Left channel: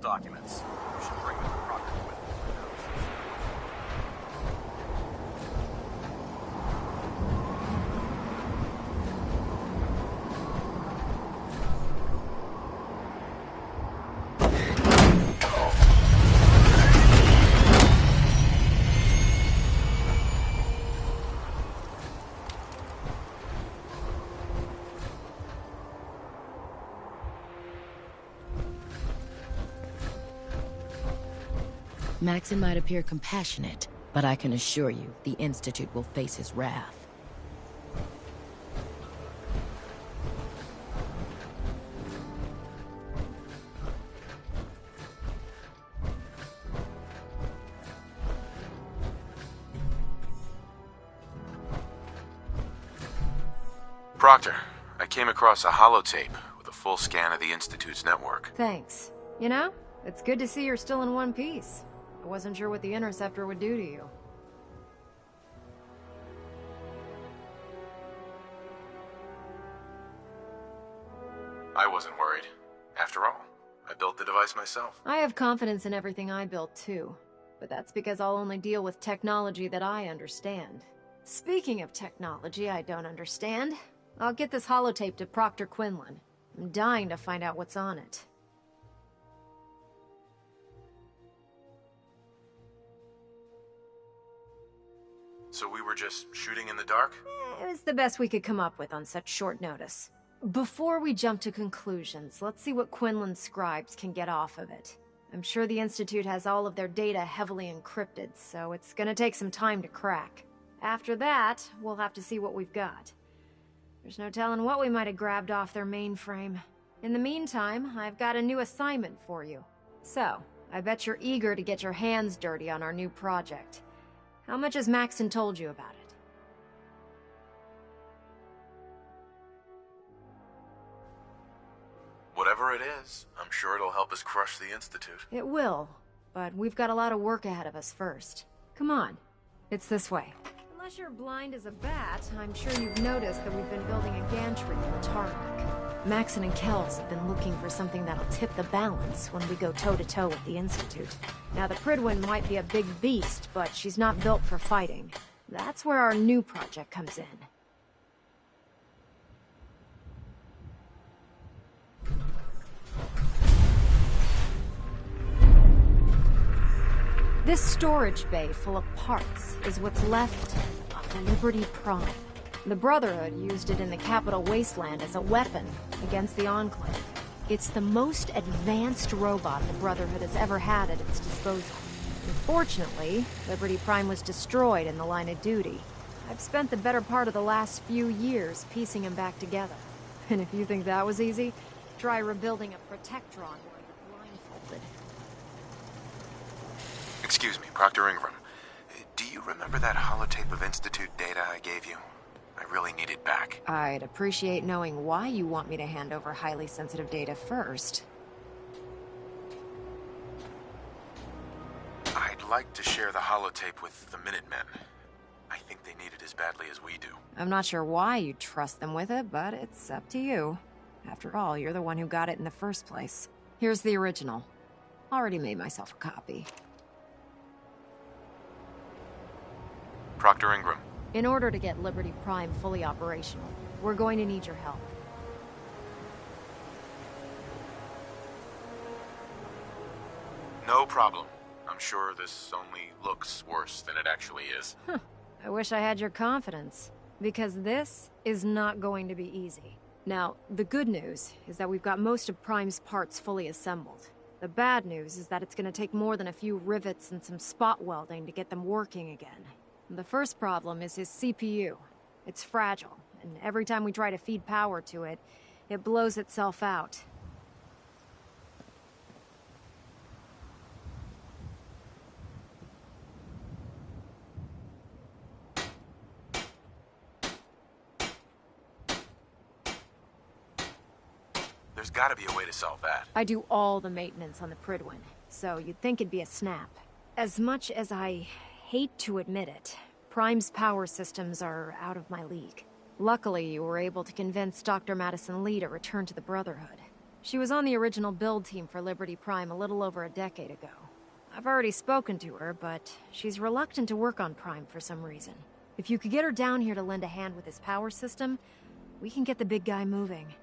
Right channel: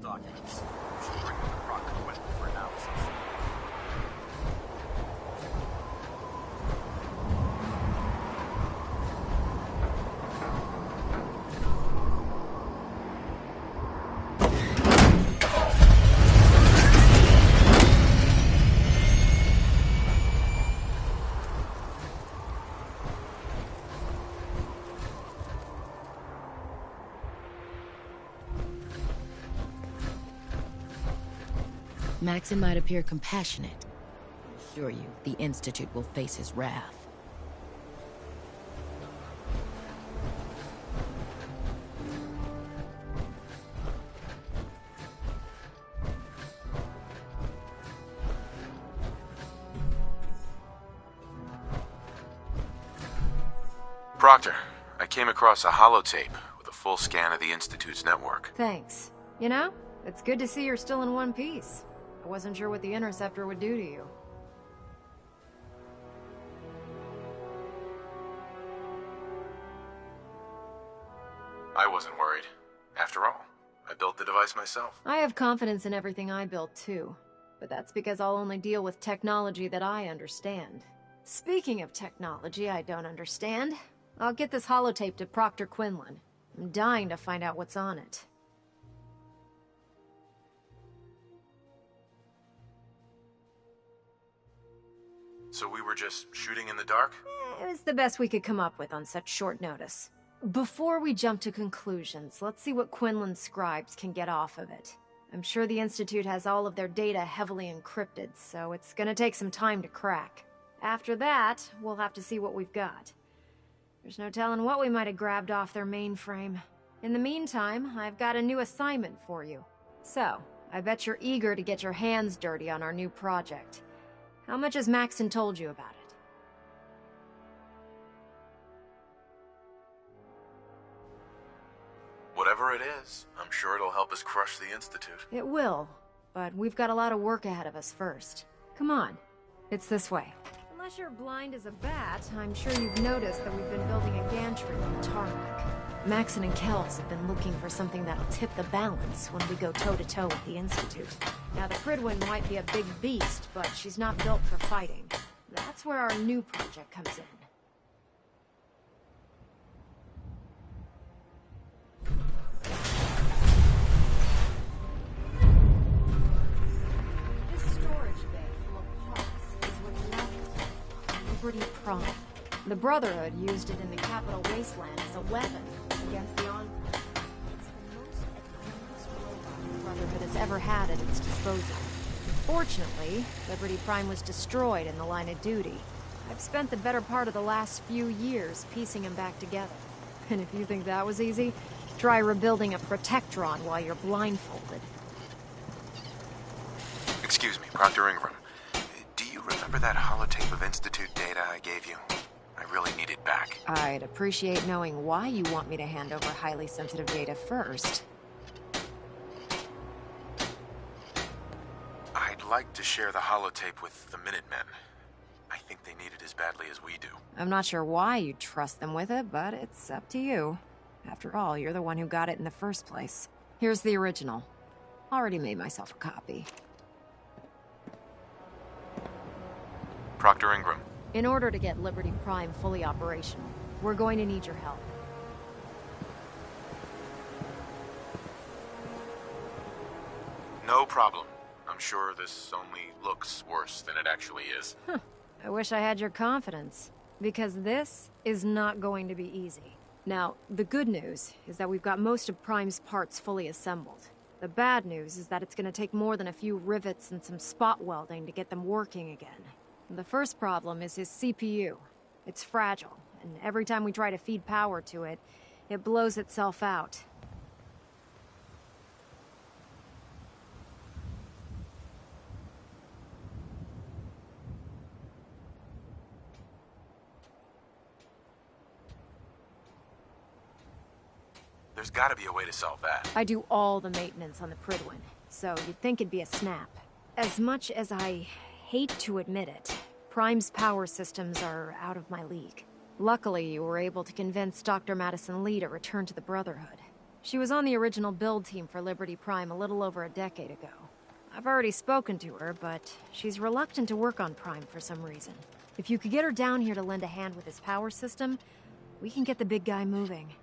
documents. You should bring them to Proctor Quinlan for analysis. Maxon might appear compassionate, but I can assure you, the Institute will face his wrath. Proctor, I came across a holotape with a full scan of the Institute's network. Thanks. You know, it's good to see you're still in one piece. I wasn't sure what the Interceptor would do to you. I wasn't worried. After all, I built the device myself. I have confidence in everything I built too, but that's because I'll only deal with technology that I understand. Speaking of technology I don't understand, I'll get this holotape to Proctor Quinlan. I'm dying to find out what's on it. So we were just shooting in the dark? It was the best we could come up with on such short notice. Before we jump to conclusions, let's see what Quinlan's scribes can get off of it. I'm sure the Institute has all of their data heavily encrypted, so it's gonna take some time to crack. After that, we'll have to see what we've got. There's no telling what we might have grabbed off their mainframe. In the meantime, I've got a new assignment for you. So, I bet you're eager to get your hands dirty on our new project. How much has Maxon told you about it? Whatever it is, I'm sure it'll help us crush the Institute. It will, but we've got a lot of work ahead of us first. Come on, it's this way. Unless you're blind as a bat, I'm sure you've noticed that we've been building a gantry on the tarmac. Maxon and Kells have been looking for something that'll tip the balance when we go toe-to-toe with the Institute. Now, the Prydwen might be a big beast, but she's not built for fighting. That's where our new project comes in. This storage bay full of parts is what's left of Liberty Prime. The Brotherhood used it in the Capital Wasteland as a weapon against the Enclave. It's the most advanced robot the Brotherhood has ever had at its disposal. Unfortunately, Liberty Prime was destroyed in the line of duty. I've spent the better part of the last few years piecing him back together. And if you think that was easy, try rebuilding a Protectron while you're blindfolded. Excuse me, Proctor Ingram. Do you remember that holotape of Institute data I gave you? I really need it back. I'd appreciate knowing why you want me to hand over highly sensitive data first. I'd like to share the holotape with the Minutemen. I think they need it as badly as we do. I'm not sure why you'd trust them with it, but it's up to you. After all, you're the one who got it in the first place. Here's the original. Already made myself a copy. Proctor Ingram. In order to get Liberty Prime fully operational, we're going to need your help. No problem. I'm sure this only looks worse than it actually is. I wish I had your confidence, because this is not going to be easy. Now, the good news is that we've got most of Prime's parts fully assembled. The bad news is that it's going to take more than a few rivets and some spot welding to get them working again. The first problem is his CPU. It's fragile, and every time we try to feed power to it, it blows itself out. There's gotta be a way to solve that. I do all the maintenance on the Prydwen, so you'd think it'd be a snap. As much as I hate to admit it, Prime's power systems are out of my league. Luckily, you were able to convince Dr. Madison Lee to return to the Brotherhood. She was on the original build team for Liberty Prime a little over a decade ago. I've already spoken to her, but she's reluctant to work on Prime for some reason. If you could get her down here to lend a hand with his power system, we can get the big guy moving.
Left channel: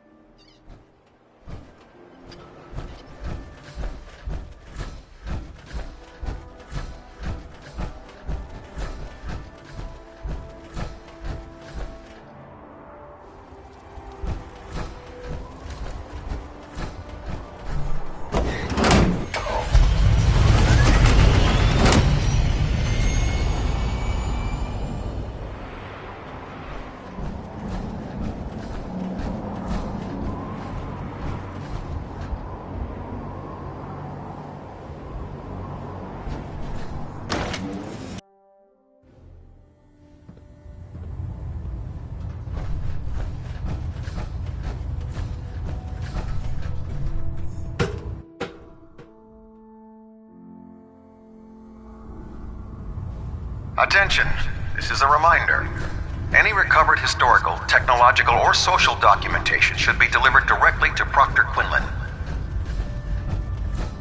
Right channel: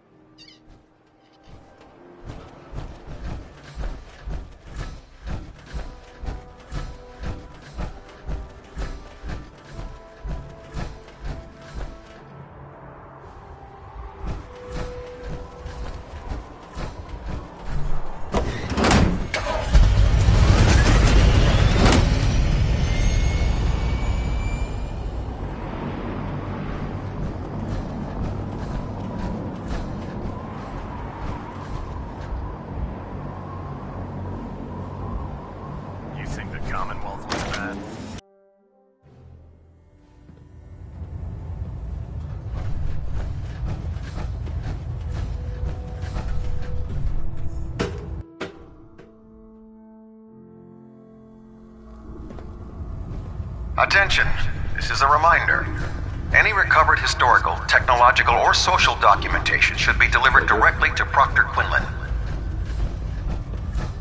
You think the Commonwealth did that? Attention! This is a reminder. Any recovered historical, technological, or social documentation should be delivered directly to Proctor Quinlan.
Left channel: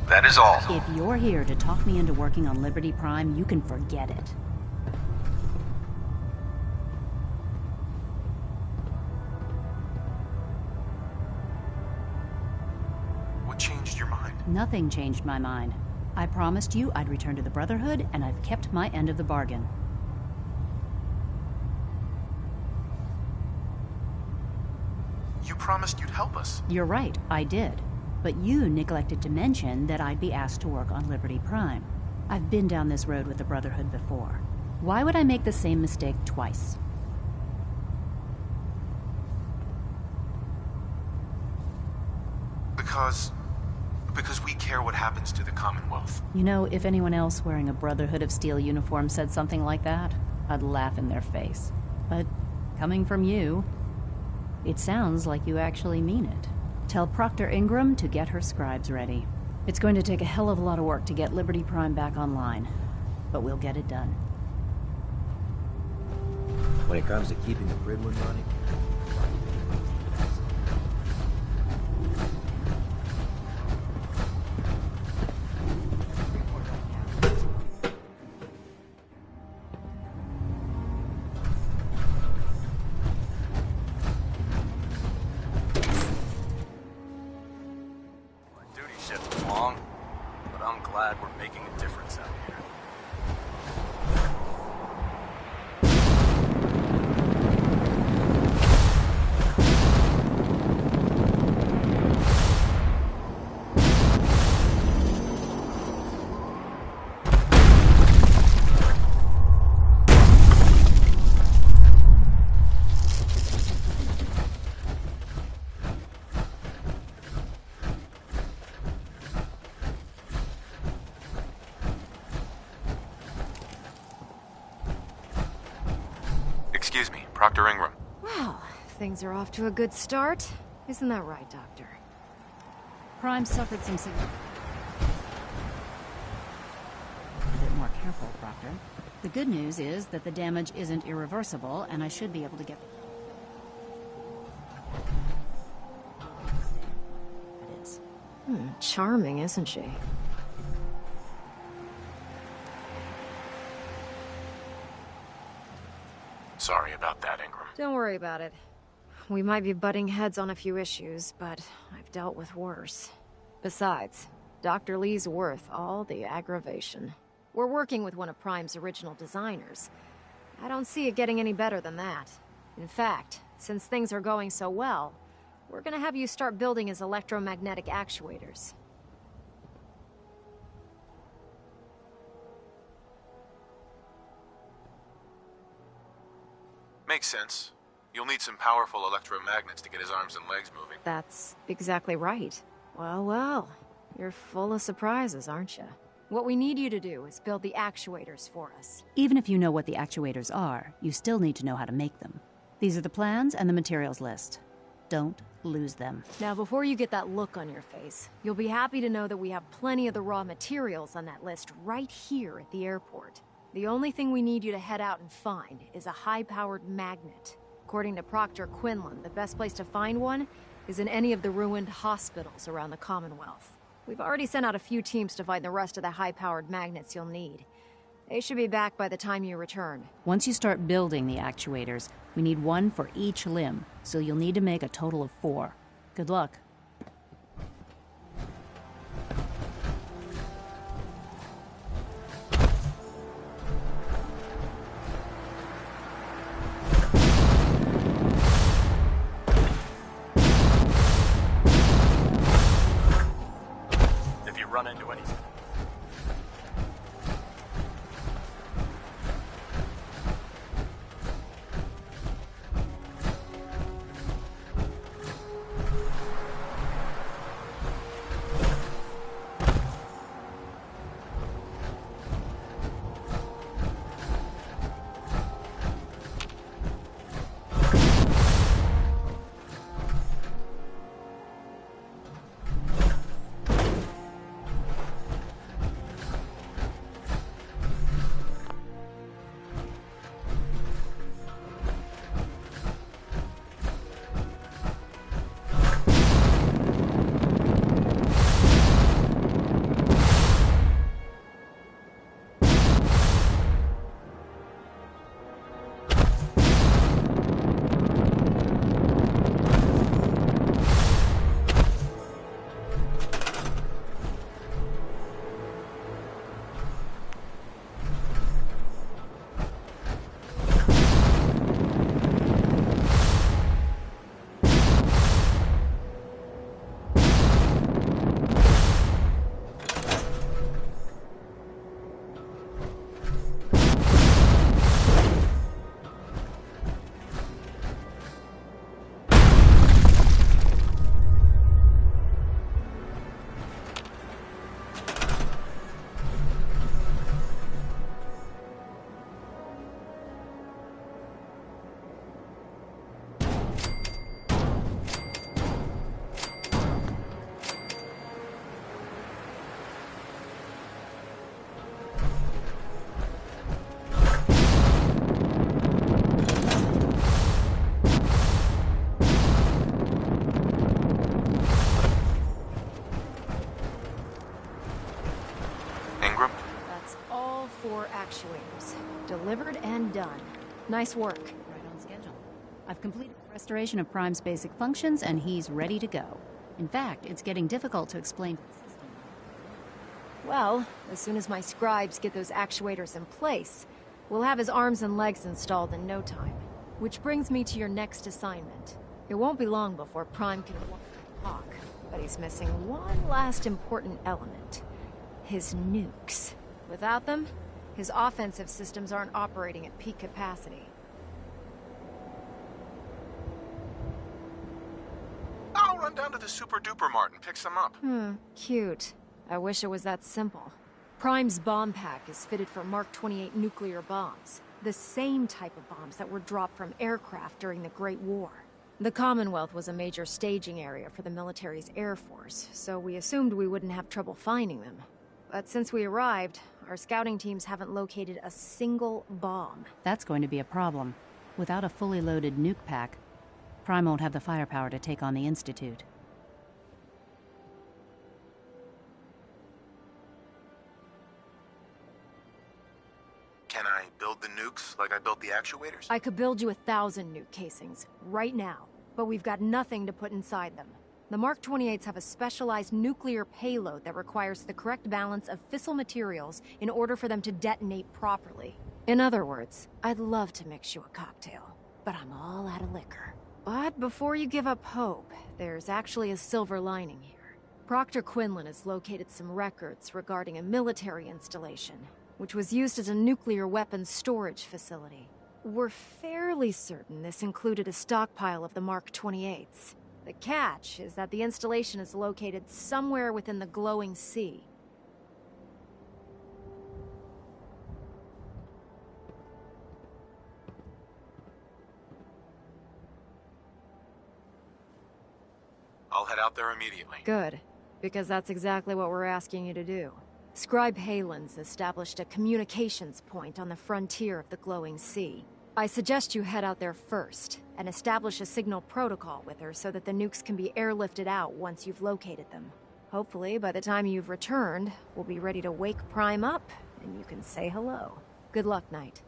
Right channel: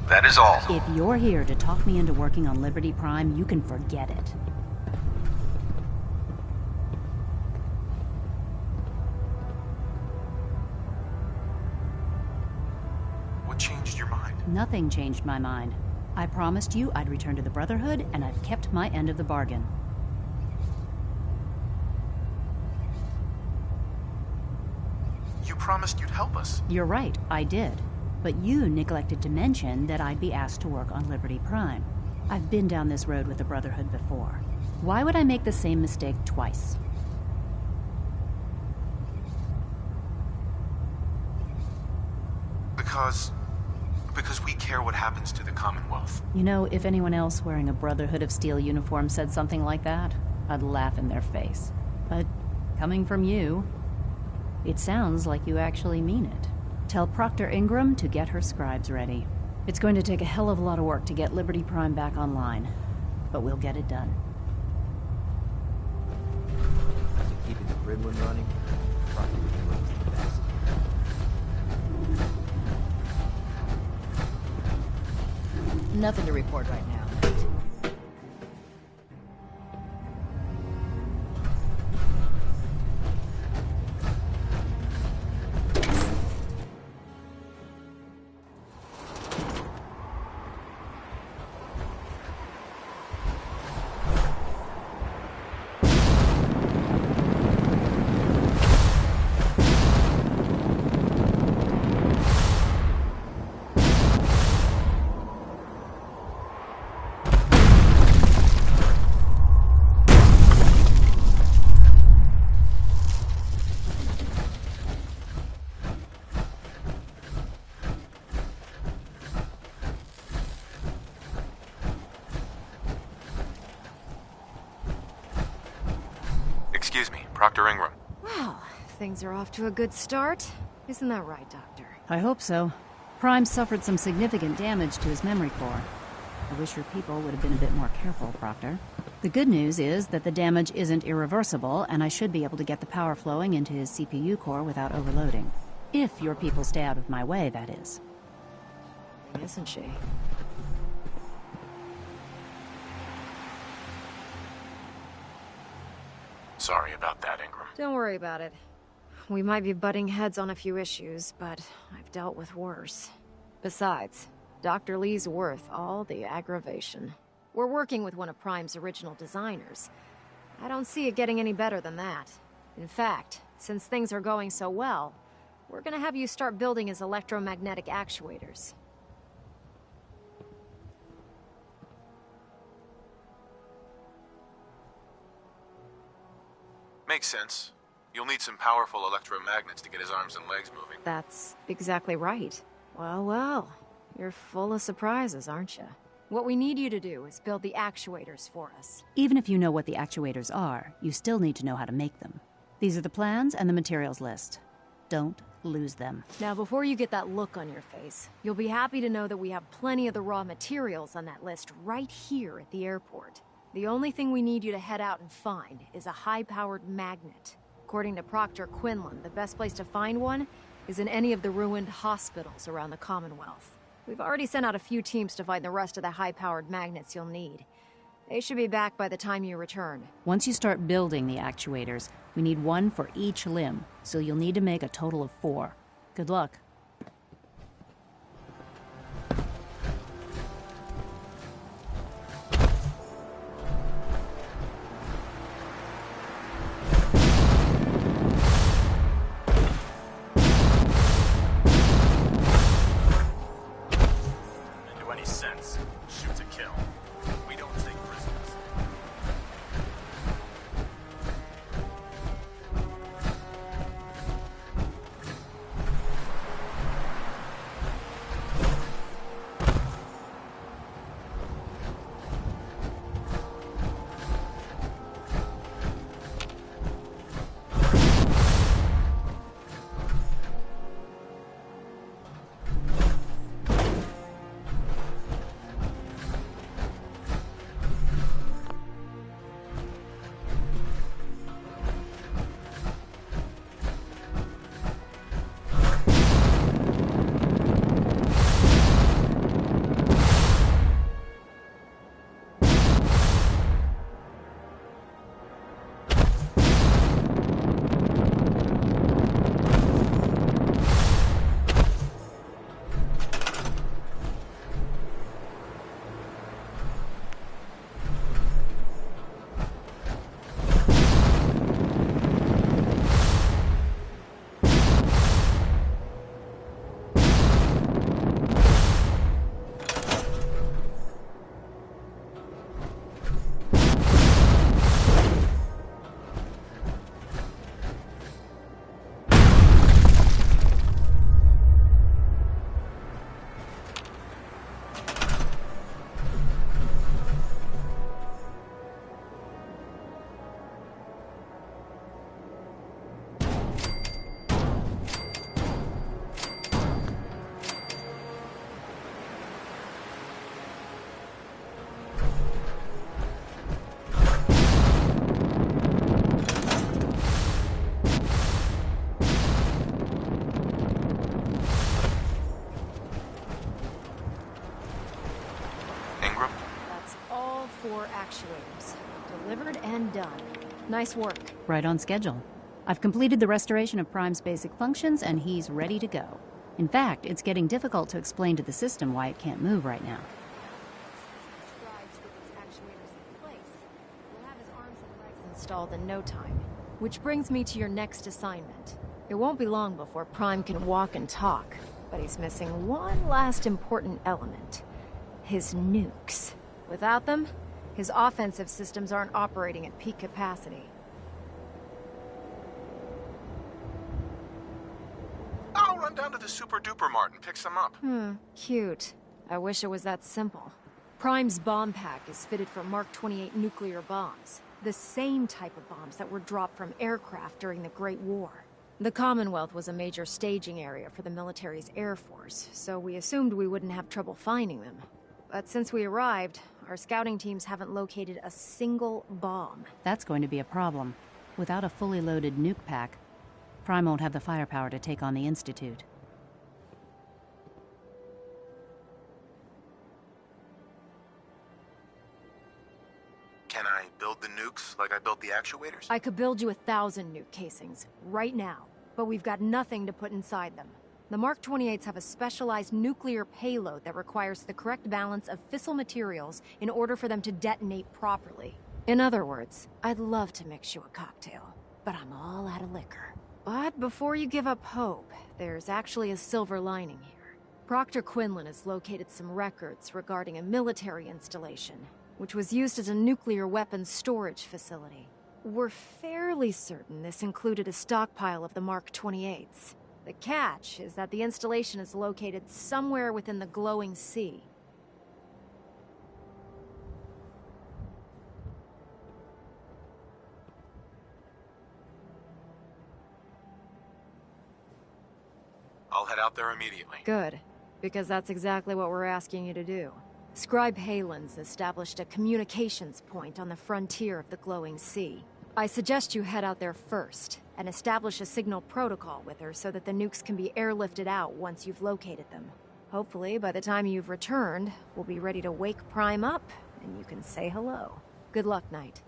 That is all. If you're here to talk me into working on Liberty Prime, you can forget it. What changed your mind? Nothing changed my mind. I promised you I'd return to the Brotherhood, and I've kept my end of the bargain. You promised you'd help us. You're right, I did. But you neglected to mention that I'd be asked to work on Liberty Prime. I've been down this road with the Brotherhood before. Why would I make the same mistake twice? Because we care what happens to the Commonwealth. You know, if anyone else wearing a Brotherhood of Steel uniform said something like that, I'd laugh in their face. But coming from you, it sounds like you actually mean it. Tell Proctor Ingram to get her scribes ready. It's going to take a hell of a lot of work to get Liberty Prime back online, but we'll get it done. When it comes to keeping the Gridwin running, Proctor Ingram's the best. Nothing to report right now. Duty shifts long, but I'm glad we're making a difference out here. Excuse me, Proctor Ingram. Well, things are off to a good start. Isn't that right, Doctor? I hope so. Prime suffered some significant damage to his memory core. I wish your people would have been a bit more careful, Proctor. The good news is that the damage isn't irreversible, and I should be able to get the power flowing into his CPU core without overloading. If your people stay out of my way, that is. Charming, isn't she? Sorry about that, Ingram. Don't worry about it. We might be butting heads on a few issues, but I've dealt with worse. Besides, Dr. Lee's worth all the aggravation. We're working with one of Prime's original designers. I don't see it getting any better than that. In fact, since things are going so well, we're gonna have you start building his electromagnetic actuators. Makes sense. You'll need some powerful electromagnets to get his arms and legs moving. That's exactly right. Well, well, you're full of surprises, aren't you? What we need you to do is build the actuators for us. Even if you know what the actuators are, you still need to know how to make them. These are the plans and the materials list. Don't lose them. Now, before you get that look on your face, you'll be happy to know that we have plenty of the raw materials on that list right here at the airport. The only thing we need you to head out and find is a high-powered magnet. According to Proctor Quinlan, the best place to find one is in any of the ruined hospitals around the Commonwealth. We've already sent out a few teams to find the rest of the high-powered magnets you'll need. They should be back by the time you return. Once you start building the actuators, we need one for each limb, so you'll need to make a total of 4. Good luck. If you run into any sense, shoot to kill. We don't take prisoners. Ingram? That's all 4 actuators. Delivered and done. Nice work. Right on schedule. I've completed the restoration of Prime's basic functions, and he's ready to go. In fact, it's getting difficult to explain to the system why it can't move right now. Well, as soon as my scribes get those actuators in place, we'll have his arms and legs installed in no time. Which brings me to your next assignment. It won't be long before Prime can walk and talk, but he's missing one last important element. His nukes. Without them, his offensive systems aren't operating at peak capacity. I'll run down to the Super Duper Mart and pick some up. Cute. I wish it was that simple. Prime's bomb pack is fitted for Mark 28 nuclear bombs. The same type of bombs that were dropped from aircraft during the Great War. The Commonwealth was a major staging area for the military's air force, so we assumed we wouldn't have trouble finding them. But since we arrived, our scouting teams haven't located a single bomb. That's going to be a problem. Without a fully loaded nuke pack, Prime won't have the firepower to take on the Institute. Can I build the nukes like I built the actuators? I could build you 1,000 nuke casings, right now, but we've got nothing to put inside them. The Mark 28s have a specialized nuclear payload that requires the correct balance of fissile materials in order for them to detonate properly. In other words, I'd love to mix you a cocktail, but I'm all out of liquor. But before you give up hope, there's actually a silver lining here. Proctor Quinlan has located some records regarding a military installation, which was used as a nuclear weapons storage facility. We're fairly certain this included a stockpile of the Mark 28s. The catch is that the installation is located somewhere within the glowing sea. I'll head out there immediately. Good, because that's exactly what we're asking you to do. Scribe Halen's established a communications point on the frontier of the glowing sea. I suggest you head out there first, and establish a signal protocol with her so that the nukes can be airlifted out once you've located them. Hopefully, by the time you've returned, we'll be ready to wake Prime up, and you can say hello. Good luck, Knight.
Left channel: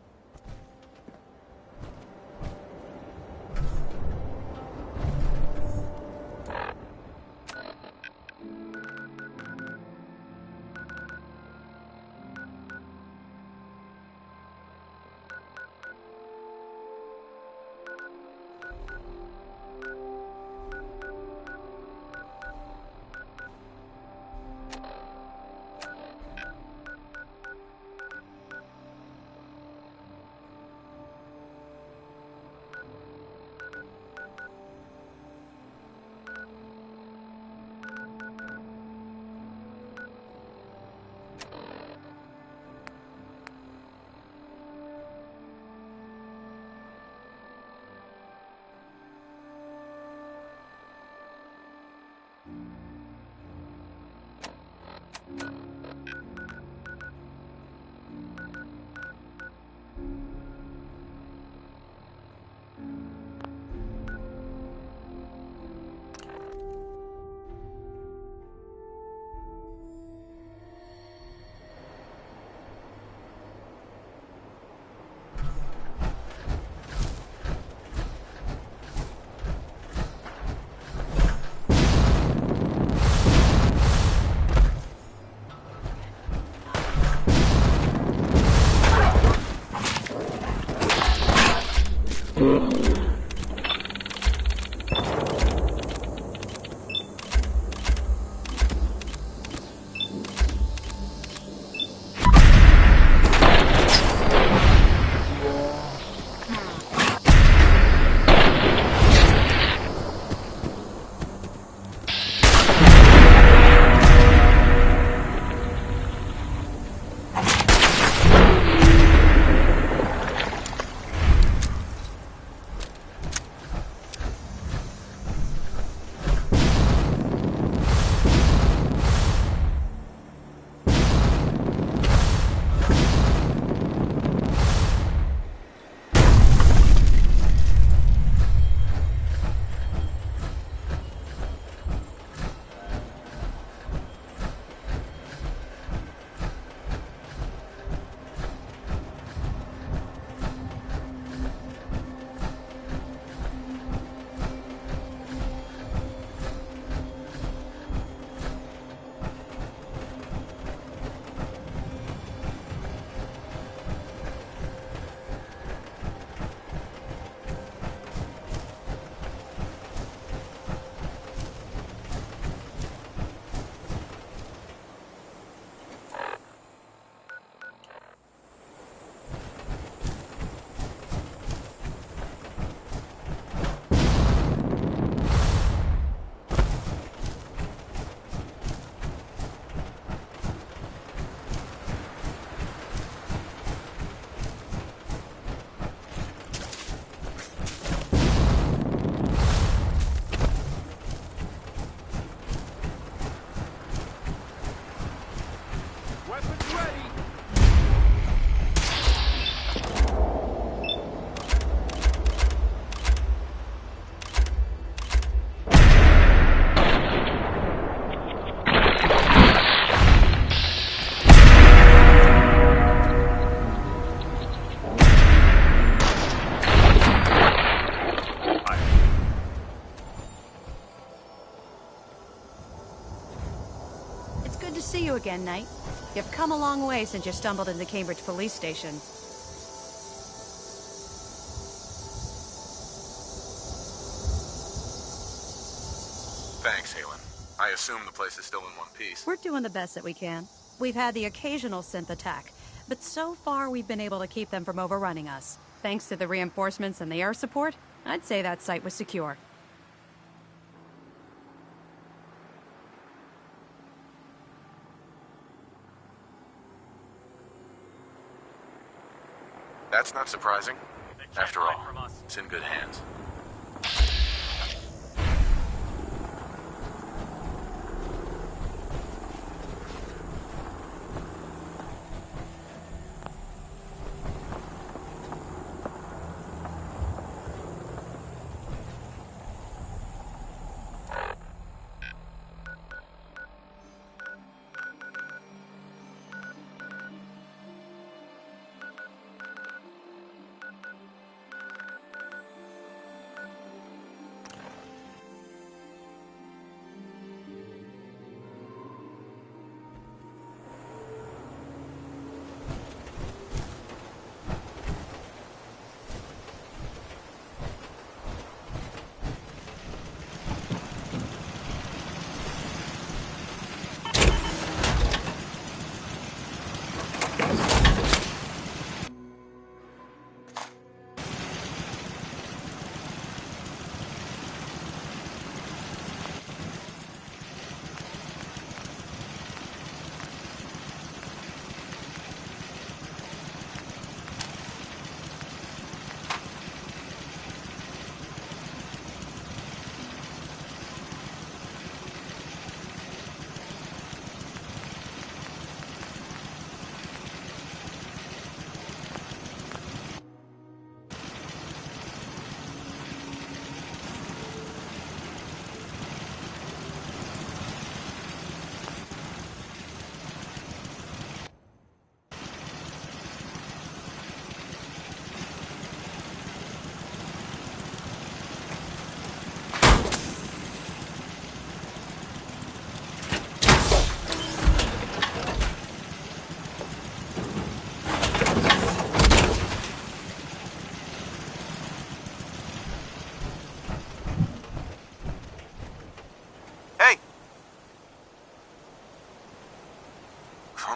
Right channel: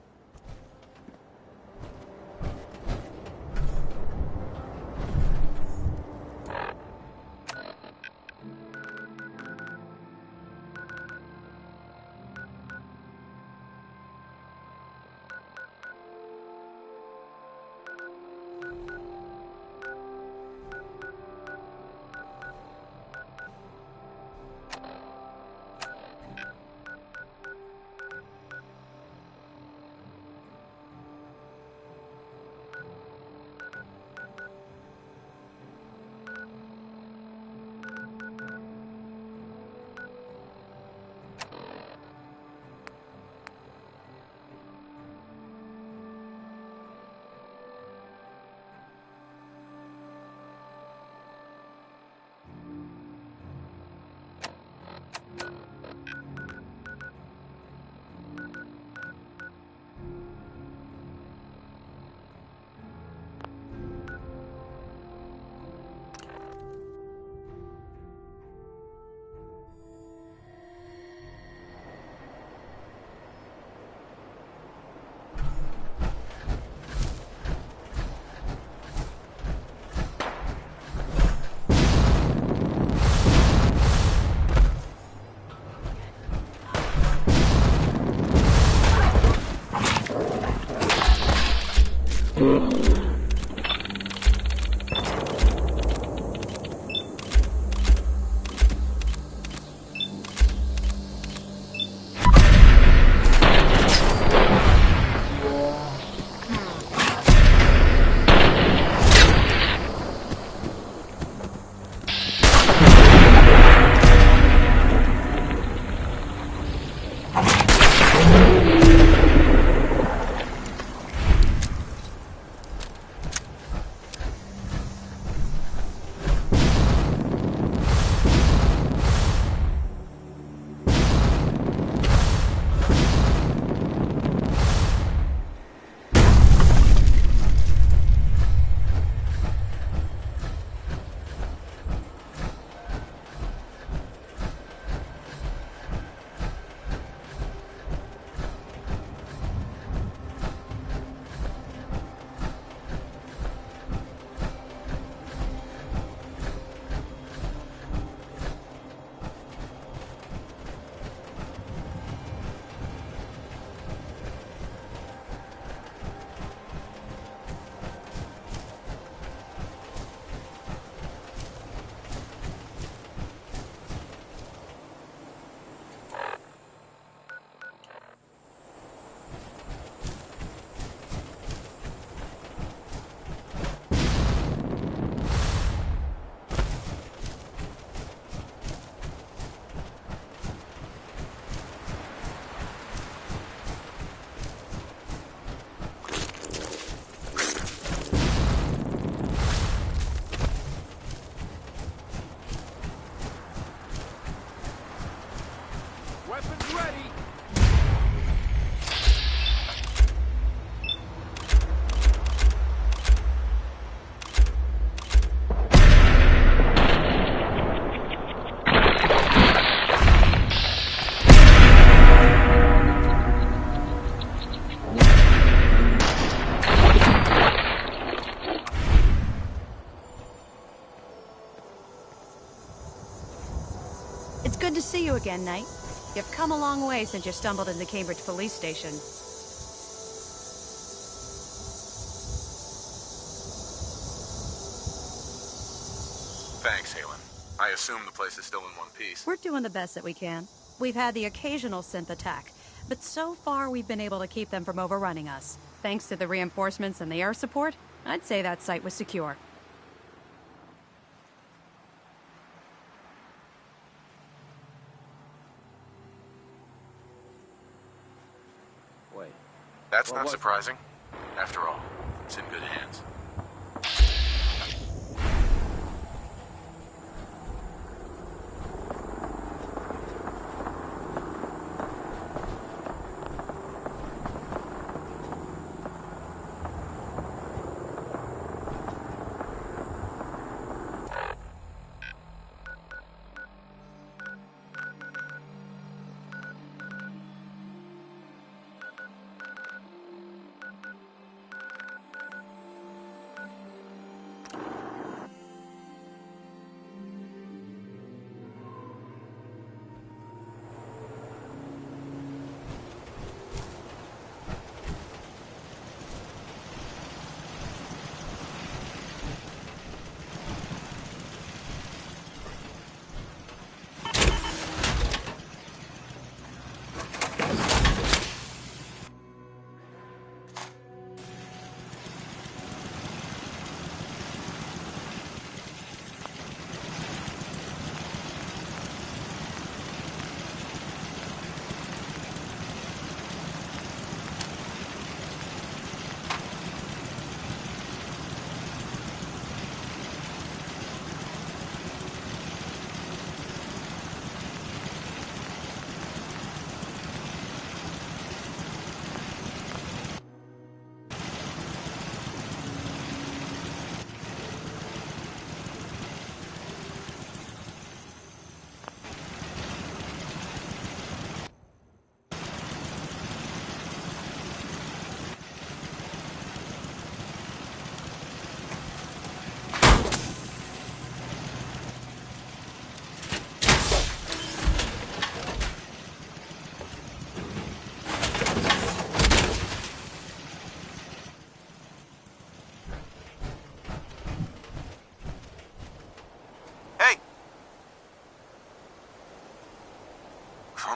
Good to see you again, Knight. You've come a long way since you stumbled into Cambridge Police Station. Thanks, Halen. I assume the place is still in one piece. We're doing the best that we can. We've had the occasional synth attack, but so far we've been able to keep them from overrunning us. Thanks to the reinforcements and the air support, I'd say that site was secure. That's not surprising. After all, it's in good hands.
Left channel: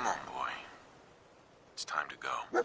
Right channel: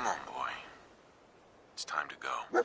Come on, boy. It's time to go.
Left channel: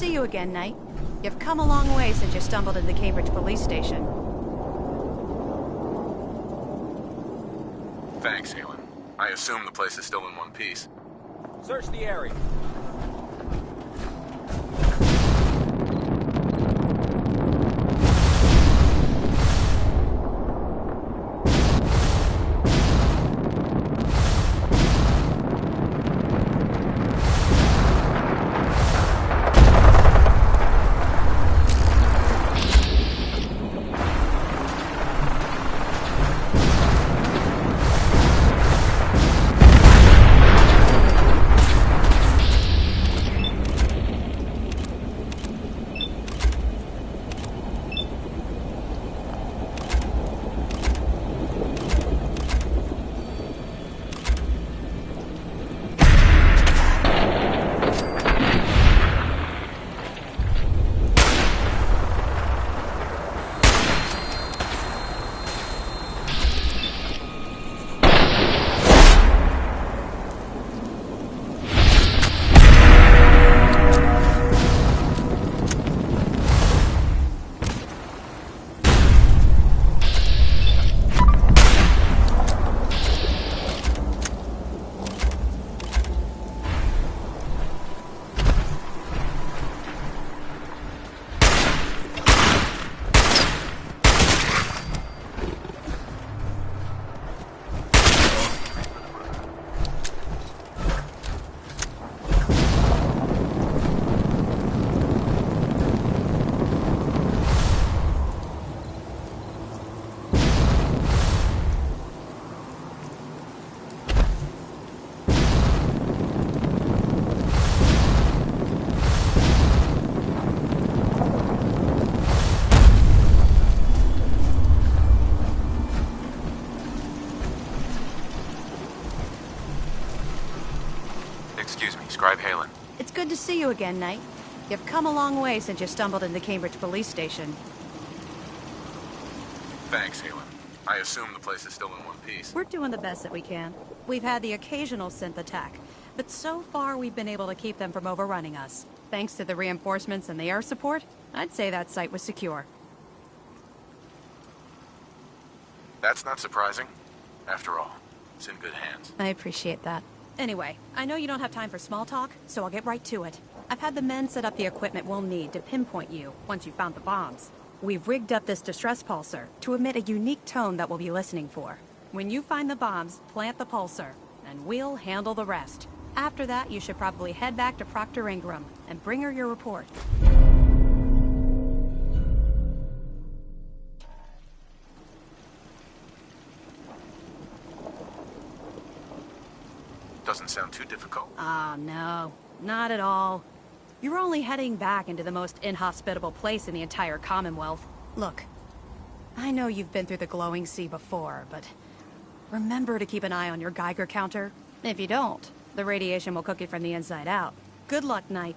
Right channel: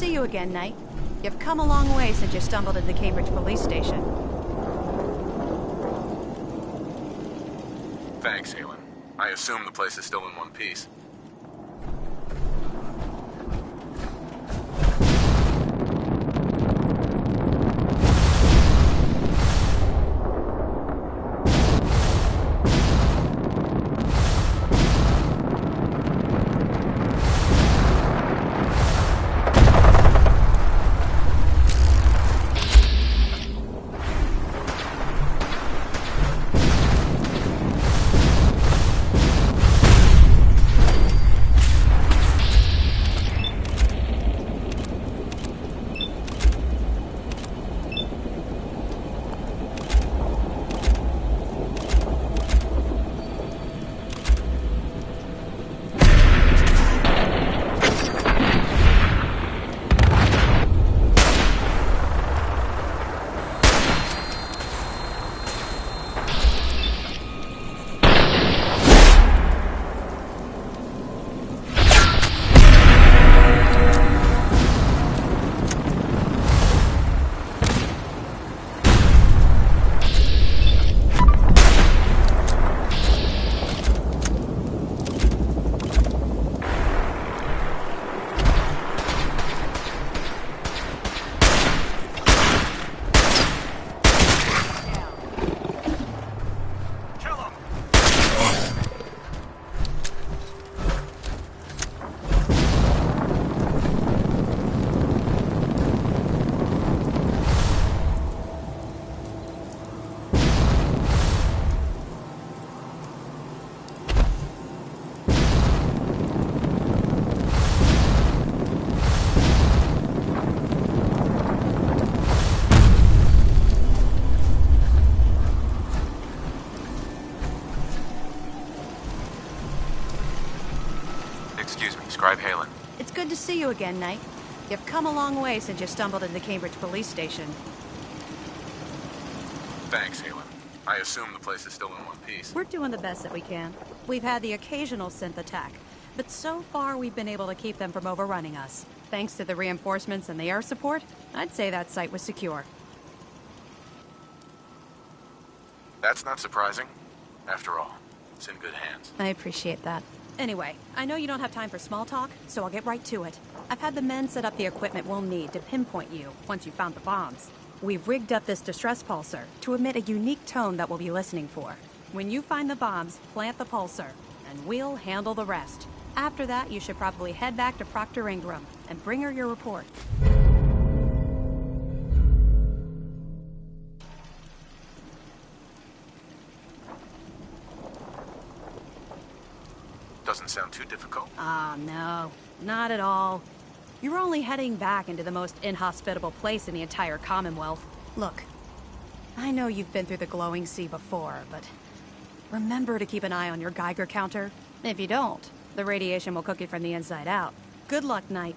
see you again, Knight. You've come a long way since you stumbled into the Cambridge police station. Thanks, Halen. I assume the place is still in one piece. Search the area. Excuse me, Scribe Halen. It's good to see you again, Knight. You've come a long way since you stumbled into the Cambridge police station. Thanks, Halen. I assume the place is still in one piece. We're doing the best that we can. We've had the occasional synth attack, but so far we've been able to keep them from overrunning us. Thanks to the reinforcements and the air support, I'd say that site was secure. That's not surprising. After all, it's in good hands. I appreciate that. Anyway, I know you don't have time for small talk, so I'll get right to it. I've had the men set up the equipment we'll need to pinpoint you once you've found the bombs. We've rigged up this distress pulsar to emit a unique tone that we'll be listening for. When you find the bombs, plant the pulsar, and we'll handle the rest. After that, you should probably head back to Proctor Ingram and bring her your report. Doesn't sound too difficult. Ah, no. Not at all. You're only heading back into the most inhospitable place in the entire Commonwealth. Look, I know you've been through the glowing sea before, but remember to keep an eye on your Geiger counter. If you don't, the radiation will cook you from the inside out. Good luck, Knight.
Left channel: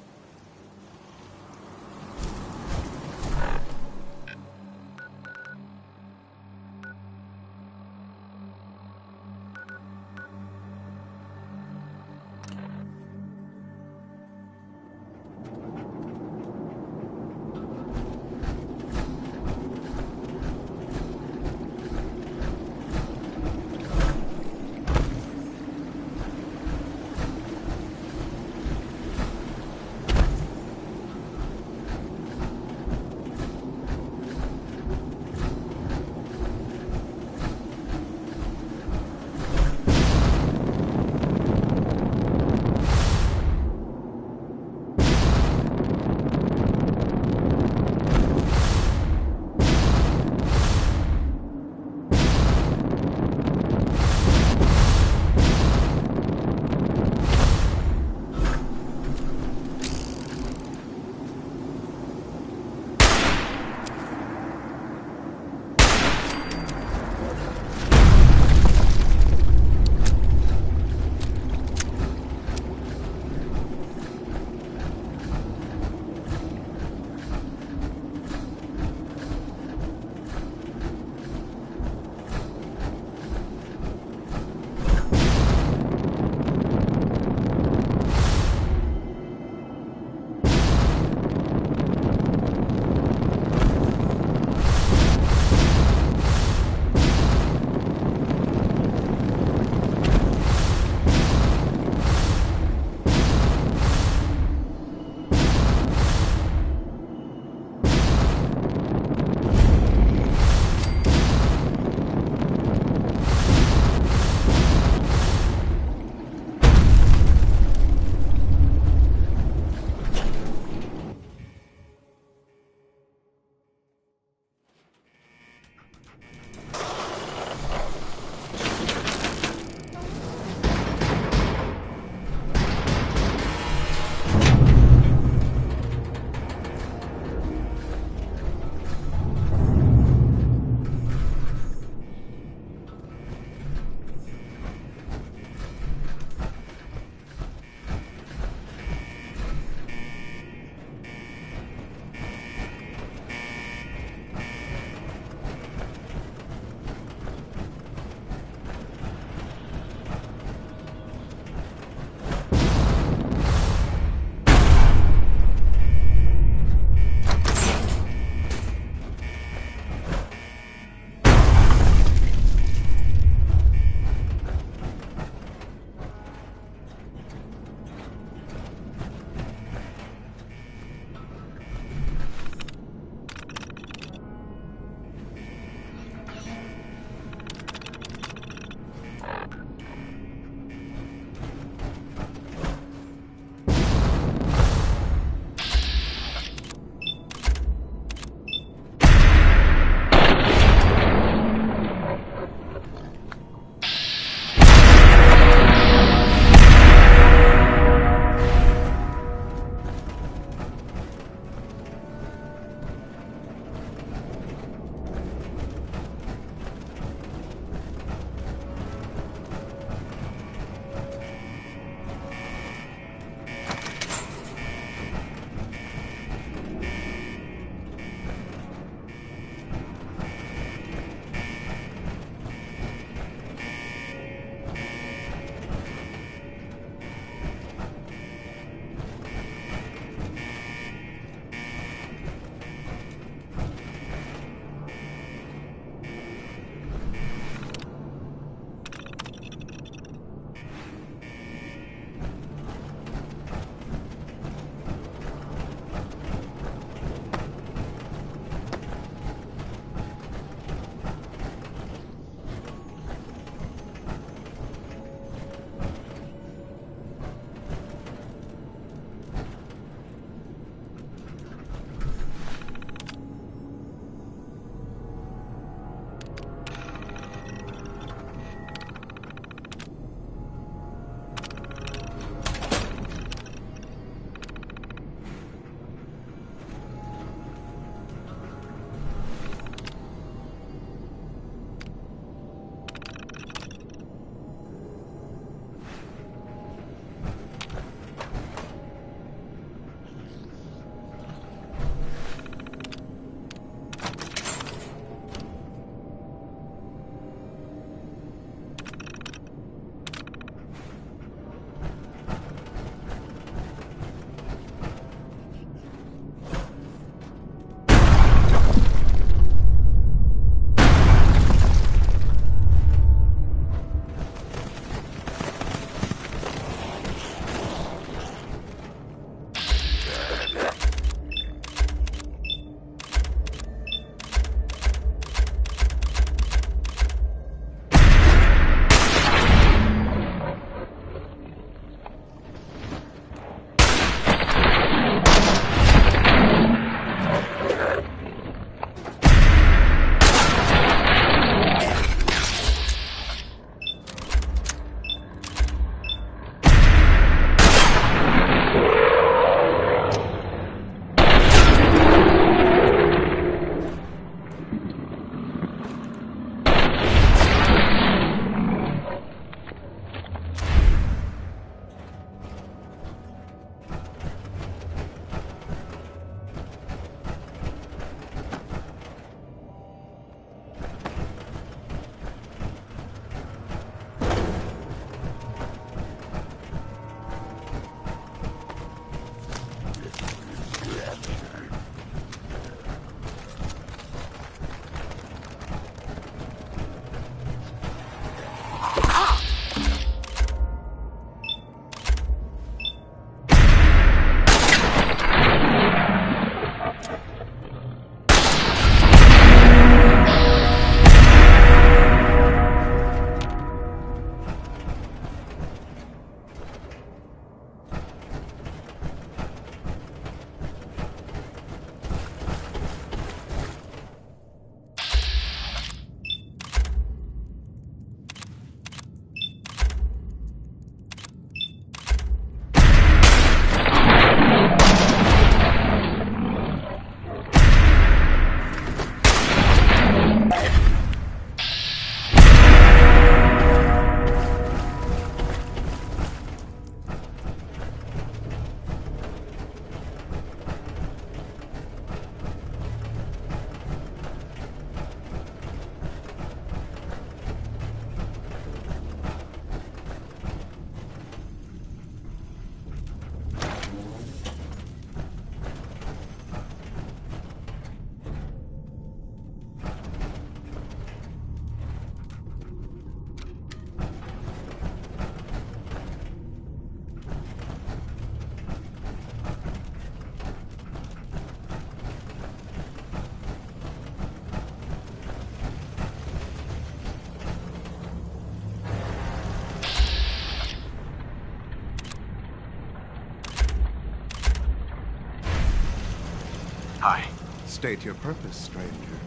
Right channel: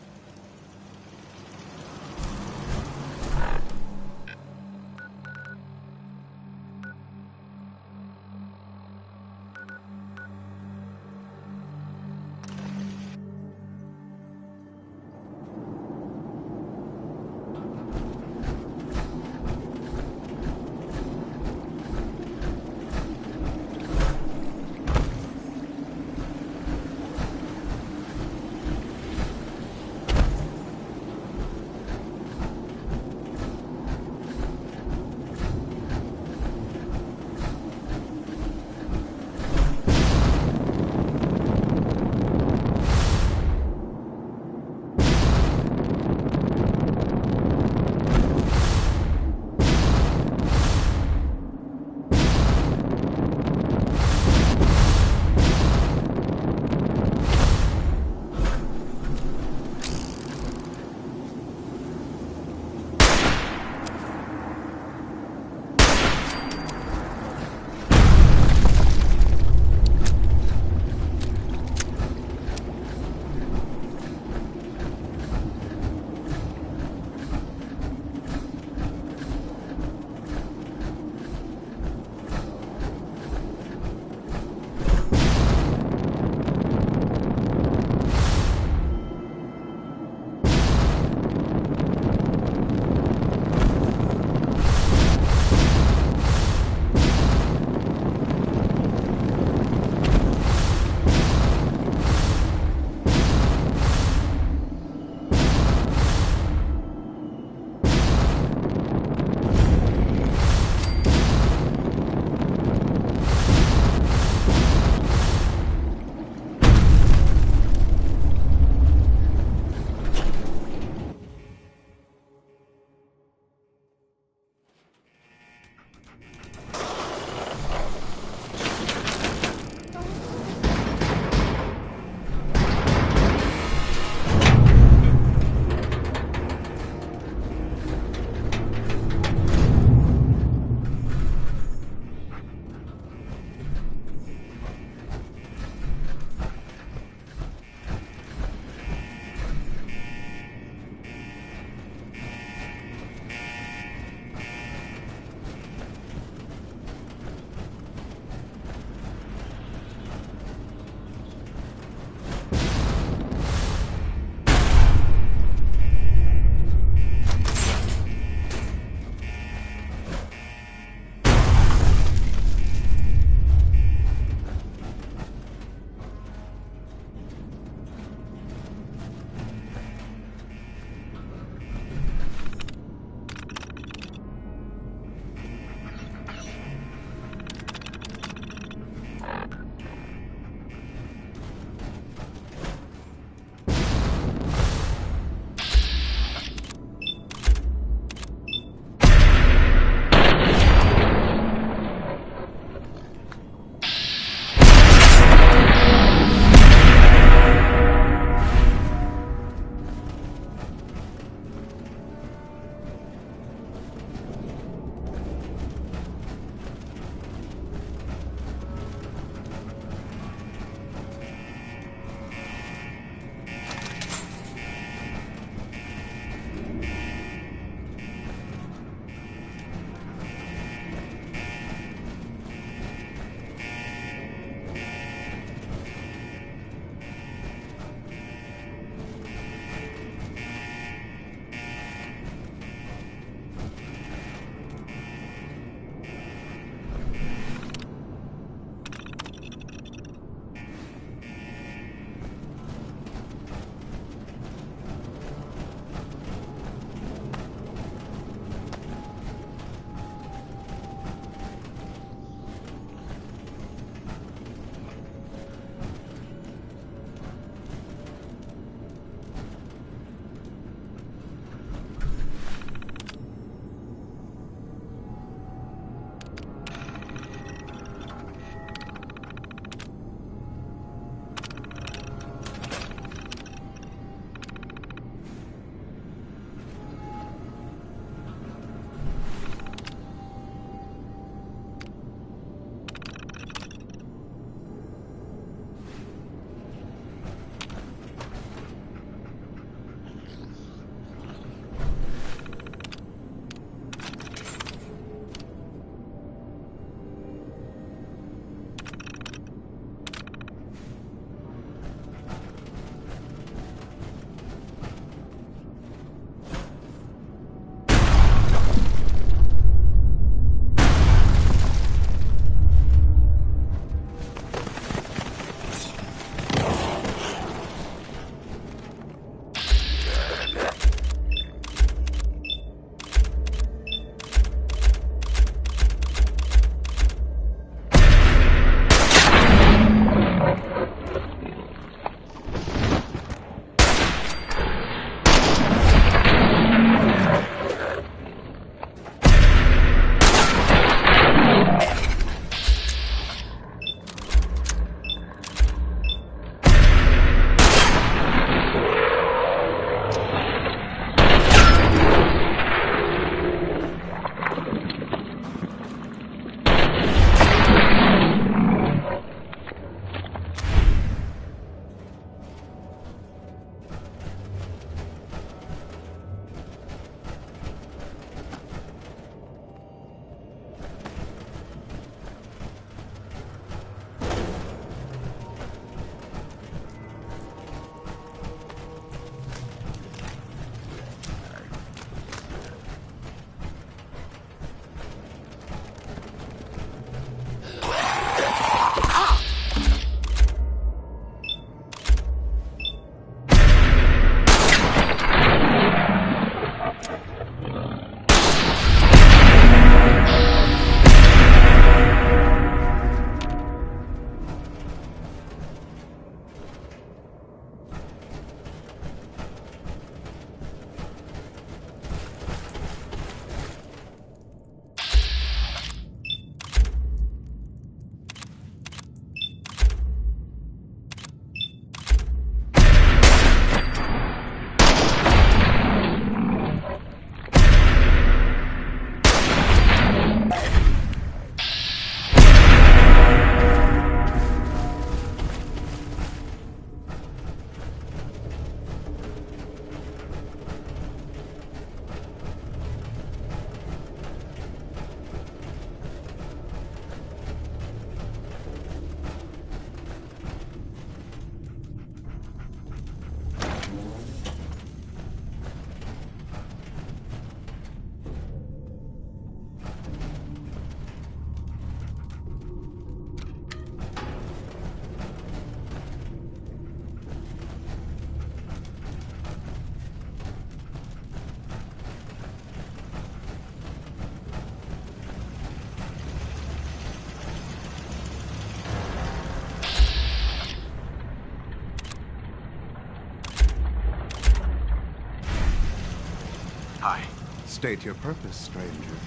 Hi. State your purpose, stranger.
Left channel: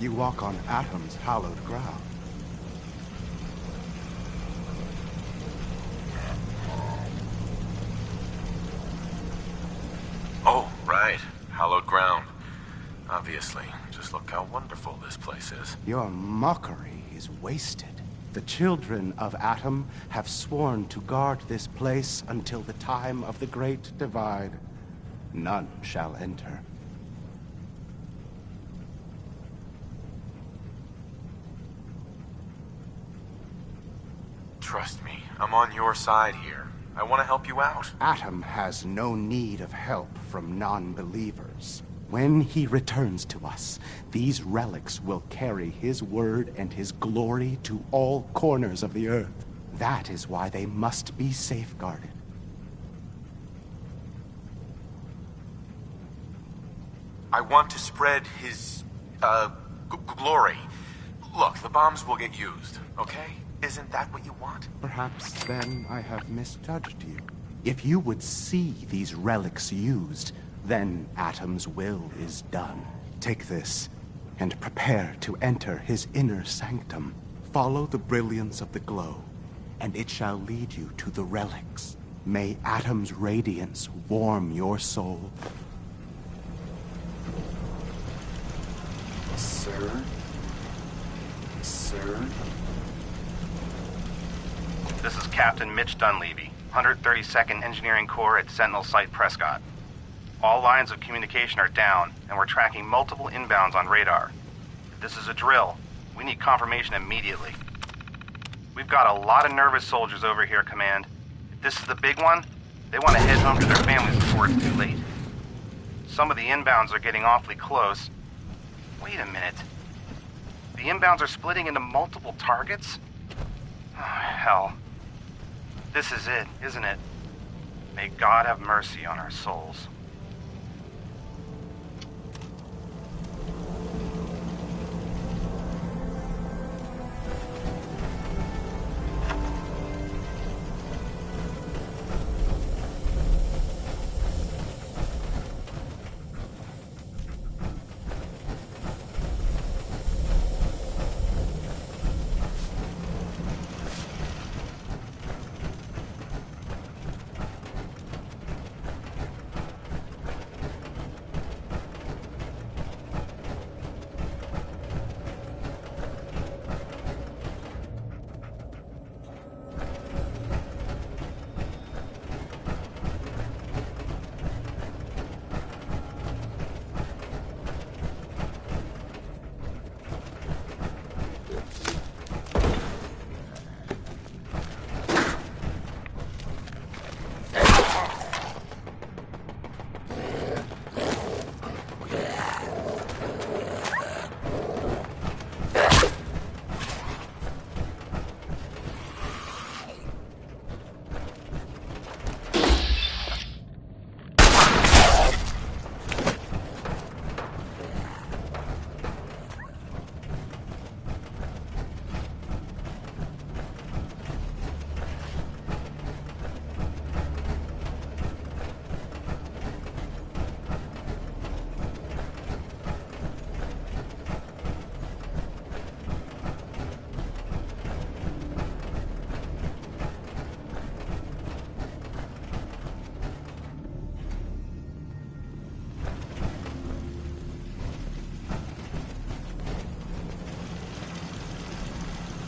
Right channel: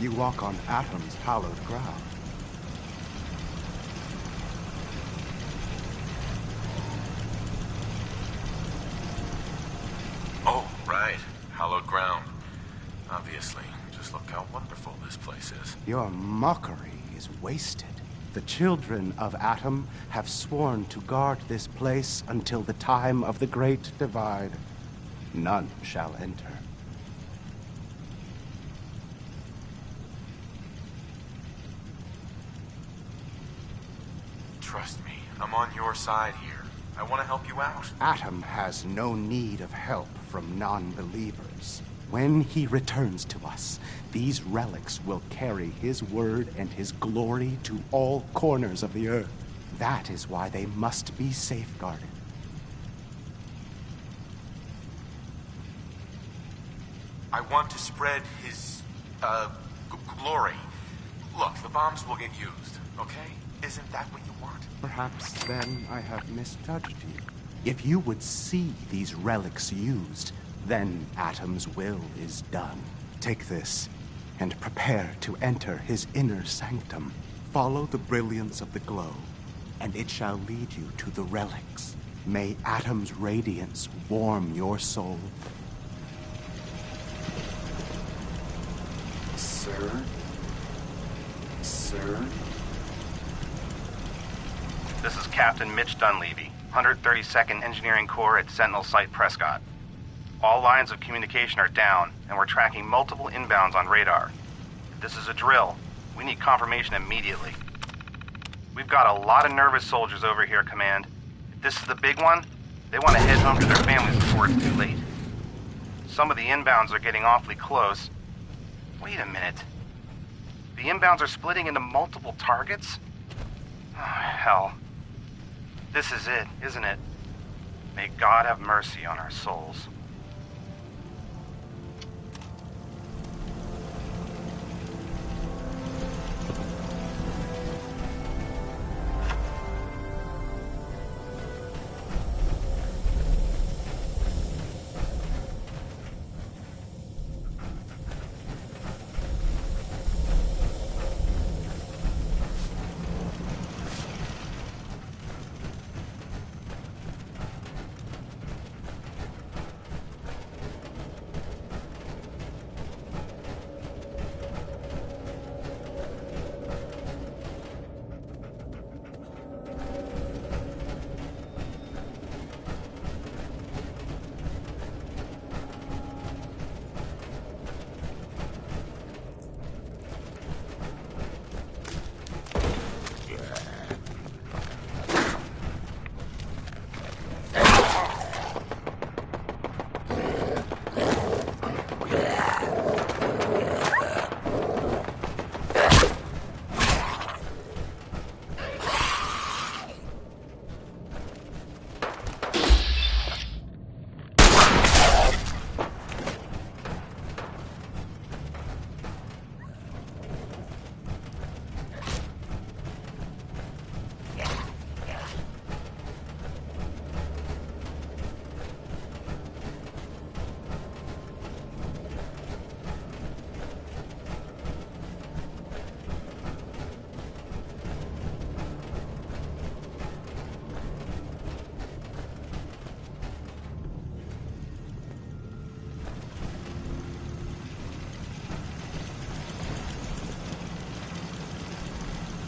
You walk on Atom's hallowed ground. Oh, right. Hallowed ground. Obviously. Just look how wonderful this place is. Your mockery is wasted. The children of Atom have sworn to guard this place until the time of the Great Divide. None shall enter. Trust me, I'm on your side here. I want to help you out. Atom has no need of help from non-believers. When he returns to us, these relics will carry his word and his glory to all corners of the earth. That is why they must be safeguarded. I want to spread his, glory. Look, the bombs will get used, okay? Isn't that what you want? Perhaps then I have misjudged you. If you would see these relics used, then Atom's will is done. Take this, and prepare to enter his inner sanctum. Follow the brilliance of the glow, and it shall lead you to the relics. May Atom's radiance warm your soul. Sir? Sir? This is Captain Mitch Dunleavy, 132nd Engineering Corps at Sentinel Site Prescott. All lines of communication are down, and we're tracking multiple inbounds on radar. If this is a drill, we need confirmation immediately. We've got a lot of nervous soldiers over here, Command. If this is the big one, they want to head home to their families before it's too late. Some of the inbounds are getting awfully close. Wait a minute. The inbounds are splitting into multiple targets? Oh, hell. This is it, isn't it? May God have mercy on our souls.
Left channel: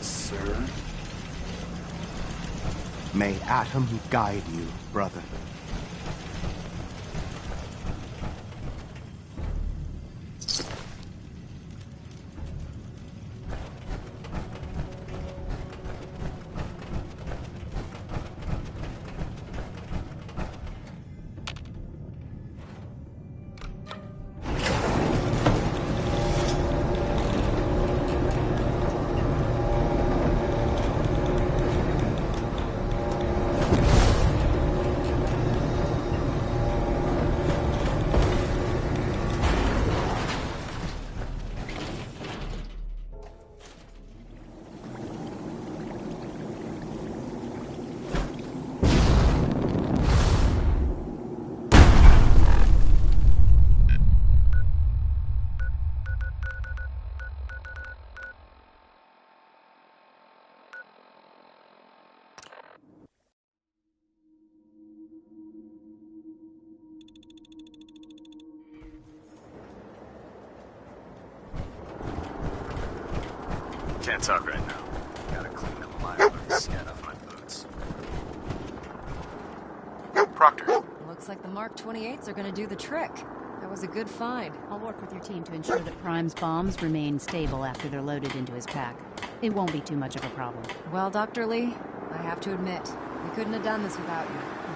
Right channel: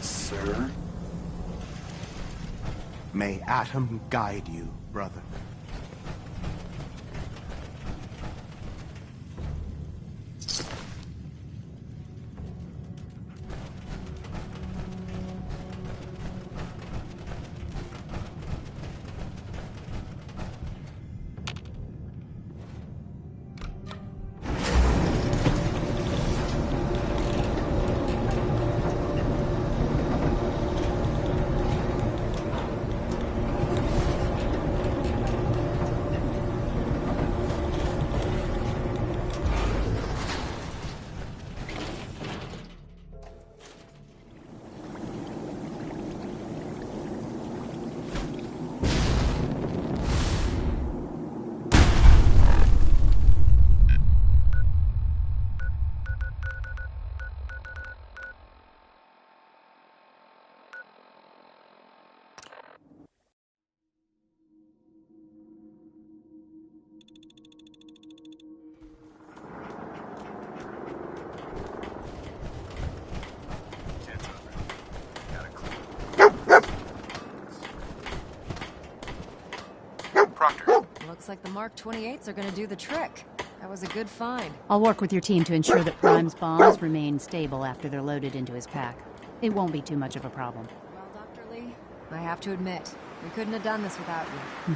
Sir? May Atom guide you, brother. Can't talk right now. Gotta clean the line with the skin off my boots. Proctor, Looks like the Mark 28s are gonna do the trick. That was a good find. I'll work with your team to ensure that Prime's bombs remain stable after they're loaded into his pack. It won't be too much of a problem. Well, Dr. Lee, I have to admit, we couldn't have done this without you.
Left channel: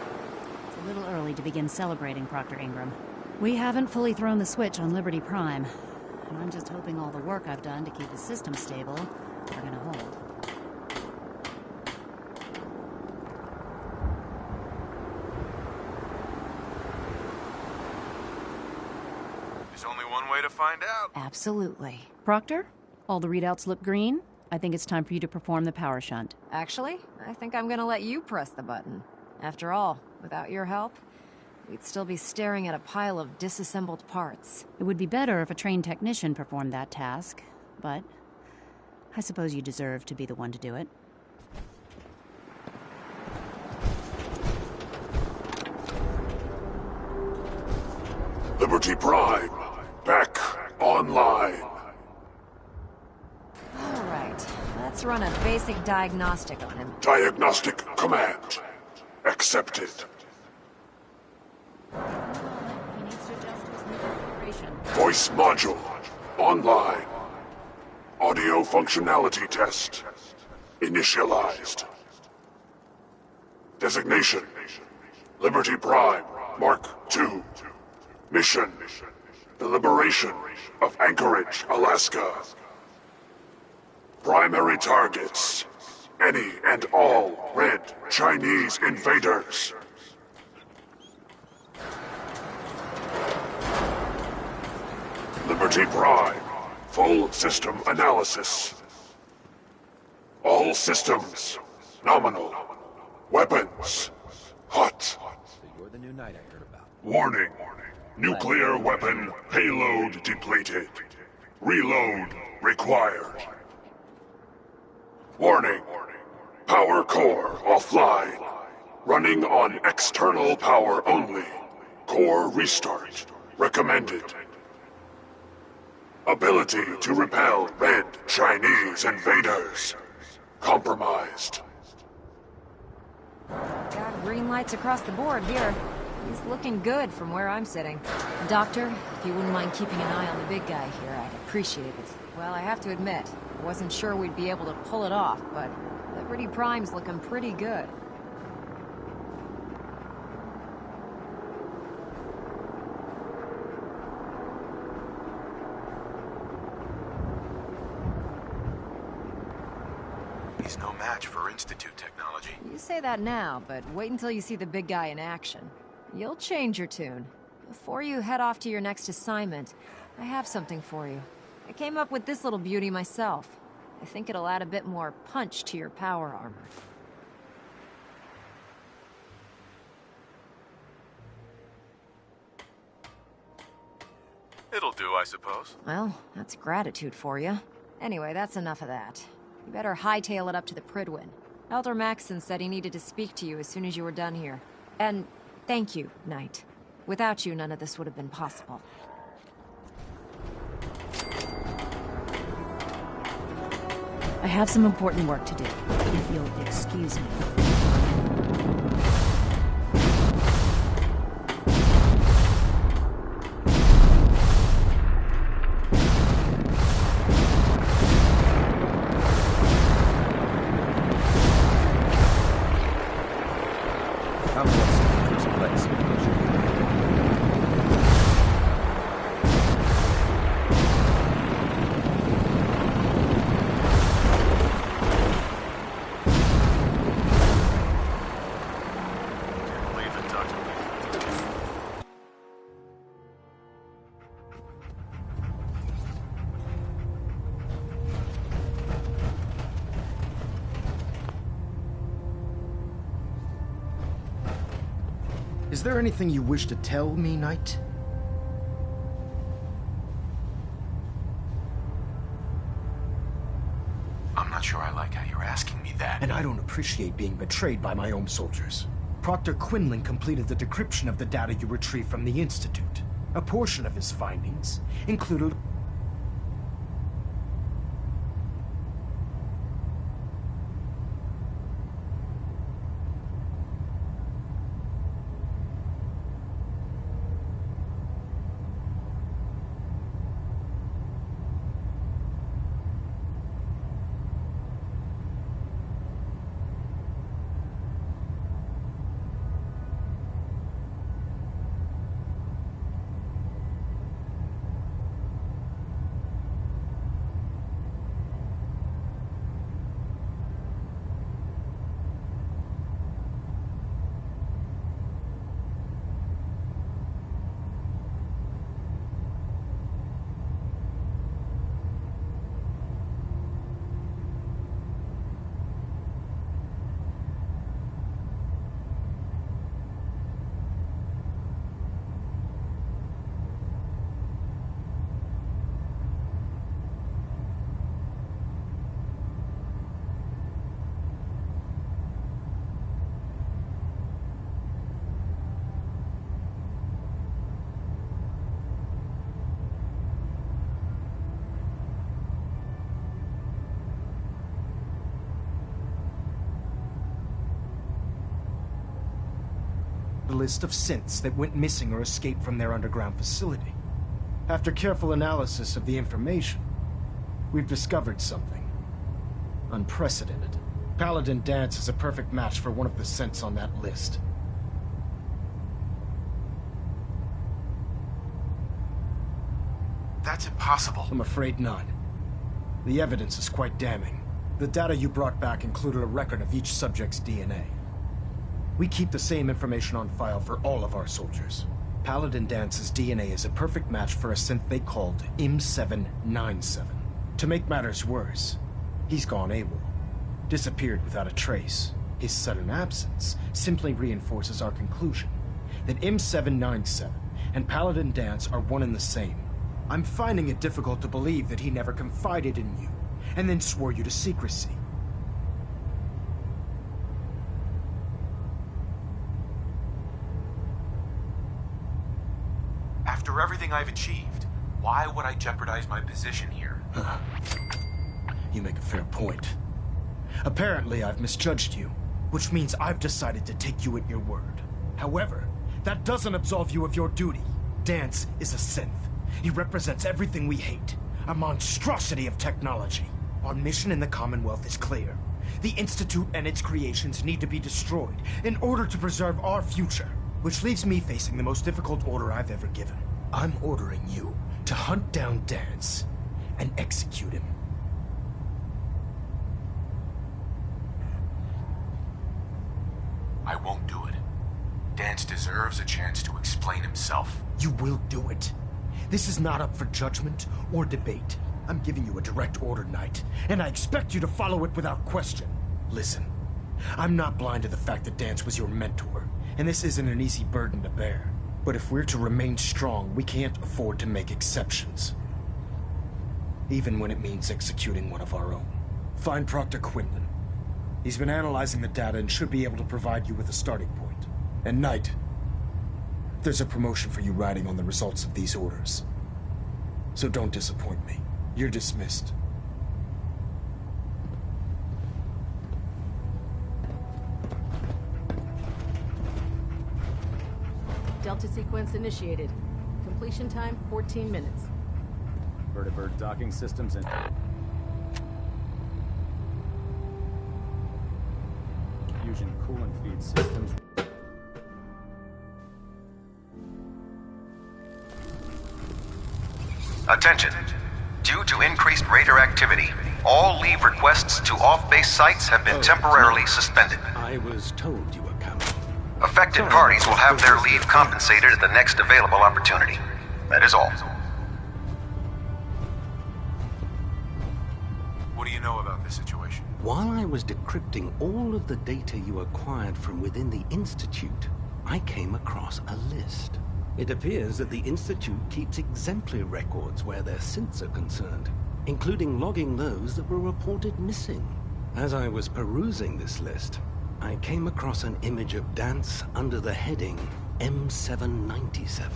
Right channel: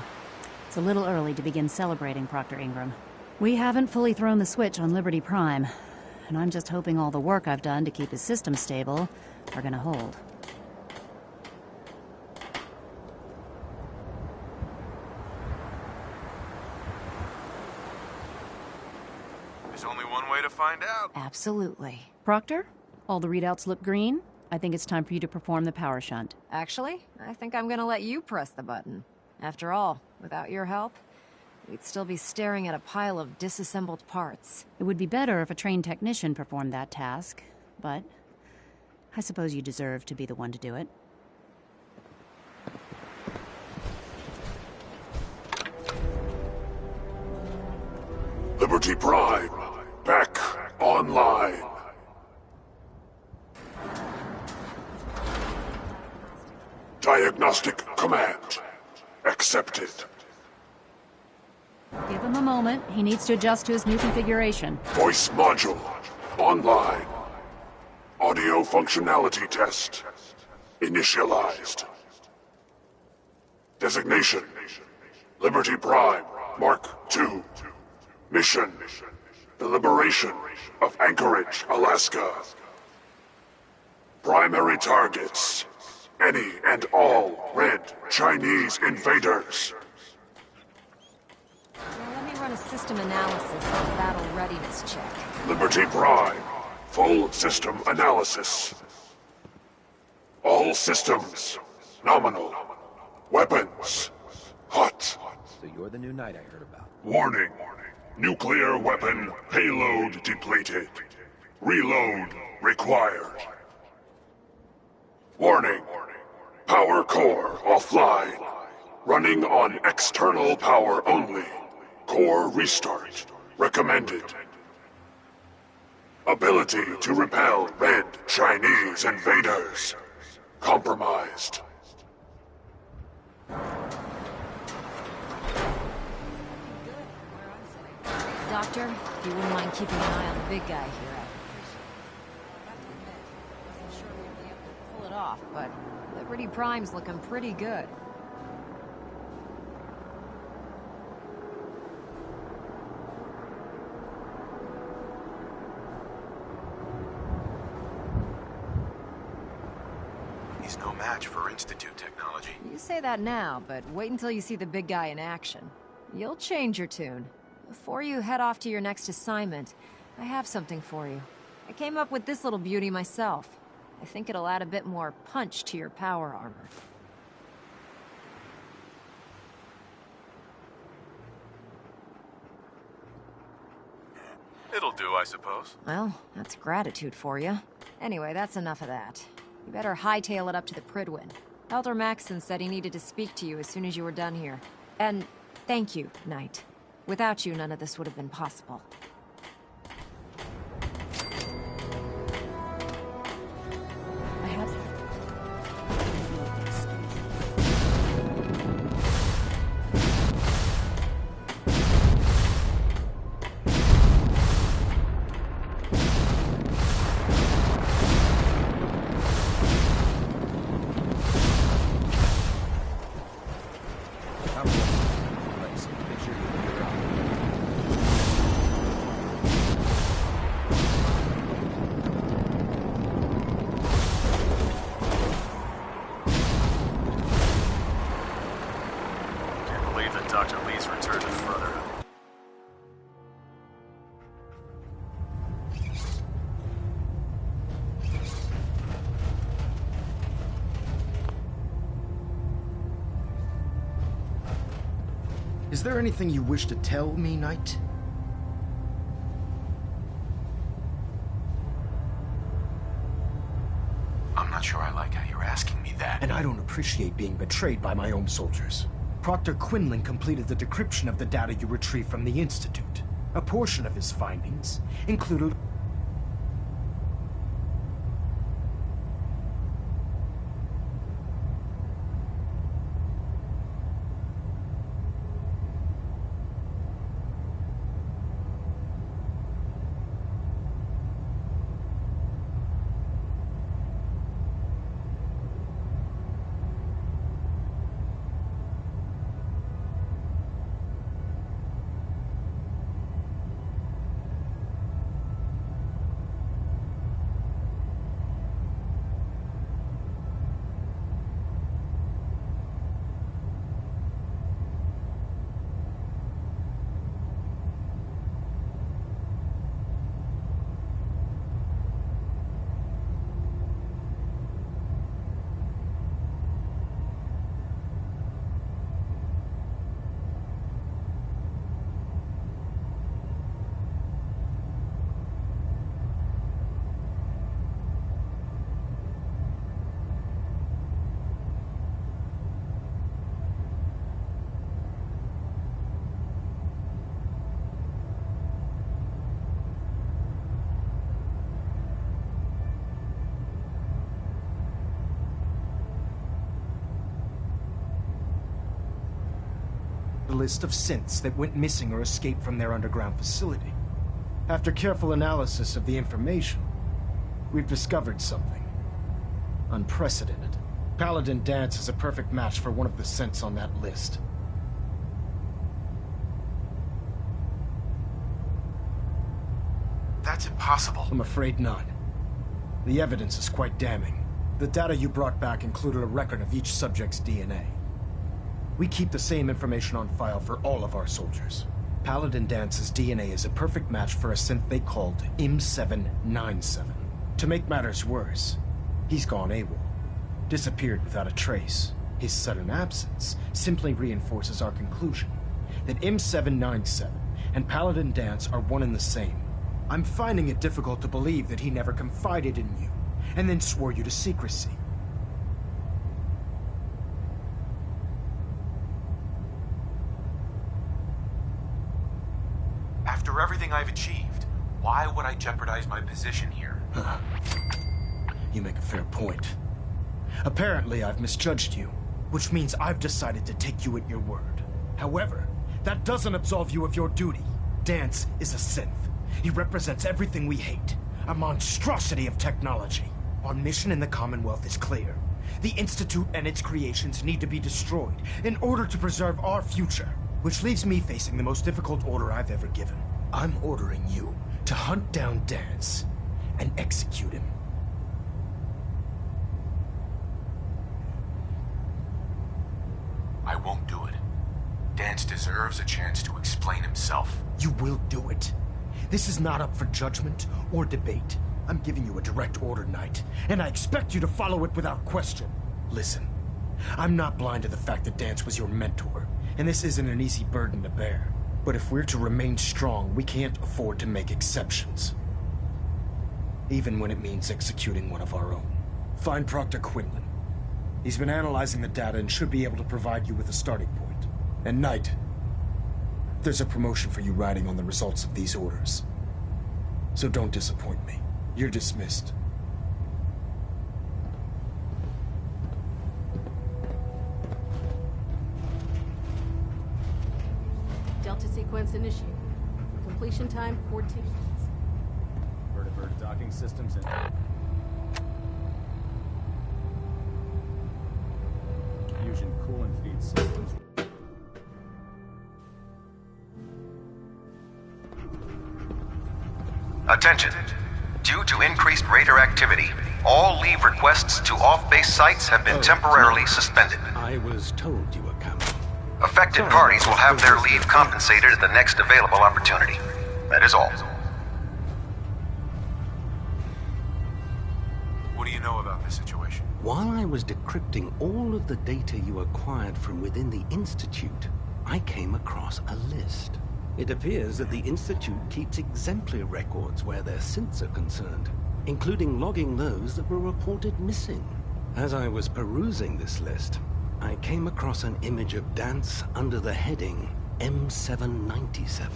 It's a little early to begin celebrating, Proctor Ingram. We haven't fully thrown the switch on Liberty Prime, and I'm just hoping all the work I've done to keep his system stable are gonna hold. there's only one way to find out. Absolutely. Proctor, all the readouts look green. I think it's time for you to perform the power shunt. Actually, I think I'm gonna let you press the button. After all, without your help, we'd still be staring at a pile of disassembled parts. It would be better if a trained technician performed that task, but I suppose you deserve to be the one to do it. Liberty Prime, back online. Alright, let's run a basic diagnostic on him. Diagnostic command accepted. Give him a moment. He needs to adjust to his new configuration. Voice module online. Audio functionality test initialized. Designation: Liberty Prime Mark II. Mission: the liberation of Anchorage, Alaska. Primary targets: any and all red Chinese invaders. Let me run a system analysis and battle readiness check. Liberty Prime, full system analysis. All systems nominal. Weapons hot. So you're the new knight I heard about. Warning. Nuclear weapon payload depleted. Reload required. Warning. Power core offline. Running on external power only. Core restart recommended. Ability to repel red Chinese invaders compromised. Got green lights across the board here. He's looking good from where I'm sitting. Doctor, if you wouldn't mind keeping an eye on the big guy here, I'd appreciate it. Well, I have to admit, I wasn't sure we'd be able to pull it off, but Liberty Prime's looking pretty good. He's no match for Institute technology. You say that now, but wait until you see the big guy in action. You'll change your tune. Before you head off to your next assignment, I have something for you. I came up with this little beauty myself. I think it'll add a bit more punch to your power armor. It'll do, I suppose. Well, that's gratitude for you. Anyway, that's enough of that. You better hightail it up to the Prydwen. Elder Maxson said he needed to speak to you as soon as you were done here. And thank you, Knight. Without you, none of this would have been possible. I have some important work to do, if you'll excuse me. Is there anything you wish to tell me, Knight? I'm not sure I like how you're asking me that. And I don't appreciate being betrayed by my own soldiers. Proctor Quinlan completed the decryption of the data you retrieved from the Institute. A portion of his findings included... list of synths that went missing or escaped from their underground facility. After careful analysis of the information, we've discovered something unprecedented. Paladin Danse is a perfect match for one of the synths on that list. That's impossible. I'm afraid not. The evidence is quite damning. The data you brought back included a record of each subject's DNA. We keep the same information on file for all of our soldiers. Paladin Dance's DNA is a perfect match for a synth they called M797. To make matters worse, he's gone AWOL. Disappeared without a trace. His sudden absence simply reinforces our conclusion that M797 and Paladin Danse are one and the same. I'm finding it difficult to believe that he never confided in you, and then swore you to secrecy. After everything I've achieved, why would I jeopardize my position here? You make a fair point. Apparently, I've misjudged you, which means I've decided to take you at your word. However, that doesn't absolve you of your duty. Danse is a synth. He represents everything we hate, a monstrosity of technology. Our mission in the Commonwealth is clear. The Institute and its creations need to be destroyed in order to preserve our future, which leaves me facing the most difficult order I've ever given. I'm ordering you to hunt down Danse and execute him. I won't do it. Danse deserves a chance to explain himself. You will do it. This is not up for judgment or debate. I'm giving you a direct order, Knight, and I expect you to follow it without question. Listen, I'm not blind to the fact that Danse was your mentor, and this isn't an easy burden to bear. But if we're to remain strong, we can't afford to make exceptions. Even when it means executing one of our own. Find Proctor Quinlan. He's been analyzing the data and should be able to provide you with a starting point. And Knight, there's a promotion for you riding on the results of these orders. So don't disappoint me. You're dismissed. Delta sequence initiated. Completion time 14 minutes. Vertibird docking systems in. Fusion coolant feed systems. Attention. Due to increased radar activity, all leave requests to off-base sites have been temporarily suspended. I was told you were coming. Affected parties will have their leave compensated at the next available opportunity. That is all. What do you know about this situation? While I was decrypting all of the data you acquired from within the Institute, I came across a list. It appears that the Institute keeps exemplary records where their synths are concerned, including logging those that were reported missing. As I was perusing this list, I came across an image of Danse under the heading M797.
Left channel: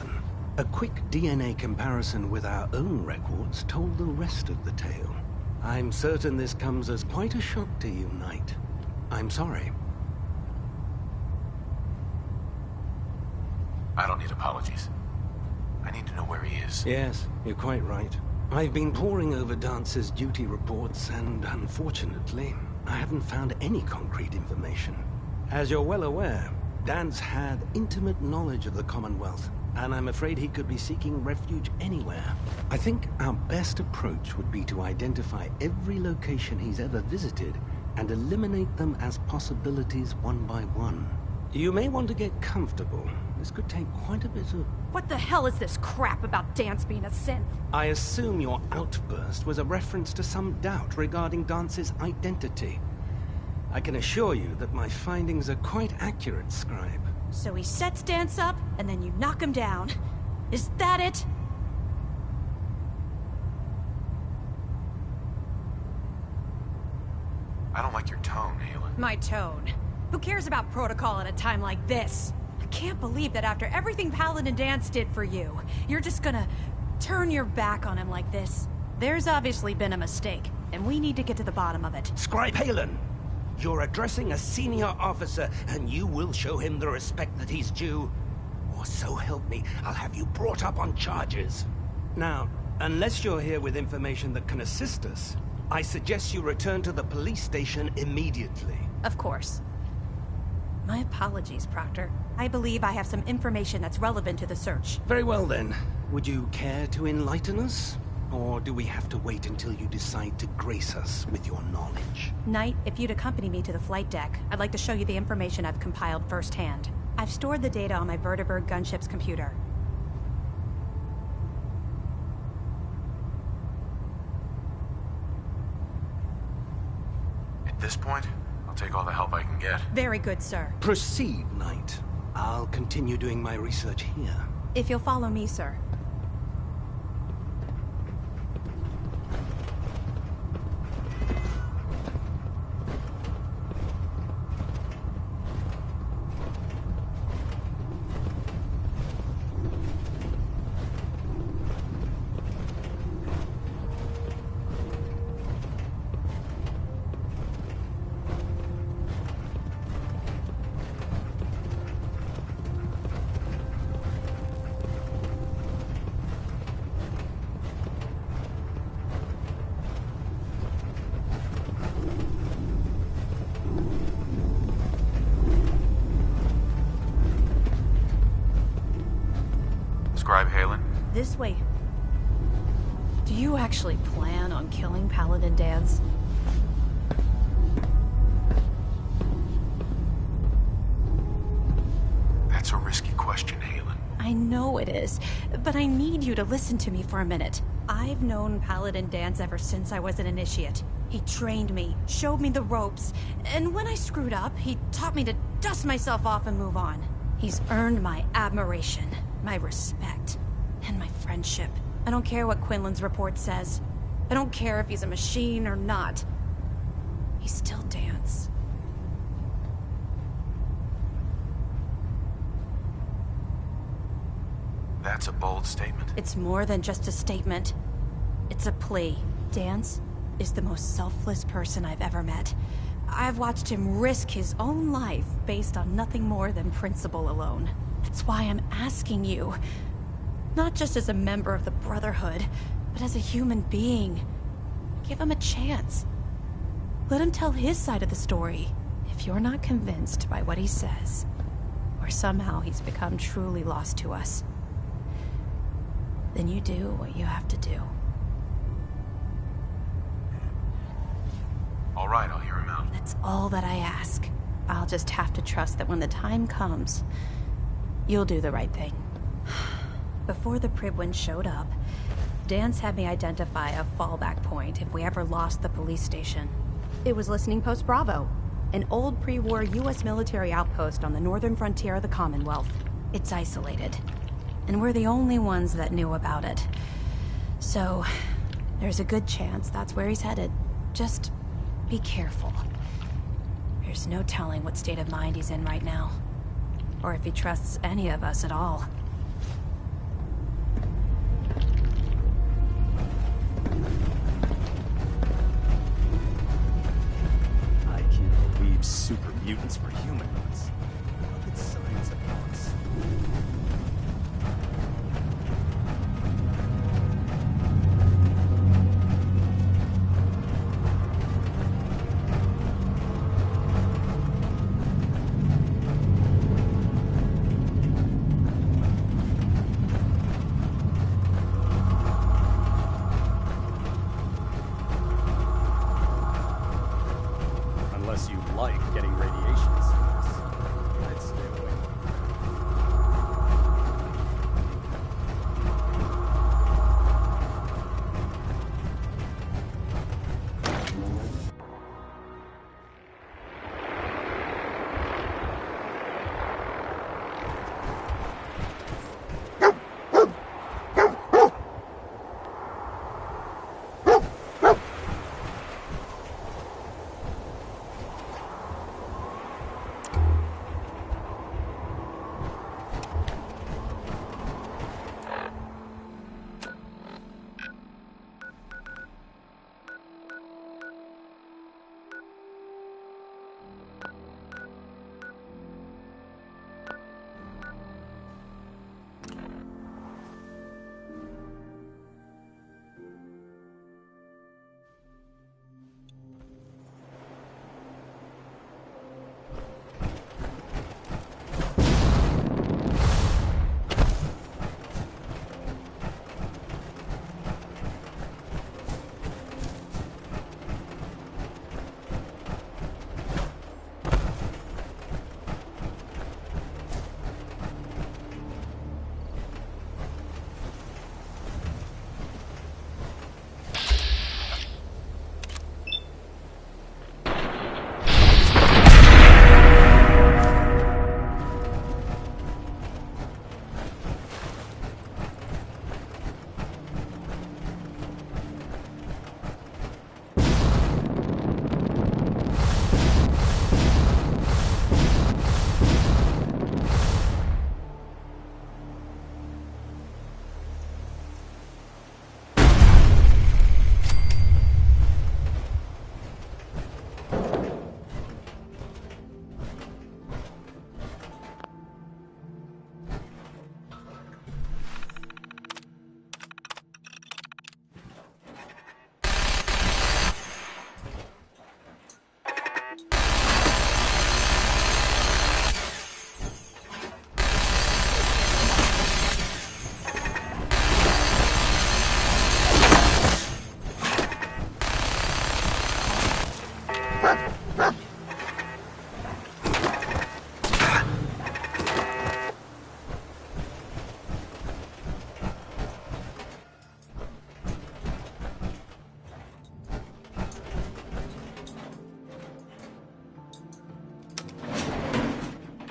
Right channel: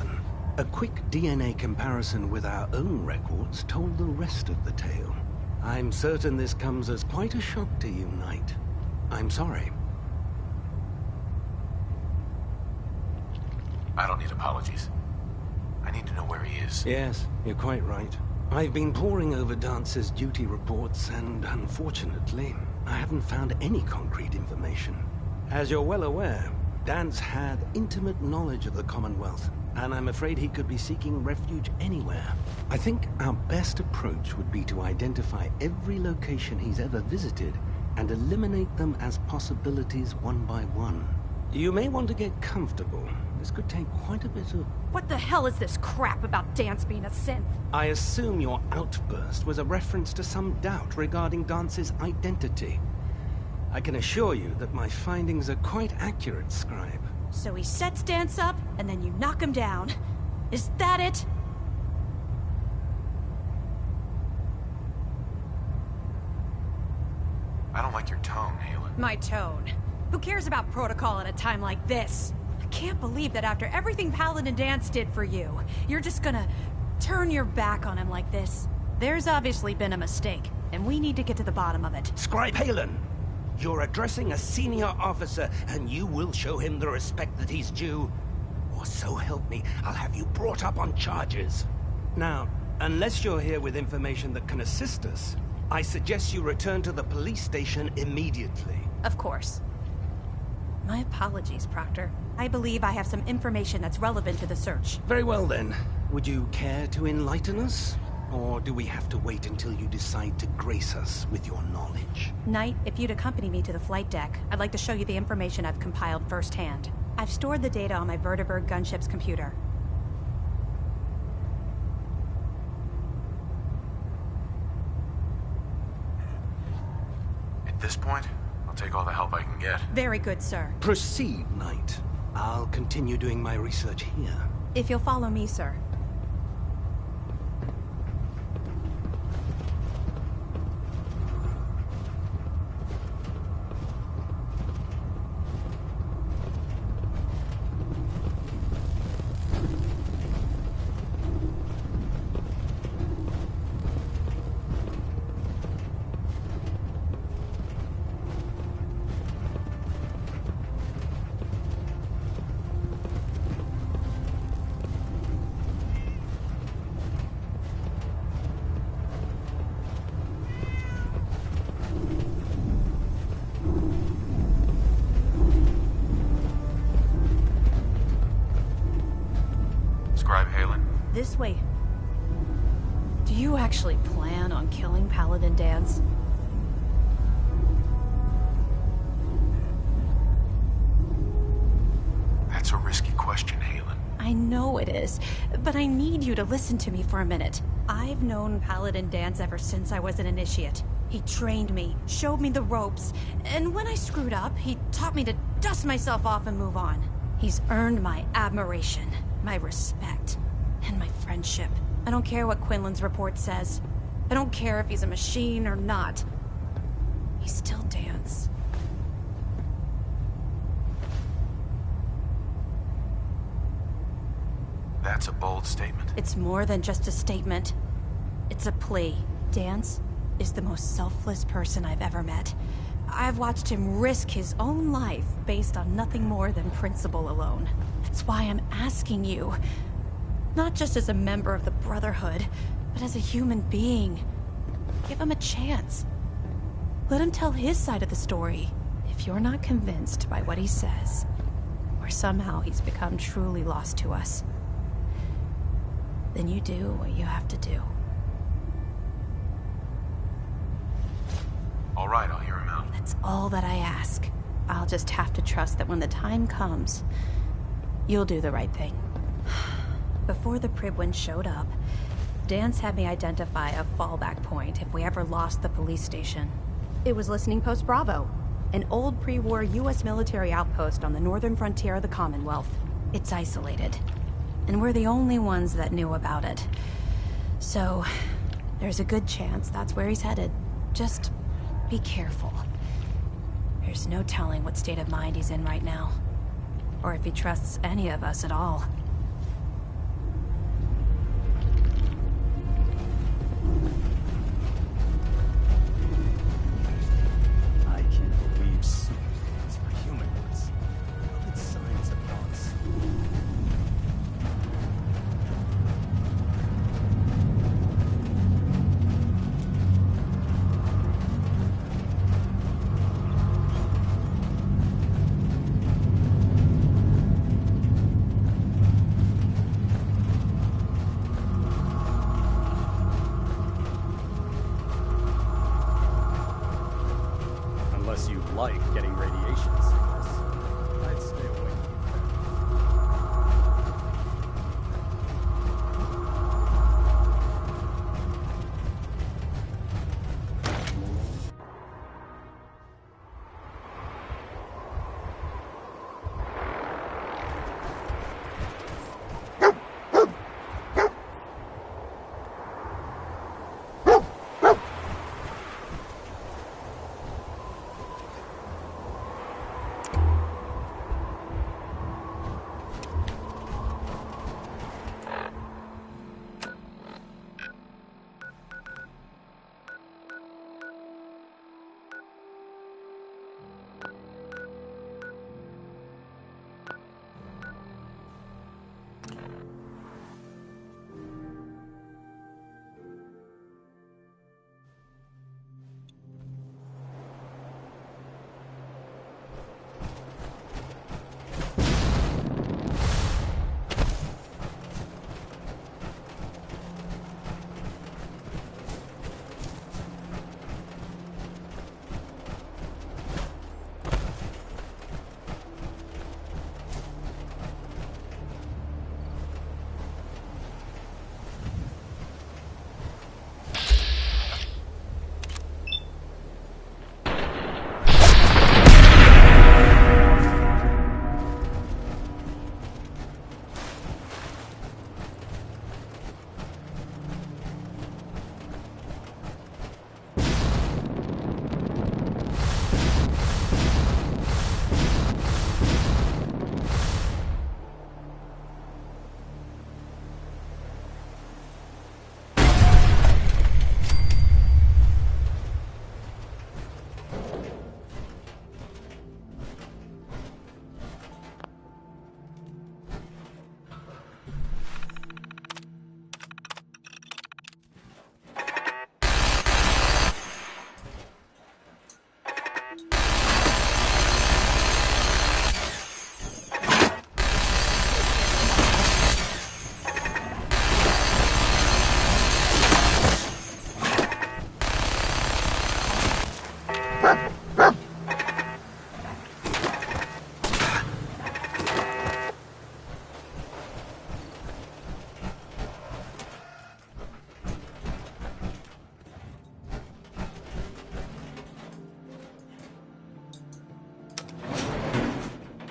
A quick DNA comparison with our own records told the rest of the tale. I'm certain this comes as quite a shock to you, Knight. I'm sorry. I don't need apologies. I need to know where he is. Yes, you're quite right. I've been poring over Dance's duty reports, and unfortunately, I haven't found any concrete information. As you're well aware, Danse had intimate knowledge of the Commonwealth, and I'm afraid he could be seeking refuge anywhere. I think our best approach would be to identify every location he's ever visited and eliminate them as possibilities one by one. You may want to get comfortable. This could take quite a bit of... What the hell is this crap about Danse being a synth? I assume your outburst was a reference to some doubt regarding Dance's identity. I can assure you that my findings are quite accurate, Scribe. So he sets Danse up, and then you knock him down. Is that it? I don't like your tone, Haylen. My tone. Who cares about protocol at a time like this? I can't believe that after everything Paladin Danse did for you, you're just gonna turn your back on him like this. There's obviously been a mistake, and we need to get to the bottom of it. Scribe Haylen! You're addressing a senior officer, and you will show him the respect that he's due. Or so help me, I'll have you brought up on charges. Now, unless you're here with information that can assist us, I suggest you return to the police station immediately. Of course. My apologies, Proctor. I believe I have some information that's relevant to the search. Very well then. Would you care to enlighten us? Or do we have to wait until you decide to grace us with your knowledge? Knight, if you'd accompany me to the flight deck, I'd like to show you the information I've compiled firsthand. I've stored the data on my Vertibird gunship's computer. At this point, I'll take all the help I can get. Very good, sir. Proceed, Knight. I'll continue doing my research here. If you'll follow me, sir. Scribe Halen? This way. Do you actually plan on killing Paladin Danse? That's a risky question, Halen. I know it is, but I need you to listen to me for a minute. I've known Paladin Danse ever since I was an initiate. He trained me, showed me the ropes, and when I screwed up, he taught me to dust myself off and move on. He's earned my admiration, my respect, and my friendship. I don't care what Quinlan's report says. I don't care if he's a machine or not. He's still Danse. That's a bold statement. It's more than just a statement. It's a plea. Danse is the most selfless person I've ever met. I've watched him risk his own life based on nothing more than principle alone. That's why I'm asking you. Not just as a member of the Brotherhood, but as a human being. Give him a chance. Let him tell his side of the story. If you're not convinced by what he says, or somehow he's become truly lost to us, then you do what you have to do. All right, I'll hear him out. That's all that I ask. I'll just have to trust that when the time comes, you'll do the right thing. Before the Pribwin showed up, Danse had me identify a fallback point if we ever lost the police station. It was Listening Post Bravo, an old pre-war US military outpost on the northern frontier of the Commonwealth. It's isolated, and we're the only ones that knew about it. So, there's a good chance that's where he's headed. Just be careful. There's no telling what state of mind he's in right now, or if he trusts any of us at all. I can't believe super mutants were humanoids. How could science have us? Unless you like getting radiation sickness. I'd stay away from that.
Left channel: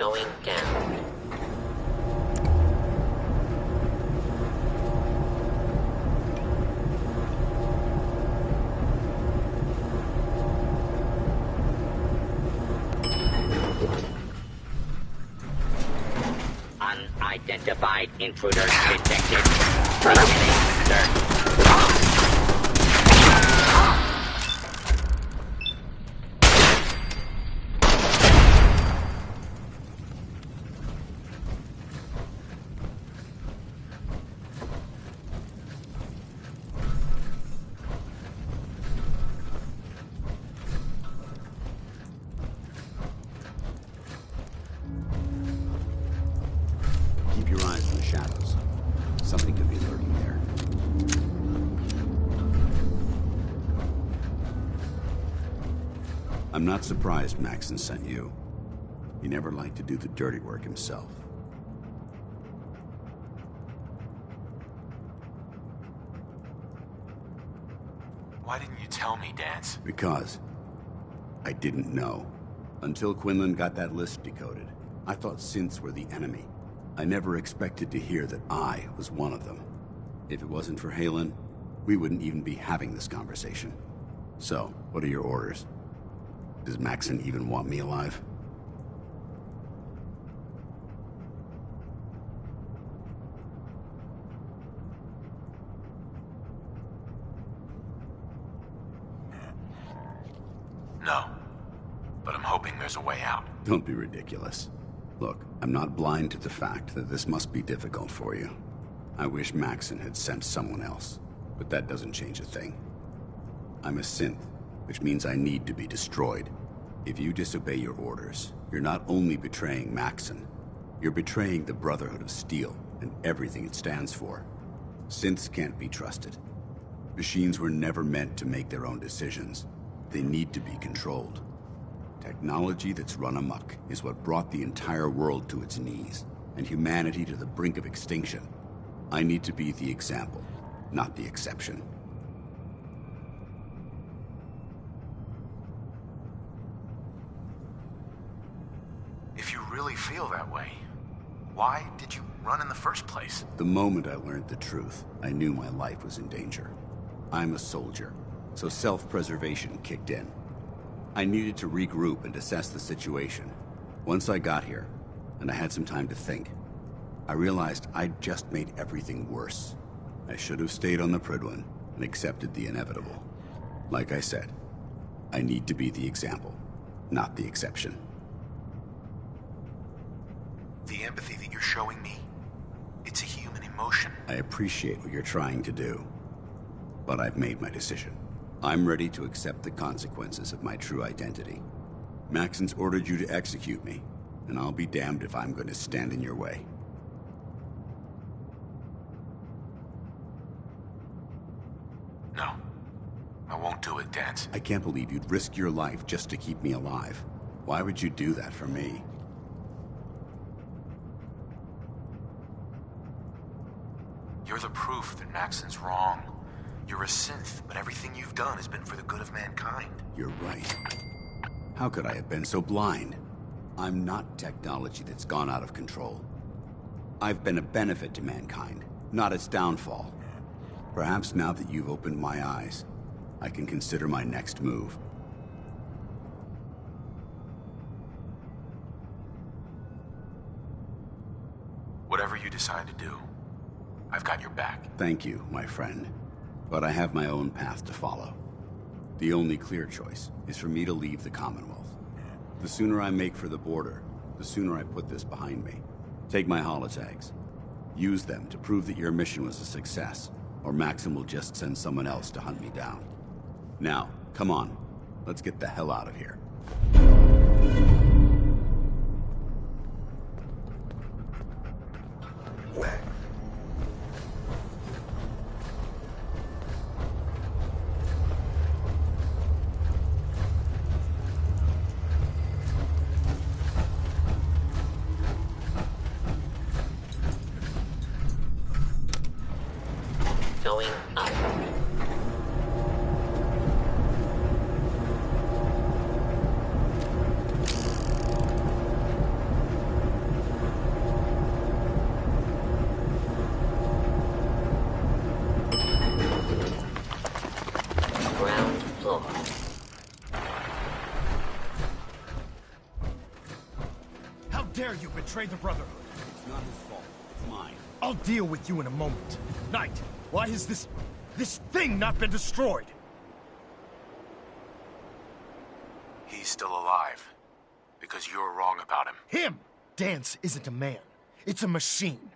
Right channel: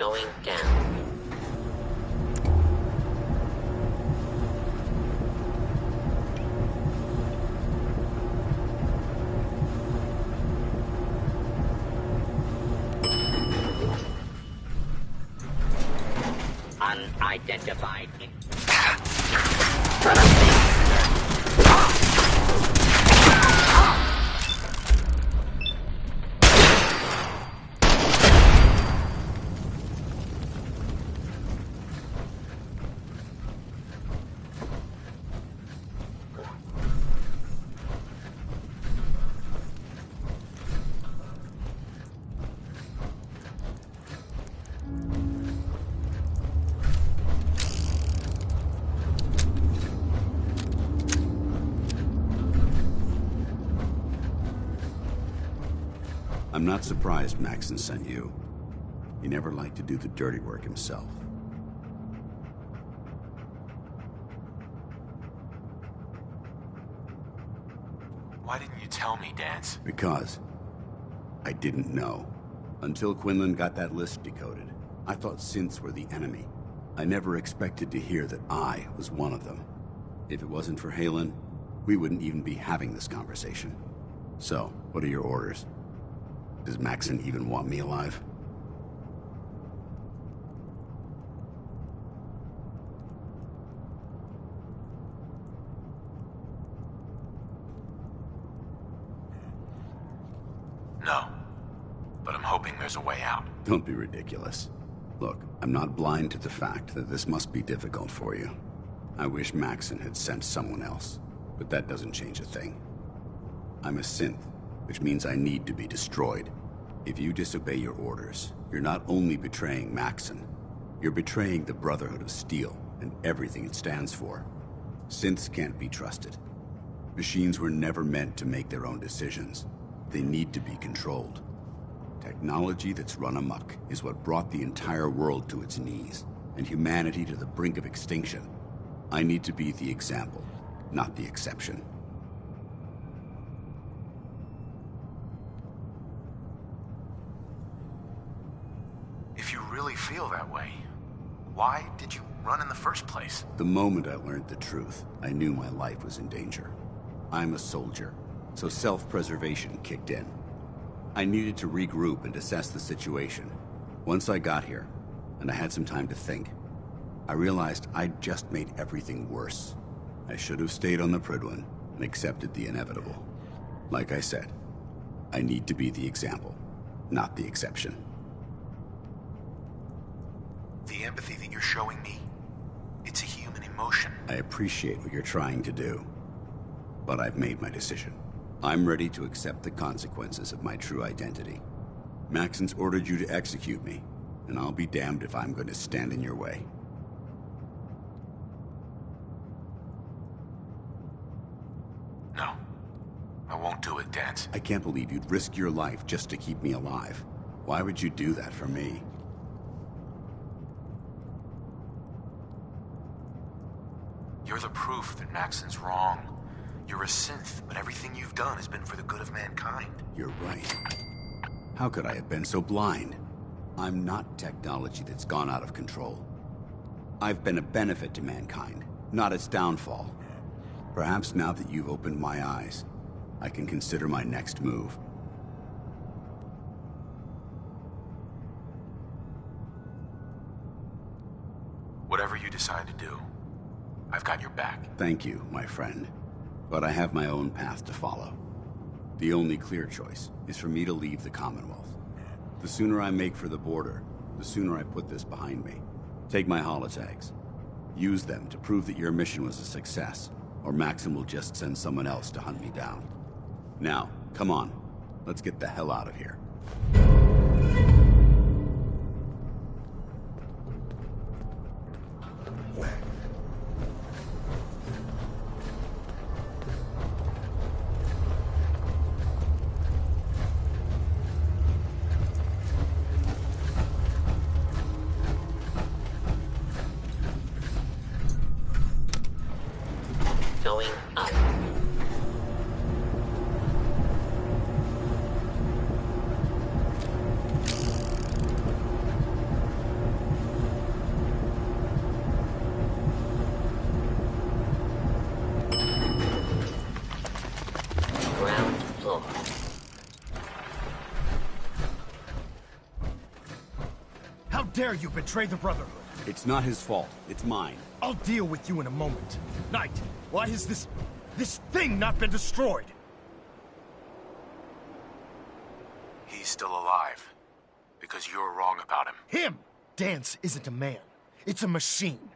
Going down. Unidentified intruders detected. I'm not surprised Maxon sent you. He never liked to do the dirty work himself. Why didn't you tell me, Dance? Because I didn't know. Until Quinlan got that list decoded. I thought synths were the enemy. I never expected to hear that I was one of them. If it wasn't for Haylen, we wouldn't even be having this conversation. So, what are your orders? Does Maxon even want me alive? No. But I'm hoping there's a way out. Don't be ridiculous. Look, I'm not blind to the fact that this must be difficult for you. I wish Maxon had sent someone else, but that doesn't change a thing. I'm a synth, which means I need to be destroyed. If you disobey your orders, you're not only betraying Maxon, you're betraying the Brotherhood of Steel and everything it stands for. Synths can't be trusted. Machines were never meant to make their own decisions. They need to be controlled. Technology that's run amok is what brought the entire world to its knees, and humanity to the brink of extinction. I need to be the example, not the exception. If you really feel that way, why did you run in the first place? The moment I learned the truth, I knew my life was in danger. I'm a soldier, so self-preservation kicked in. I needed to regroup and assess the situation. Once I got here, and I had some time to think, I realized I'd just made everything worse. I should have stayed on the Prydwen and accepted the inevitable. Like I said, I need to be the example, not the exception. The empathy that you're showing me, it's a human emotion. I appreciate what you're trying to do, but I've made my decision. I'm ready to accept the consequences of my true identity. Maxon's ordered you to execute me, and I'll be damned if I'm going to stand in your way. No, I won't do it, Dance. I can't believe you'd risk your life just to keep me alive. Why would you do that for me? You're the proof that Maxon's wrong. You're a synth, but everything you've done has been for the good of mankind. You're right. How could I have been so blind? I'm not technology that's gone out of control. I've been a benefit to mankind, not its downfall. Perhaps now that you've opened my eyes, I can consider my next move. Whatever you decide to do, I've got your back. Thank you, my friend. But I have my own path to follow. The only clear choice is for me to leave the Commonwealth. The sooner I make for the border, the sooner I put this behind me. Take my holotags. Use them to prove that your mission was a success, or Maxon will just send someone else to hunt me down. Now, come on. Let's get the hell out of here. Going up. How dare you betray the Brotherhood? It's not his fault. It's mine. I'll deal with you in a moment. Knight, why has this thing not been destroyed? He's still alive. Because you're wrong about him. Him! Dance isn't a man. It's a machine.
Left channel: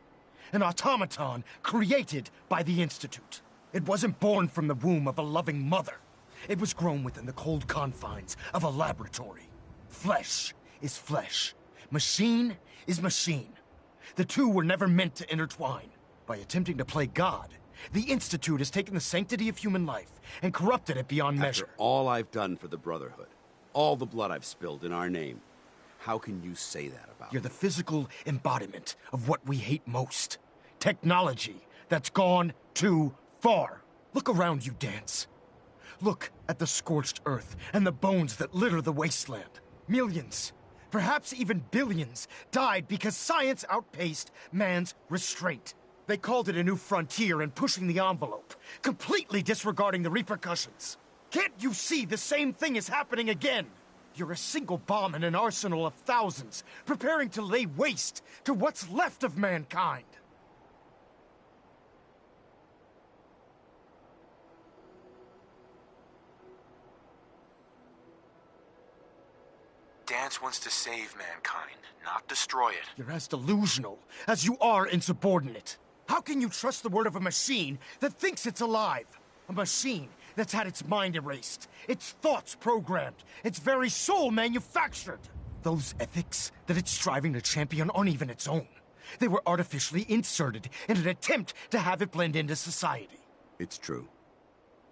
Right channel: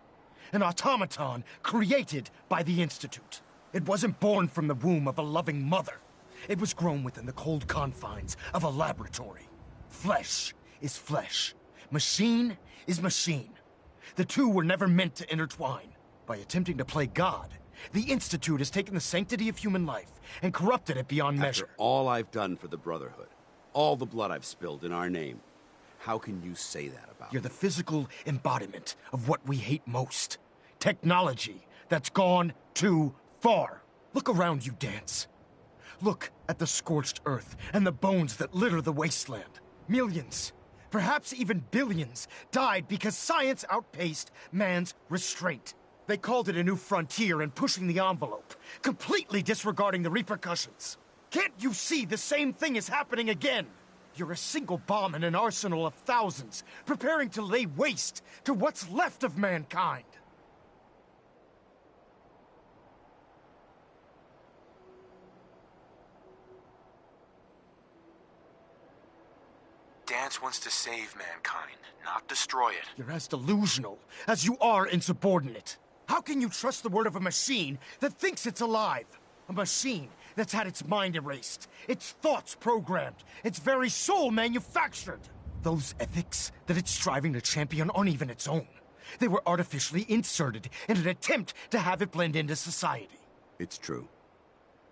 An automaton created by the Institute. It wasn't born from the womb of a loving mother. It was grown within the cold confines of a laboratory. Flesh is flesh. Machine is machine. The two were never meant to intertwine. By attempting to play God, the Institute has taken the sanctity of human life and corrupted it beyond measure. After all I've done for the Brotherhood, all the blood I've spilled in our name, how can you say that about You're the physical embodiment of what we hate most. Technology that's gone too far. Look around you, Dance. Look at the scorched earth and the bones that litter the wasteland. Millions, perhaps even billions, died because science outpaced man's restraint. They called it a new frontier and pushing the envelope, completely disregarding the repercussions. Can't you see the same thing is happening again? You're a single bomb in an arsenal of thousands, preparing to lay waste to what's left of mankind. Dance wants to save mankind, not destroy it. You're as delusional as you are insubordinate. How can you trust the word of a machine that thinks it's alive? A machine that's had its mind erased, its thoughts programmed, its very soul manufactured. Those ethics that it's striving to champion aren't even its own. They were artificially inserted in an attempt to have it blend into society. It's true.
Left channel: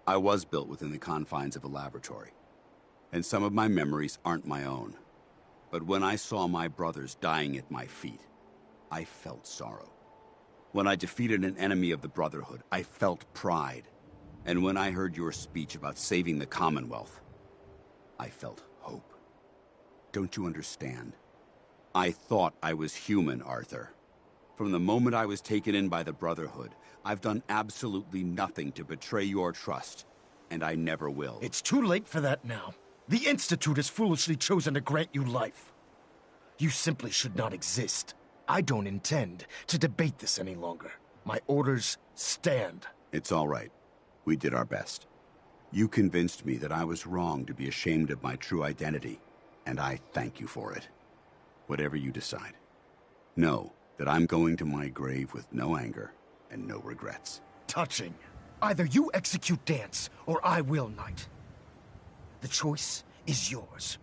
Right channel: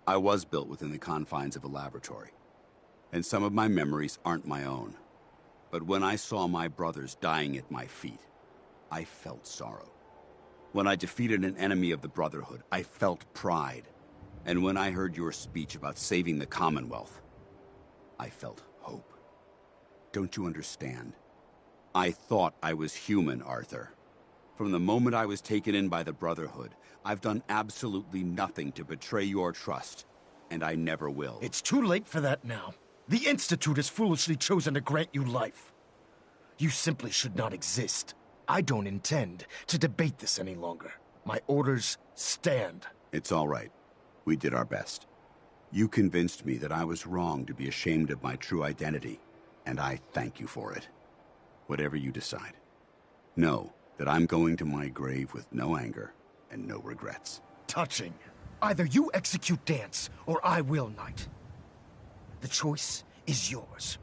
I was built within the confines of a laboratory, and some of my memories aren't my own. But when I saw my brothers dying at my feet, I felt sorrow. When I defeated an enemy of the Brotherhood, I felt pride. And when I heard your speech about saving the Commonwealth, I felt hope. Don't you understand? I thought I was human, Arthur. From the moment I was taken in by the Brotherhood, I've done absolutely nothing to betray your trust, and I never will. It's too late for that now. The Institute has foolishly chosen to grant you life. You simply should not exist. I don't intend to debate this any longer. My orders stand. It's all right. We did our best. You convinced me that I was wrong to be ashamed of my true identity, and I thank you for it. Whatever you decide. Know that I'm going to my grave with no anger and no regrets. Touching. Either you execute Dance, or I will, Knight. The choice is yours.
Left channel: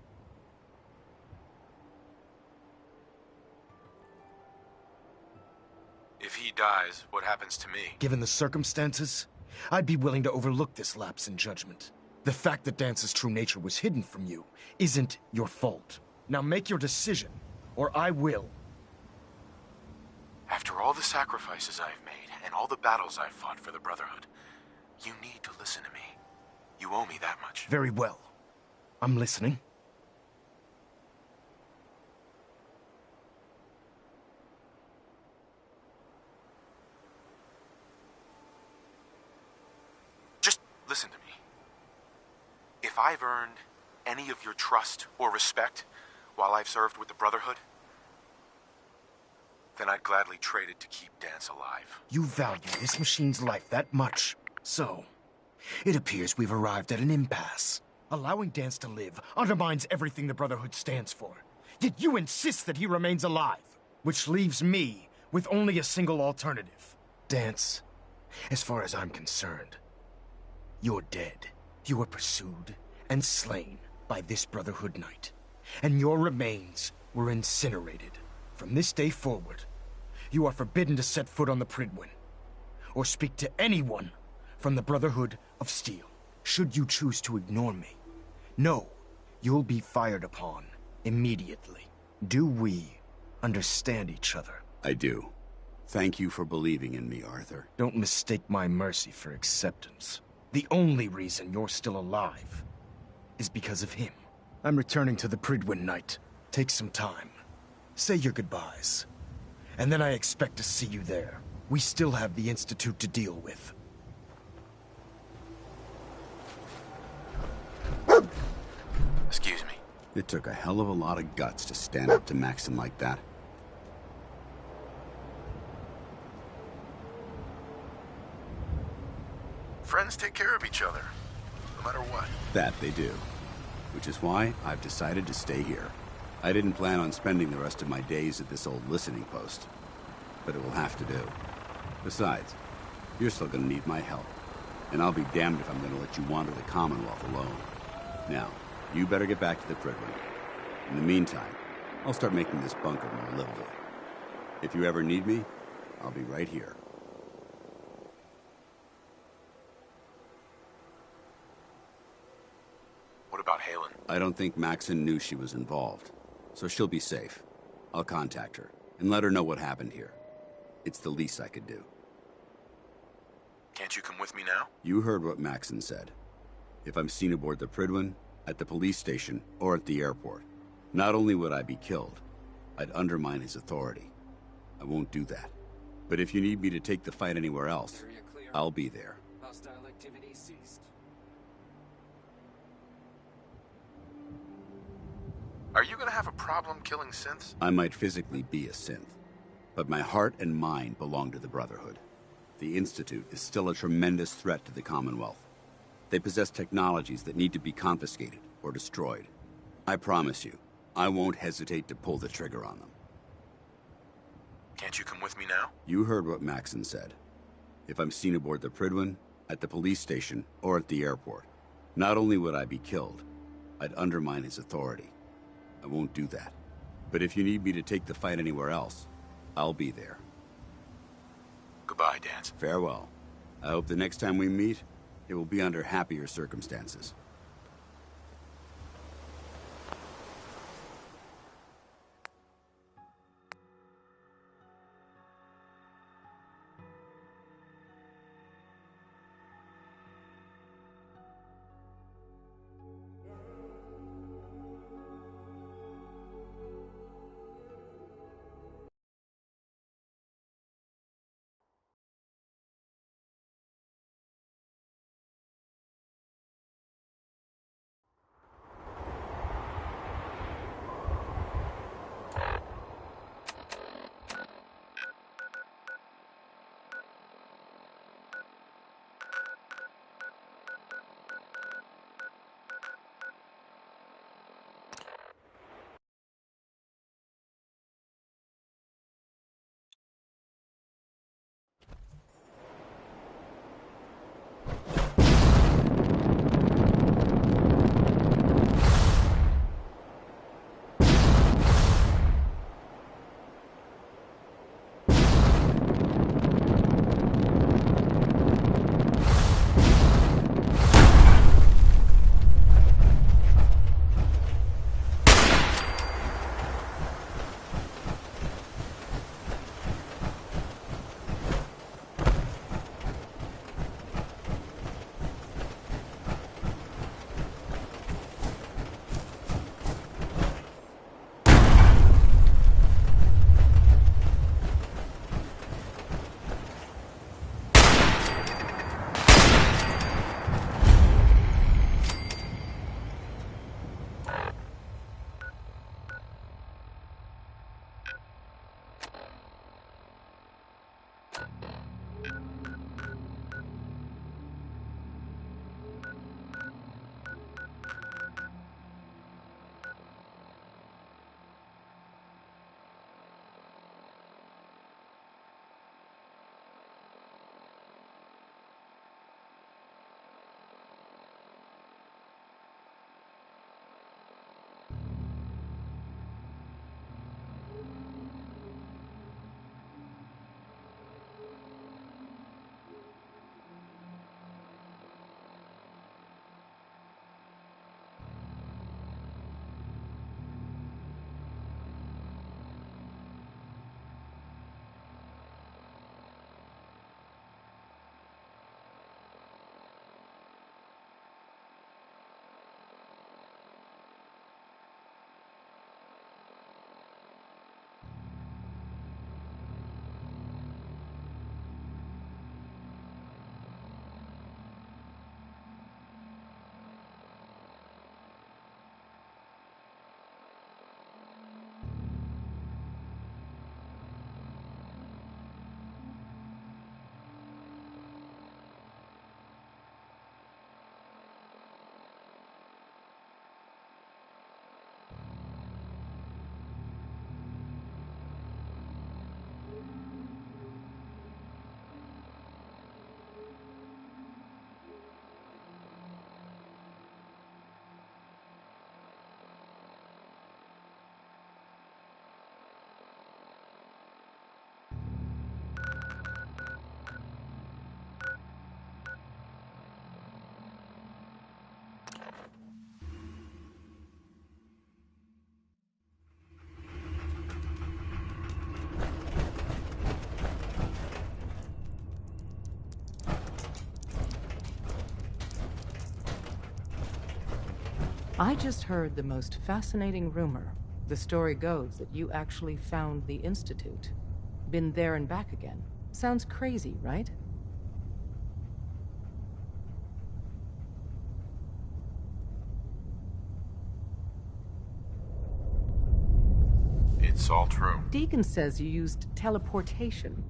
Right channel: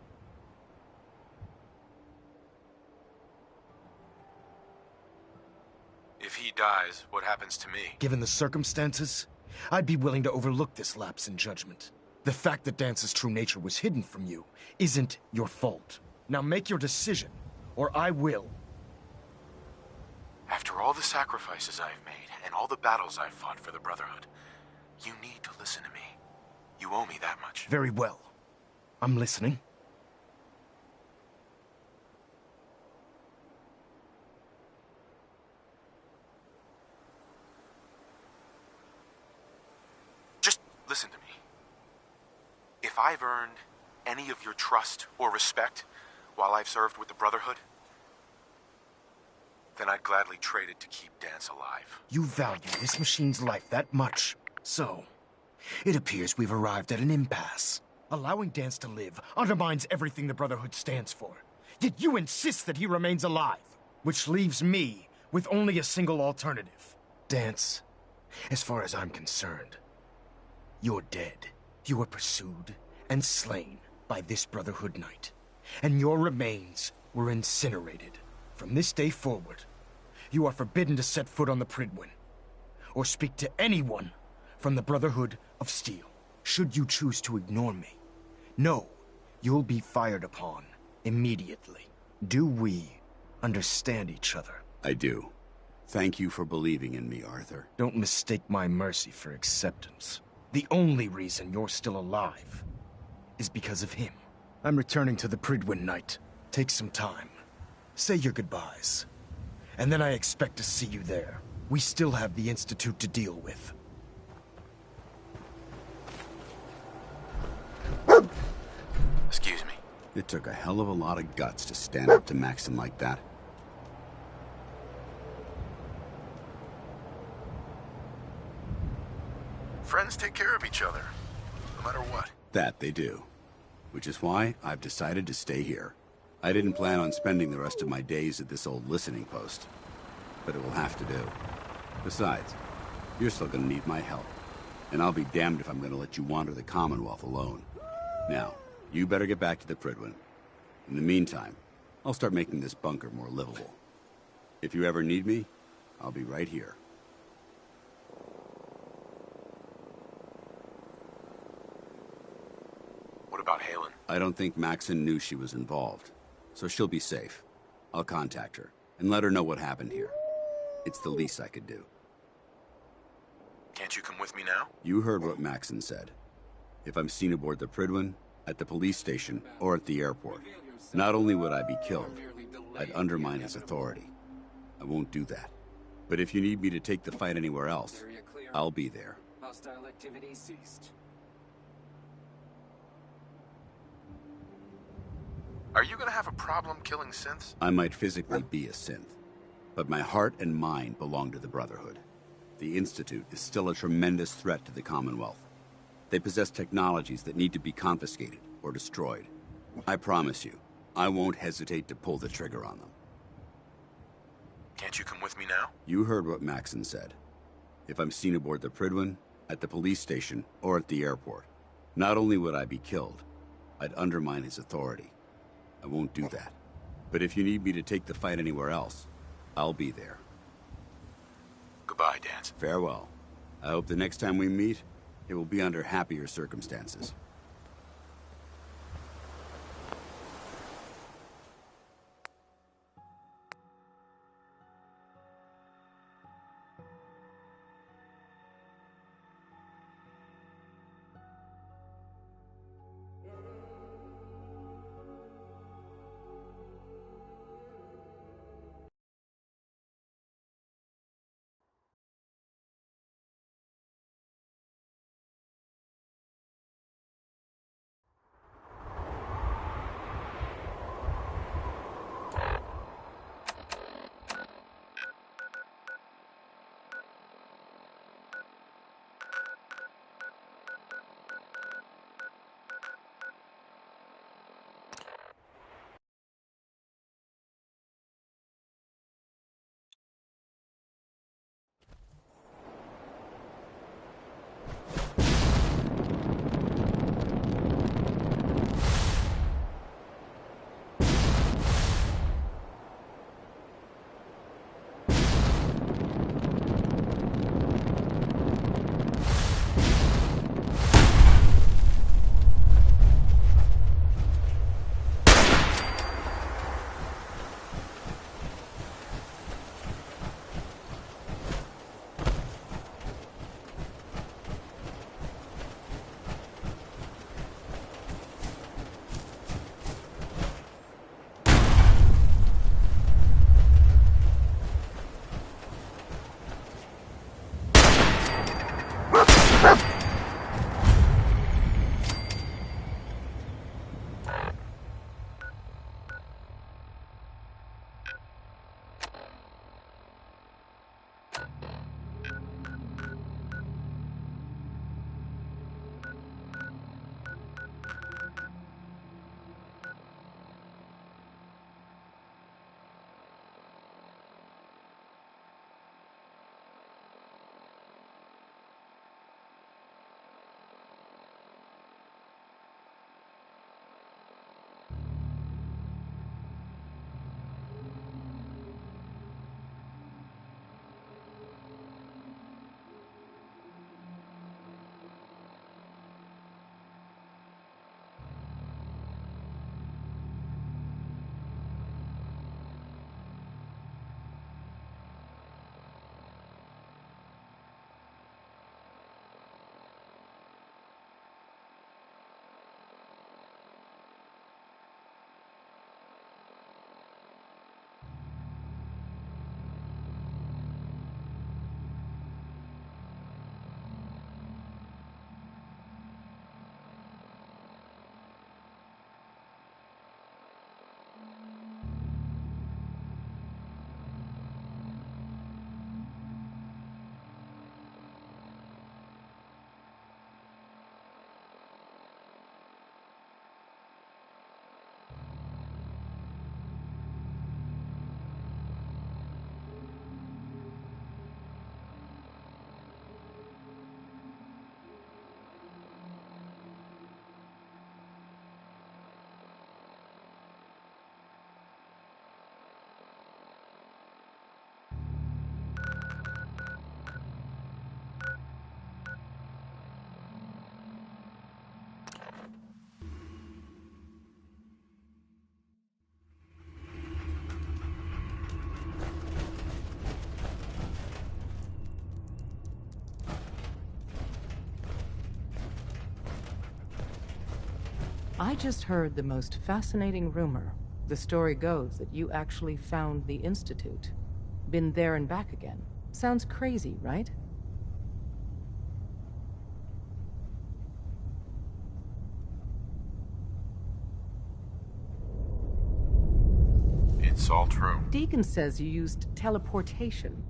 If he dies, what happens to me? Given the circumstances, I'd be willing to overlook this lapse in judgment. The fact that Dance's true nature was hidden from you isn't your fault. Now make your decision, or I will. After all the sacrifices I've made, and all the battles I've fought for the Brotherhood, you need to listen to me. You owe me that much. Very well. I'm listening. Just listen to me. If I've earned any of your trust or respect while I've served with the Brotherhood, then I'd gladly trade it to keep Dance alive. You value this machine's life that much. So, it appears we've arrived at an impasse. Allowing Dance to live undermines everything the Brotherhood stands for. Yet you insist that he remains alive, which leaves me with only a single alternative. Dance, as far as I'm concerned, you're dead. You were pursued and slain by this Brotherhood Knight, and your remains were incinerated. From this day forward, you are forbidden to set foot on the Prydwen, or speak to anyone from the Brotherhood of Steel. Should you choose to ignore me, know you'll be fired upon immediately. Do we understand each other? I do. Thank you for believing in me, Arthur. Don't mistake my mercy for acceptance. The only reason you're still alive is because of him. I'm returning to the Prydwen, Knight. Take some time. Say your goodbyes. And then I expect to see you there. We still have the Institute to deal with. Excuse me. It took a hell of a lot of guts to stand up to Maxon like that. Friends take care of each other, no matter what. That they do. Which is why I've decided to stay here. I didn't plan on spending the rest of my days at this old listening post. But it will have to do. Besides, you're still gonna need my help. And I'll be damned if I'm gonna let you wander the Commonwealth alone. Now, you better get back to the Prydwen. In the meantime, I'll start making this bunker more livable. If you ever need me, I'll be right here. What about Halen? I don't think Maxon knew she was involved, so she'll be safe. I'll contact her and let her know what happened here. It's the least I could do. Can't you come with me now? You heard what Maxon said. If I'm seen aboard the Prydwen, at the police station, or at the airport, not only would I be killed, I'd undermine his authority. I won't do that. But if you need me to take the fight anywhere else, I'll be there. Hostile activity ceased. Are you gonna have a problem killing synths? I might physically be a synth, but my heart and mind belong to the Brotherhood. The Institute is still a tremendous threat to the Commonwealth. They possess technologies that need to be confiscated or destroyed. I promise you, I won't hesitate to pull the trigger on them. Can't you come with me now? You heard what Maxon said. If I'm seen aboard the Prydwen, at the police station, or at the airport, not only would I be killed, I'd undermine his authority. I won't do that. But if you need me to take the fight anywhere else, I'll be there. Goodbye, Danse. Farewell. I hope the next time we meet, it will be under happier circumstances. I just heard the most fascinating rumor. The story goes that you actually found the Institute. Been there and back again. Sounds crazy, right? It's all true. Deacon says you used teleportation.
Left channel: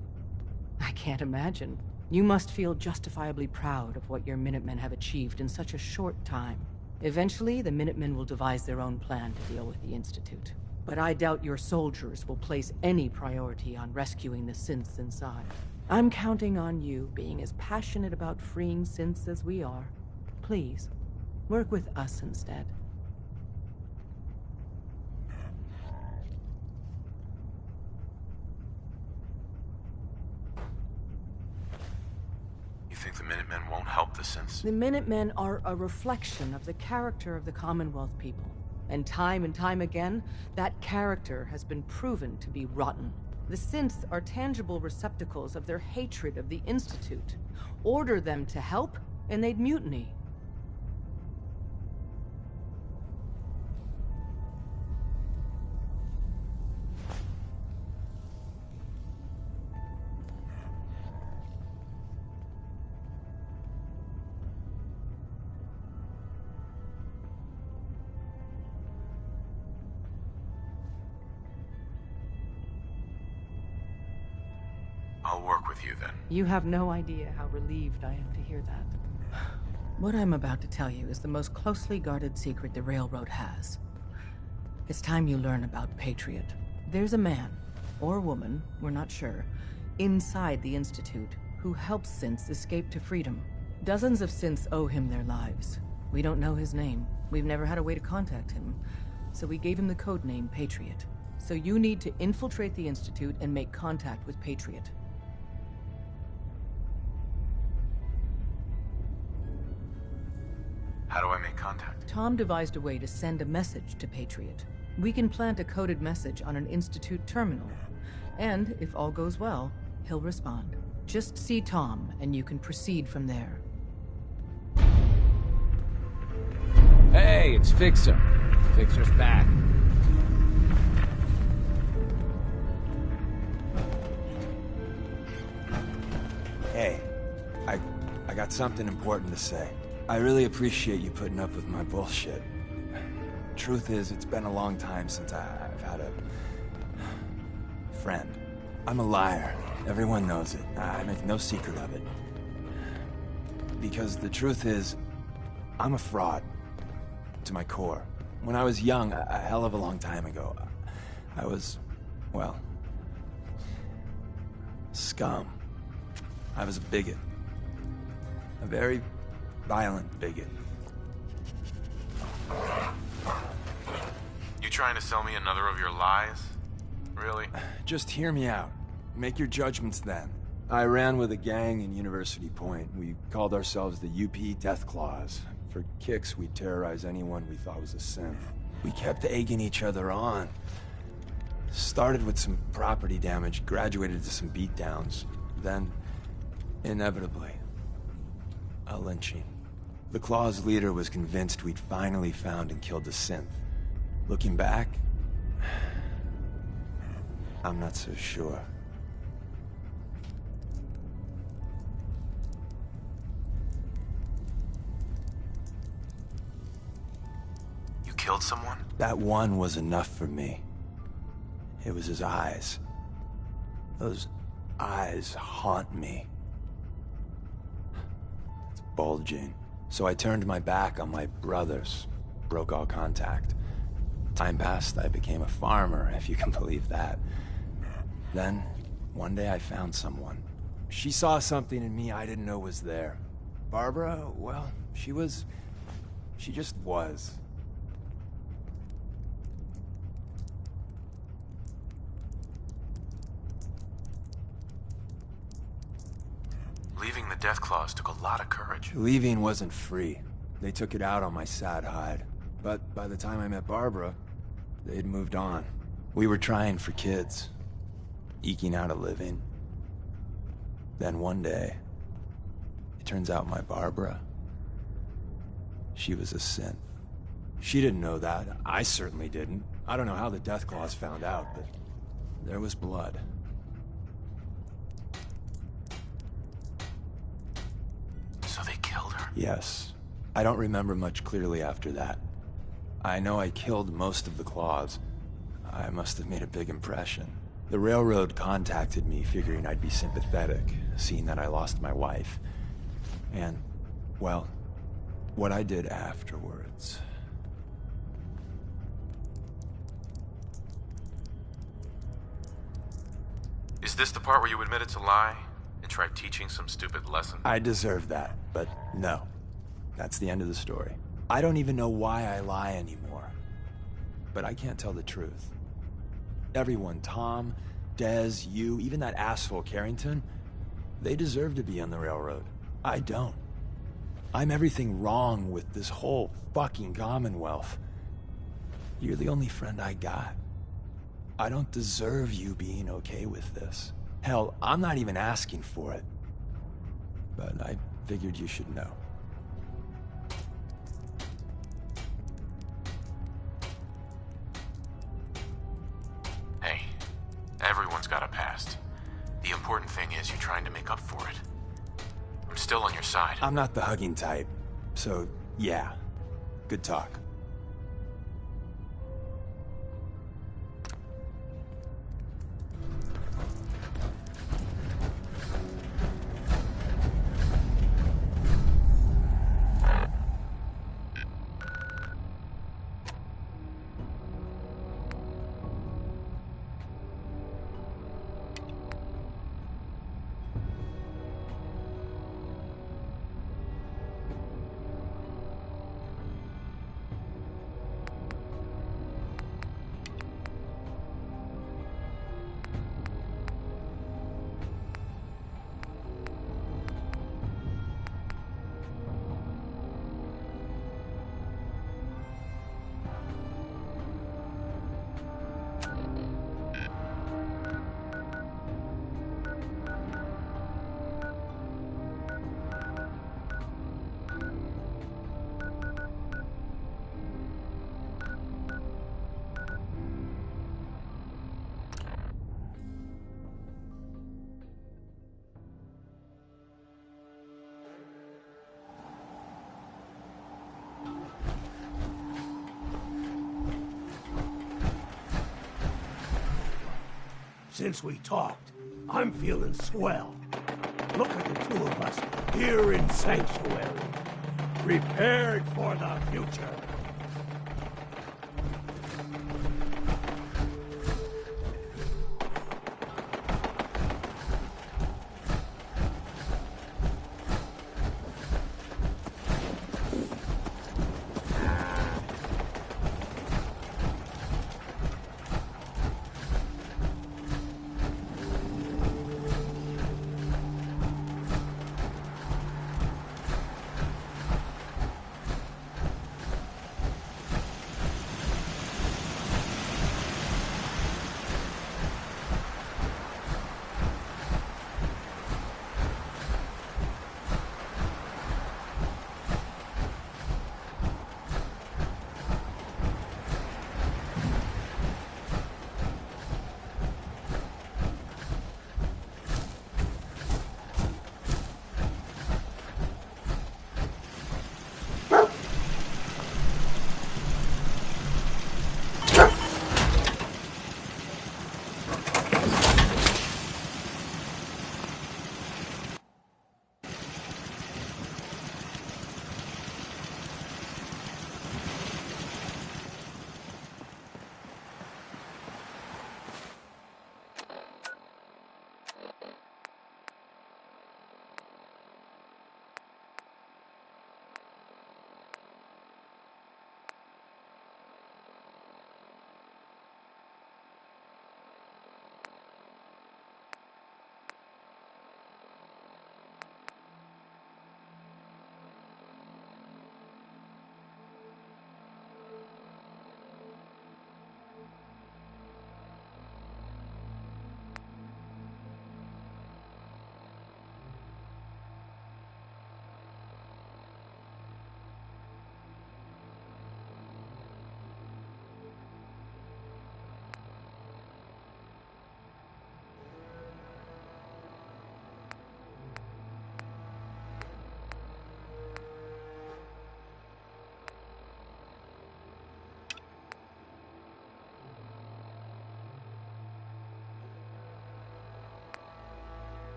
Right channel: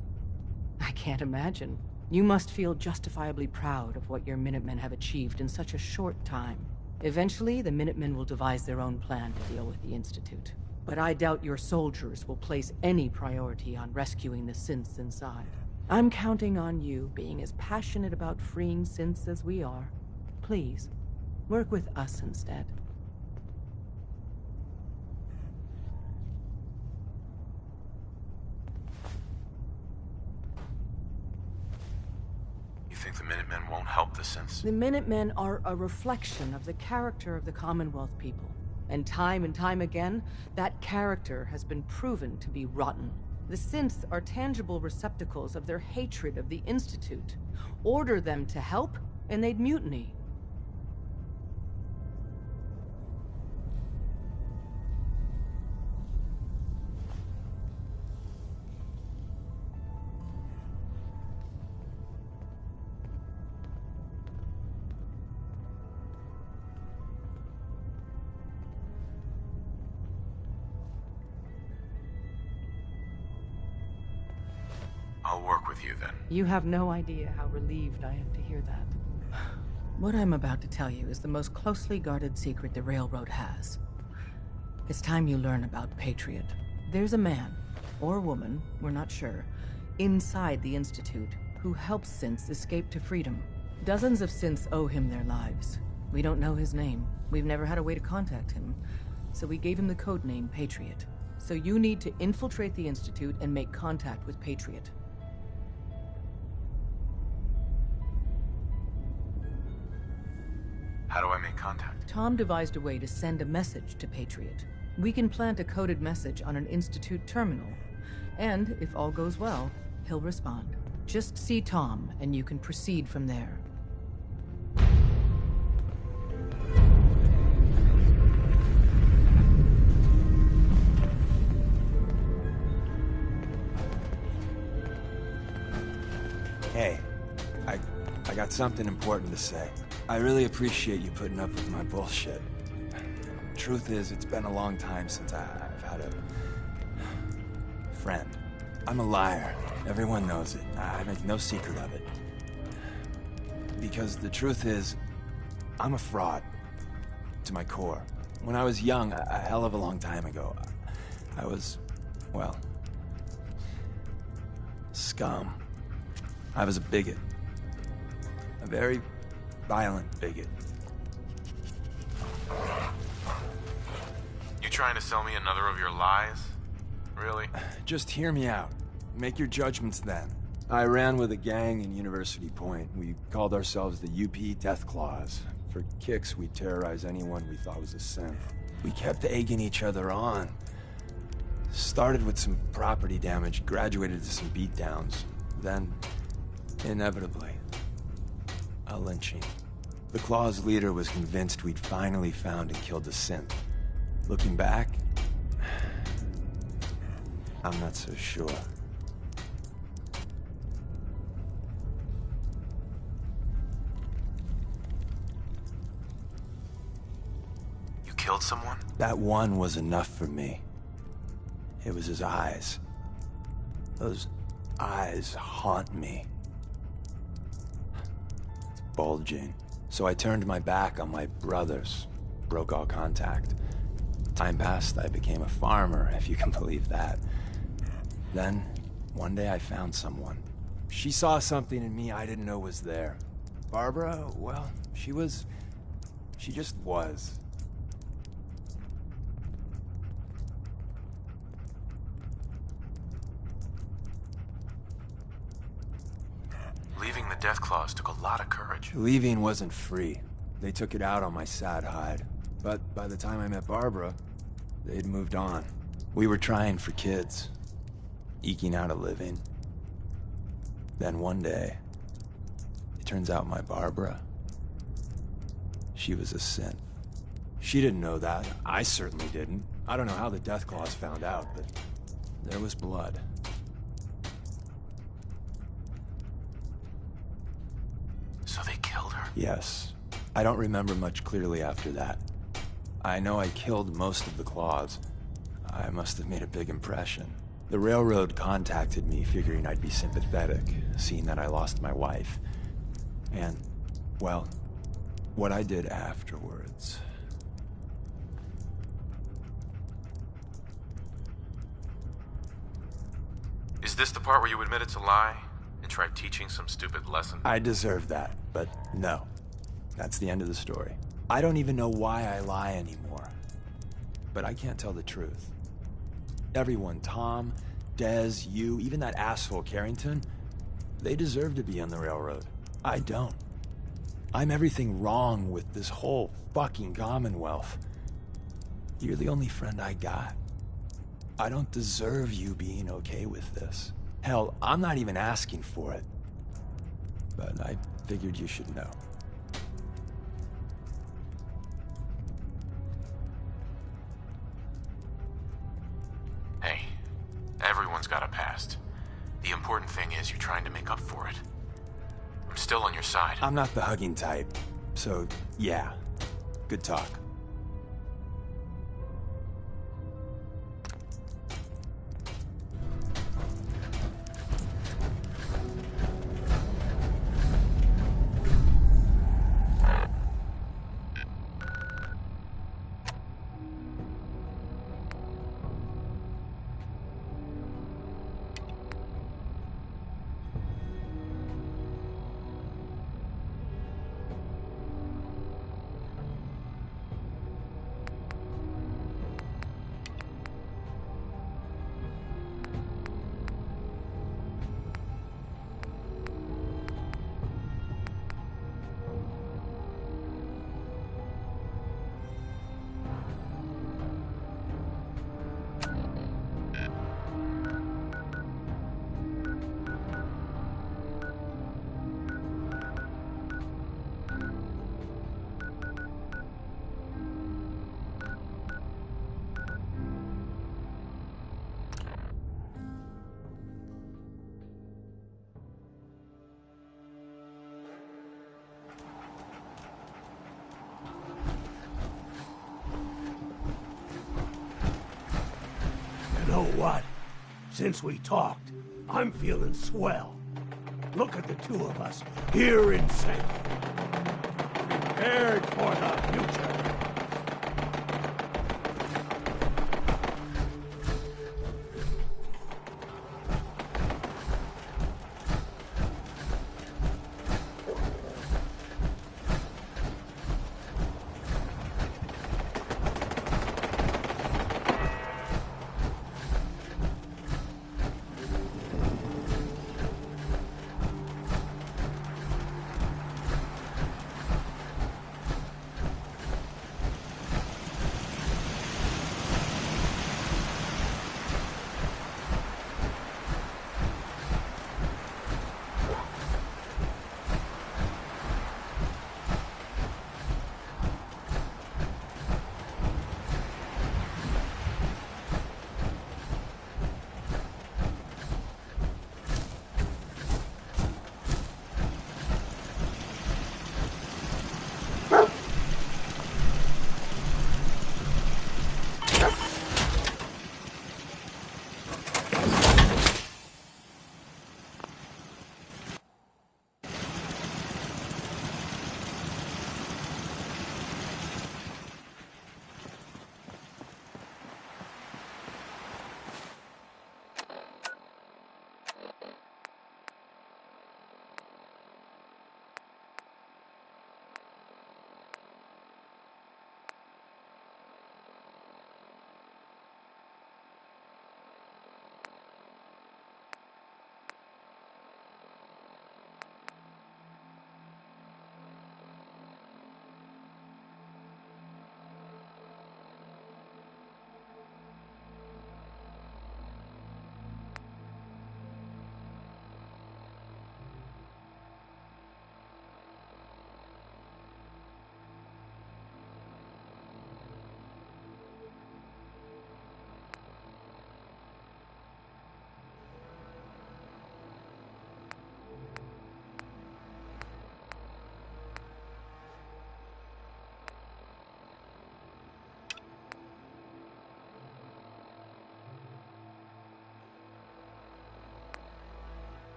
I can't imagine. You must feel justifiably proud of what your Minutemen have achieved in such a short time. Eventually, the Minutemen will devise their own plan to deal with the Institute. But I doubt your soldiers will place any priority on rescuing the synths inside. I'm counting on you being as passionate about freeing synths as we are. Please, work with us instead. You think the Minutemen won't help the synths? The Minutemen are a reflection of the character of the Commonwealth people. And time again, that character has been proven to be rotten. The synths are tangible receptacles of their hatred of the Institute. Order them to help, and they'd mutiny. I'll work with you then. You have no idea how relieved I am to hear that. What I'm about to tell you is the most closely guarded secret the Railroad has. It's time you learn about Patriot. There's a man, or woman, we're not sure, inside the Institute who helps synths escape to freedom. Dozens of synths owe him their lives. We don't know his name. We've never had a way to contact him. So we gave him the codename Patriot. So you need to infiltrate the Institute and make contact with Patriot. How do I make contact? Tom devised a way to send a message to Patriot. We can plant a coded message on an Institute terminal. And, if all goes well, he'll respond. Just see Tom, and you can proceed from there. Hey, it's Fixer. Fixer's back. Hey, I got something important to say. I really appreciate you putting up with my bullshit. Truth is, it's been a long time since I've had a friend. I'm a liar. Everyone knows it. I make no secret of it. Because the truth is, I'm a fraud. To my core. When I was young, a hell of a long time ago, I was, well, scum. I was a bigot. A very violent bigot. You trying to sell me another of your lies? Really? Just hear me out. Make your judgments then. I ran with a gang in University Point. We called ourselves the UP Deathclaws. For kicks, we'd terrorize anyone we thought was a synth. We kept egging each other on. Started with some property damage, graduated to some beatdowns. Then, inevitably, a lynching. The Claw's leader was convinced we'd finally found and killed the synth. Looking back, I'm not so sure. You killed someone? That one was enough for me. It was his eyes. Those eyes haunt me. It's bulging. So I turned my back on my brothers, broke all contact. Time passed, I became a farmer, if you can believe that. Then, one day I found someone. She saw something in me I didn't know was there. Barbara, well, she just was. Leaving the Deathclaws took a lot of courage. Leaving wasn't free. They took it out on my sad hide. But by the time I met Barbara, they'd moved on. We were trying for kids, eking out a living. Then one day, it turns out my Barbara, she was a synth. She didn't know that. I certainly didn't. I don't know how the Deathclaws found out, but there was blood. So they killed her? Yes. I don't remember much clearly after that. I know I killed most of the Claws. I must have made a big impression. The Railroad contacted me figuring I'd be sympathetic, seeing that I lost my wife. And, well, what I did afterwards... Is this the part where you admitted to lie and tried teaching some stupid lesson? I deserve that, but no. That's the end of the story. I don't even know why I lie anymore. But I can't tell the truth. Everyone, Tom, Dez, you, even that asshole Carrington, they deserve to be on the Railroad. I don't. I'm everything wrong with this whole fucking Commonwealth. You're the only friend I got. I don't deserve you being okay with this. Hell, I'm not even asking for it. But I figured you should know. Hey, everyone's got a past. The important thing is you're trying to make up for it. I'm still on your side. I'm not the hugging type, so yeah, good talk. Since we talked, I'm feeling swell. Look at the two of us here in Sanctuary, prepared for the future.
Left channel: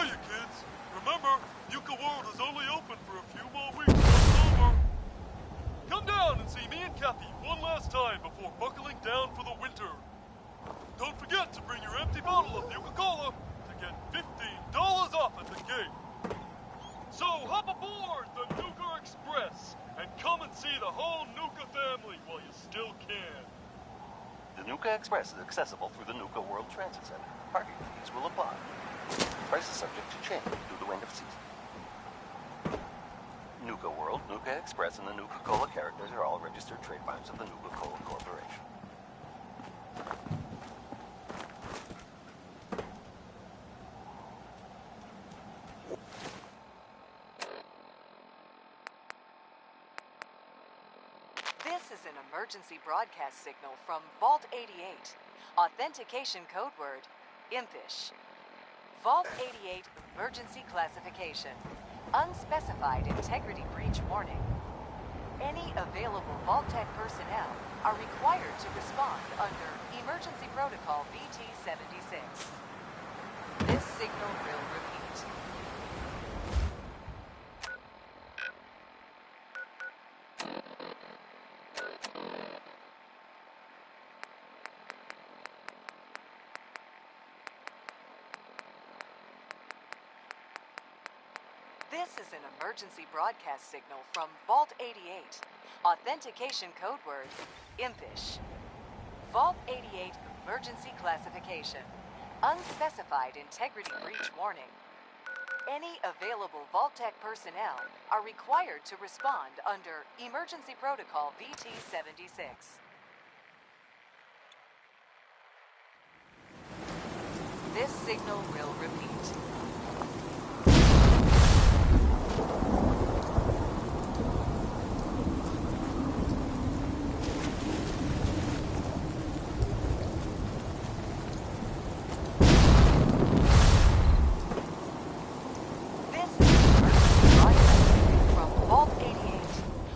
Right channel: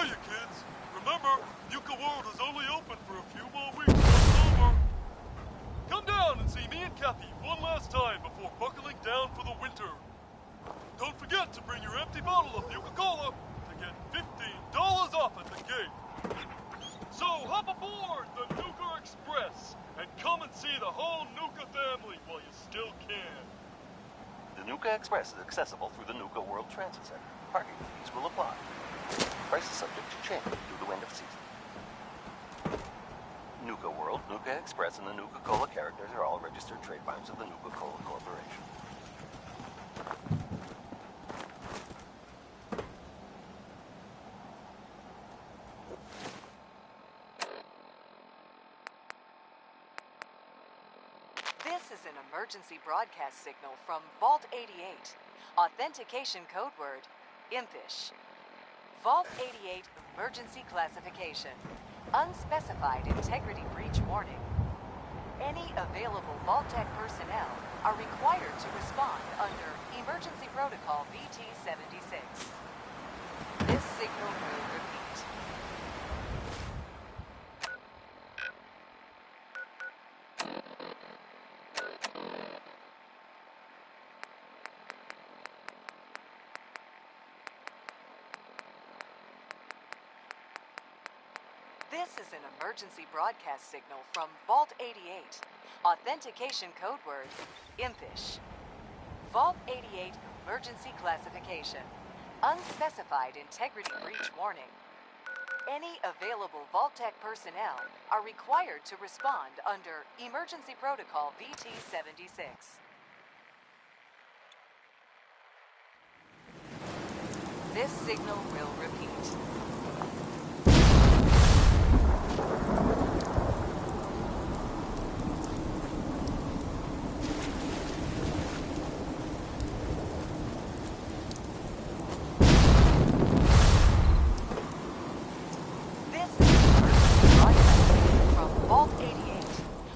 Hiya, kids. Remember, Nuka World is only open for a few more weeks. It's over. Come down and see me and Cappy one last time before buckling down for the winter. Don't forget to bring your empty bottle of Nuka-Cola to get $15 off at the gate. So hop aboard the Nuka Express and come and see the whole Nuka family while you still can. The Nuka Express is accessible through the Nuka World Transit Center. Parking fees will apply. Price is subject to change due to end of season. Nuka World, Nuka Express, and the Nuka-Cola characters are all registered trademarks of the Nuka-Cola Corporation. This is an emergency broadcast signal from Vault 88. Authentication code word, Impish. Vault 88 emergency classification. Unspecified integrity breach warning. Any available Vault-Tec personnel are required to respond under Emergency Protocol VT-76. This signal will repeat. This is an emergency broadcast signal from Vault 88. Authentication code word, Impish. Vault 88 emergency classification. Unspecified integrity breach warning. Any available Vault-Tec personnel are required to respond under Emergency Protocol VT-76. This signal will repeat.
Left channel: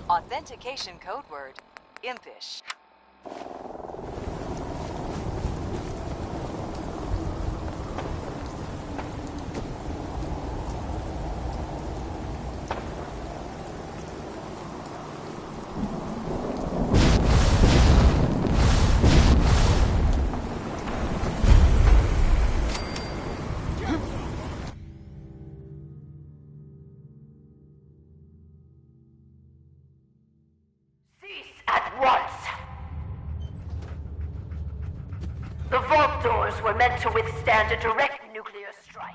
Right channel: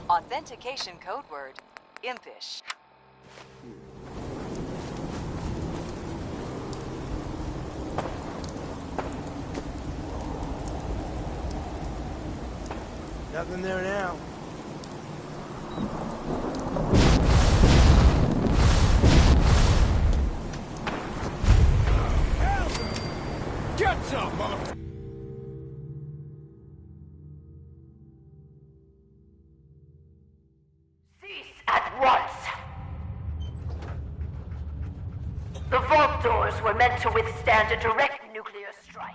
Authentication code word, Impish. Nothing there now. Get some, mother... At once! The vault doors were meant to withstand a direct nuclear strike.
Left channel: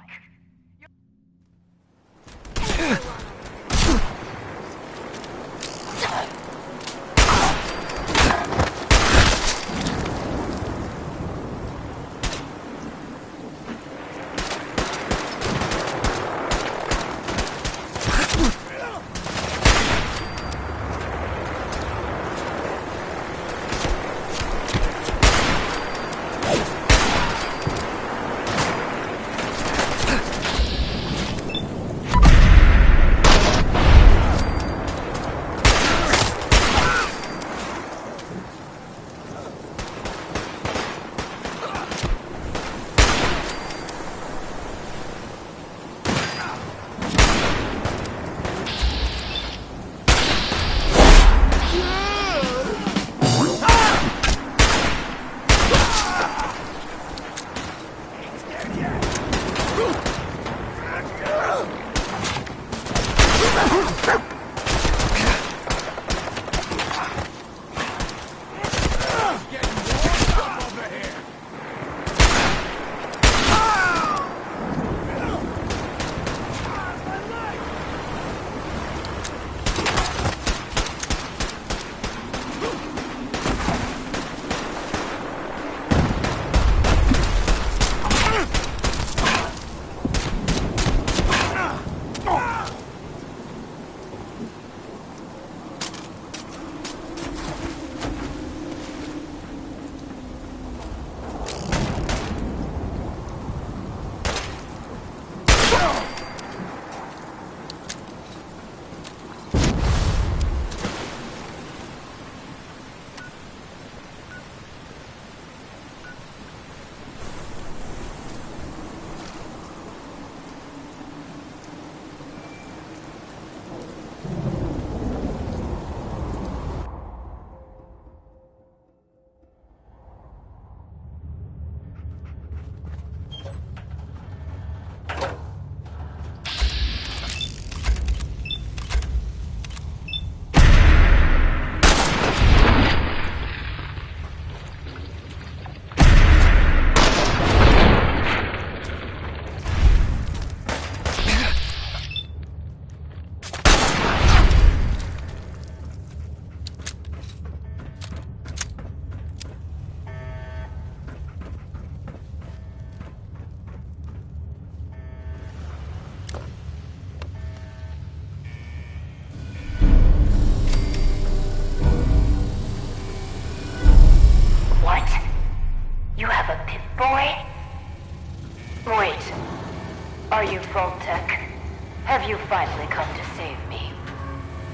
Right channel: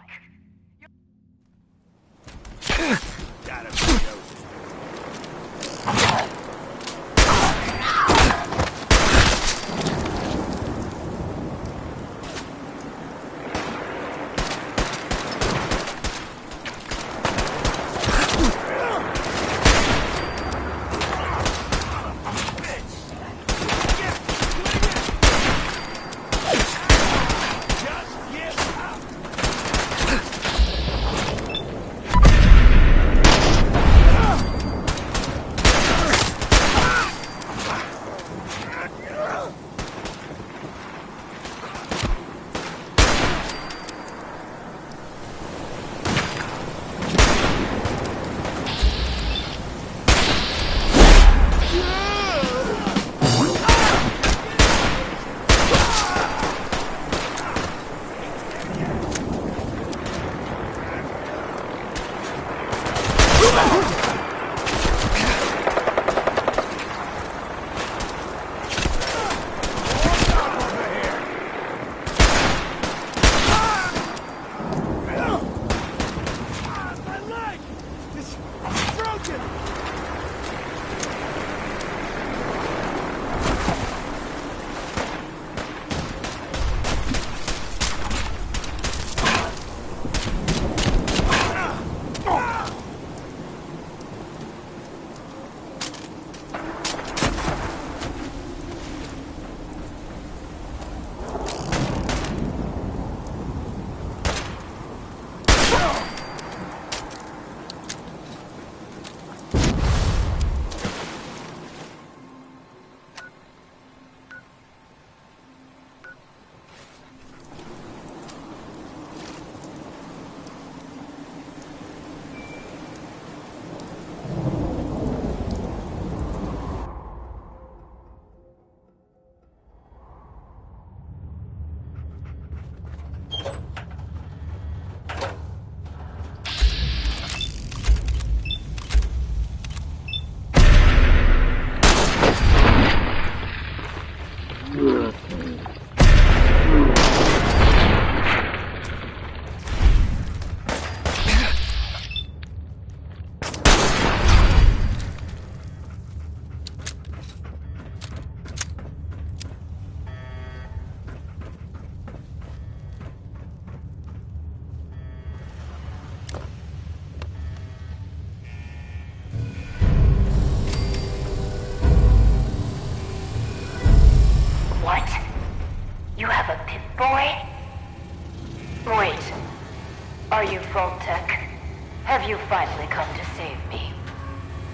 finally come to save me.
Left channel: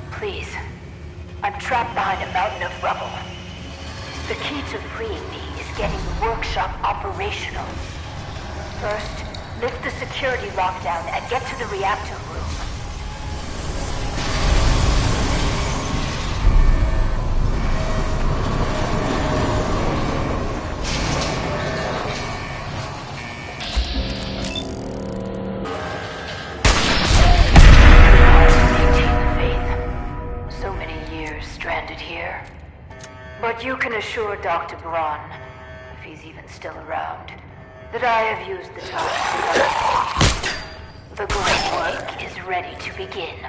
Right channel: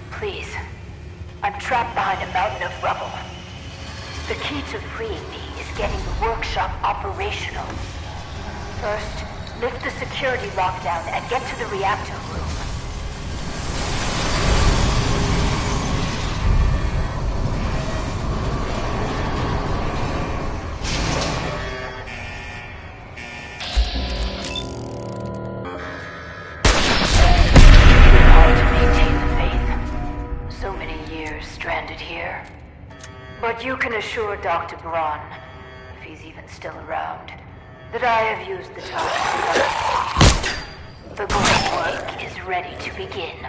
Please. I'm trapped behind a mountain of rubble. The key to freeing me is getting the workshop operational. First, lift the security lockdown and get to the reactor room. But you can assure Dr. Braun, if he's even still around, that I have used the time. The great work is ready to begin.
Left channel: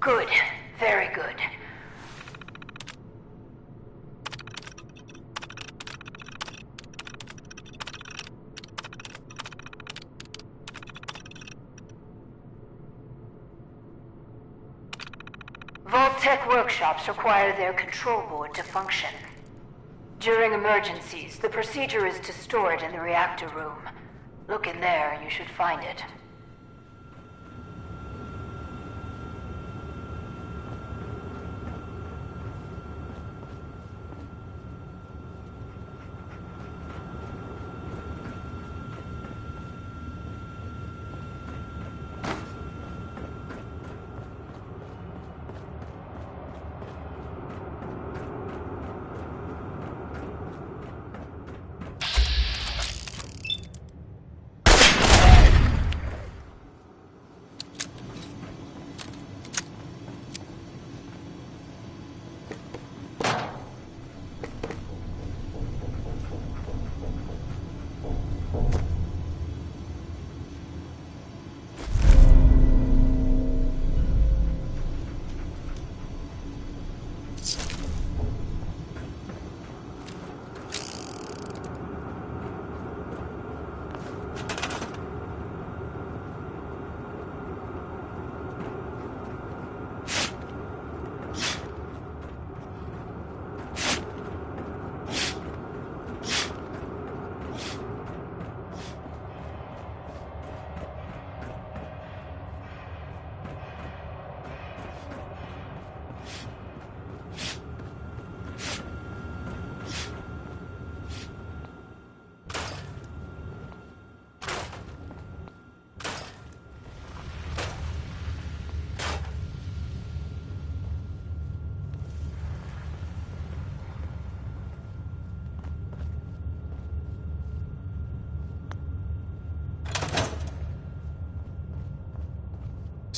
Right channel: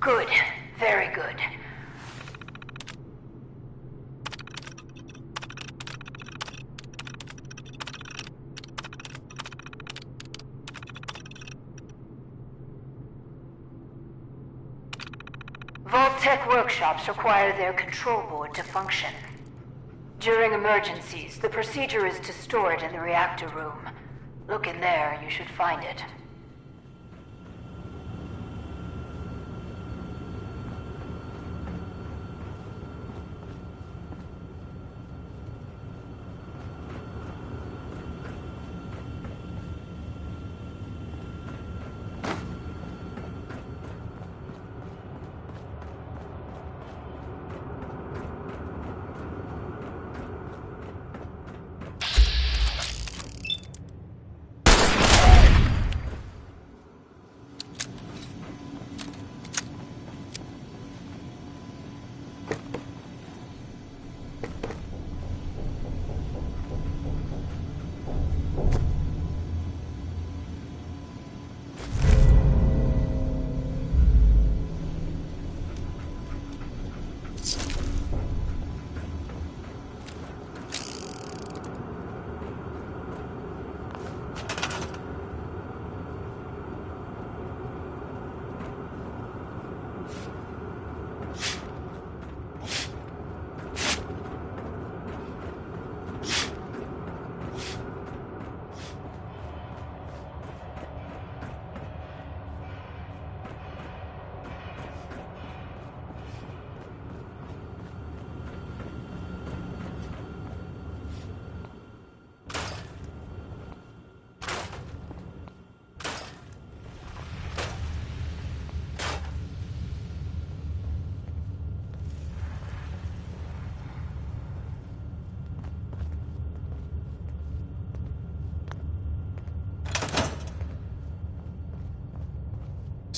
Good. Very good. Vault-Tec workshops require their control board to function. During emergencies, the procedure is to store it in the reactor room. Look in there, you should find it.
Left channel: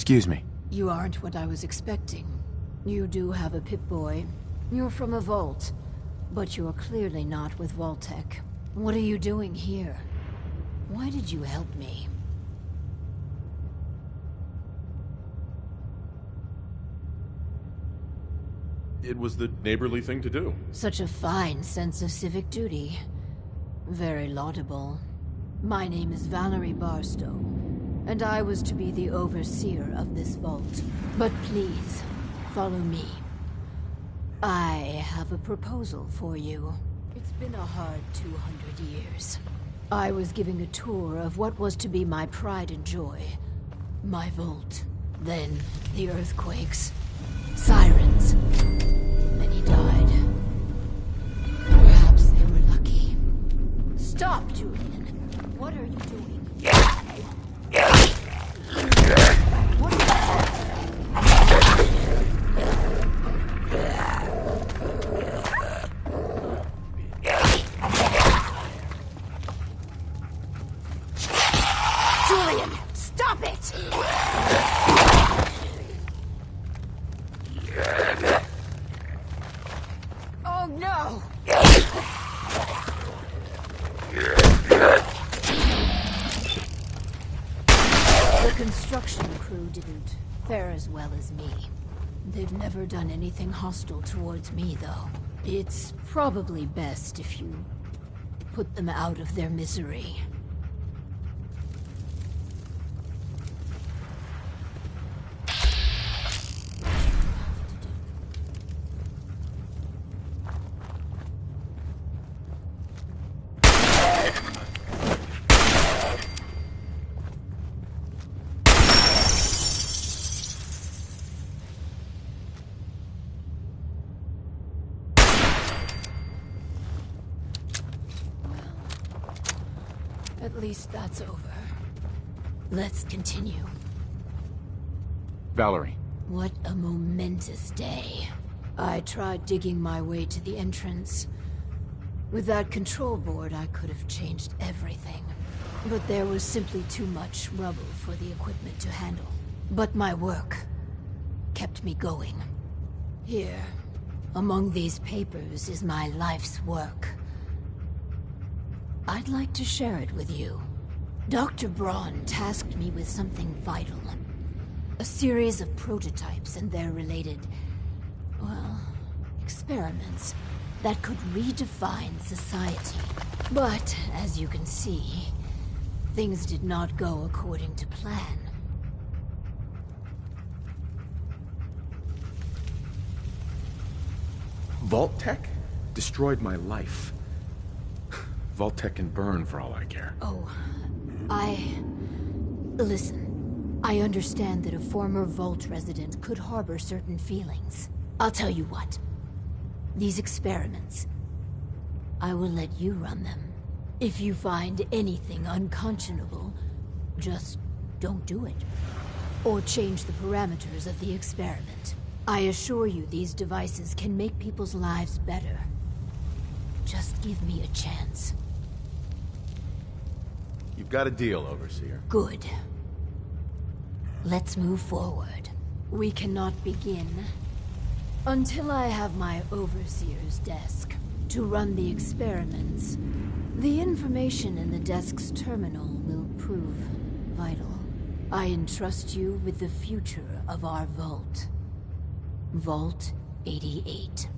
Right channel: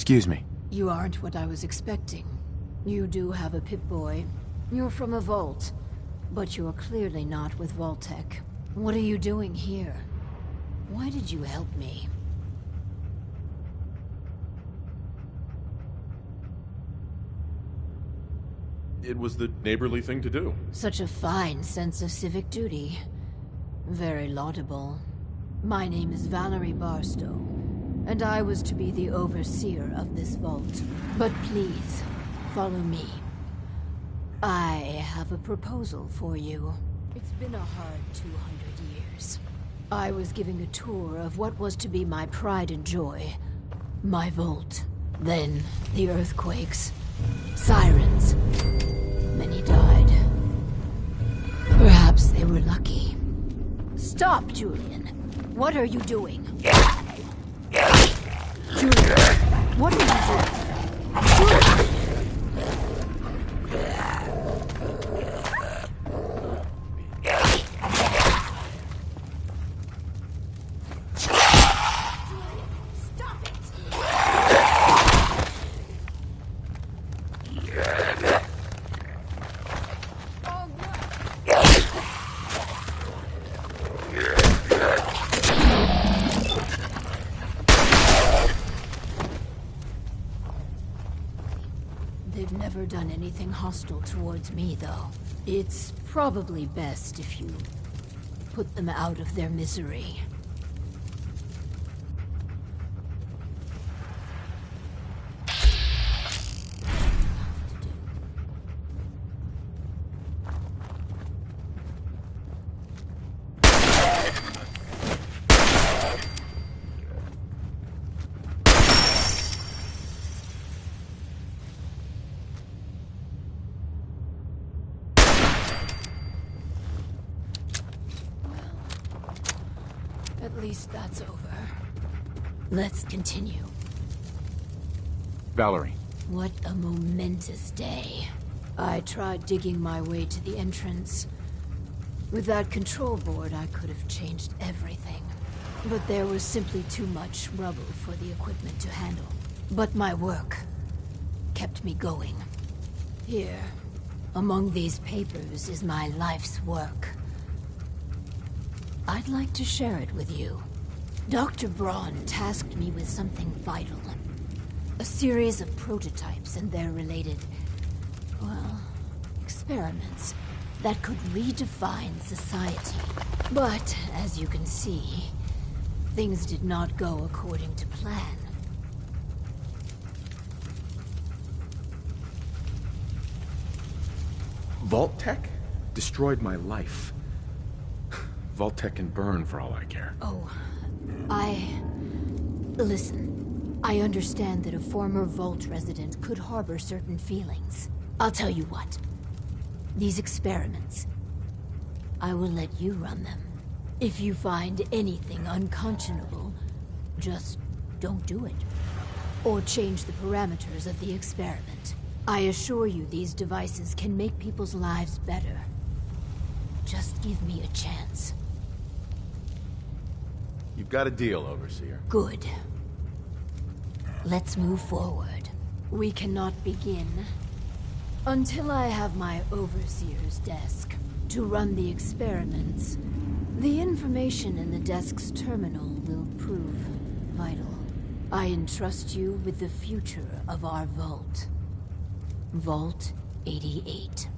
Excuse me. You aren't what I was expecting. You do have a Pip-Boy. You're from a vault. But you're clearly not with Vault-Tec. What are you doing here? Why did you help me? It was the neighborly thing to do. Such a fine sense of civic duty. Very laudable. My name is Valerie Barstow, and I was to be the overseer of this vault. But please, follow me. I have a proposal for you. It's been a hard 200 years. I was giving a tour of what was to be my pride and joy. My vault. Then, the earthquakes. Sirens. Many died. Perhaps they were lucky. Stop, Julian. What are you doing? Julian, what are you doing? Julian, stop it! Oh no! never done anything hostile towards me, though. It's probably best if you put them out of their misery. At least that's over. Let's continue. Valerie. What a momentous day. I tried digging my way to the entrance. With that control board, I could have changed everything. But there was simply too much rubble for the equipment to handle. But my work kept me going. Here, among these papers, is my life's work. I'd like to share it with you. Dr. Braun tasked me with something vital. A series of prototypes and their related, well, experiments that could redefine society. But, as you can see, things did not go according to plan. Vault-Tec destroyed my life. Vault-Tec can burn for all I care. Oh, Listen, I understand that a former Vault resident could harbor certain feelings. I'll tell you what. These experiments, I will let you run them. If you find anything unconscionable, just don't do it. Or change the parameters of the experiment. I assure you these devices can make people's lives better. Just give me a chance. You've got a deal, Overseer. Good. Let's move forward. We cannot begin until I have my Overseer's desk to run the experiments. The information in the desk's terminal will prove vital. I entrust you with the future of our vault. Vault 88.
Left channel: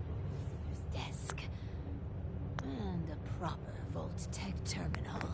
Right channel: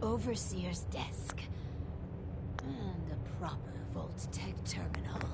Overseer's desk. And a proper Vault-Tec terminal.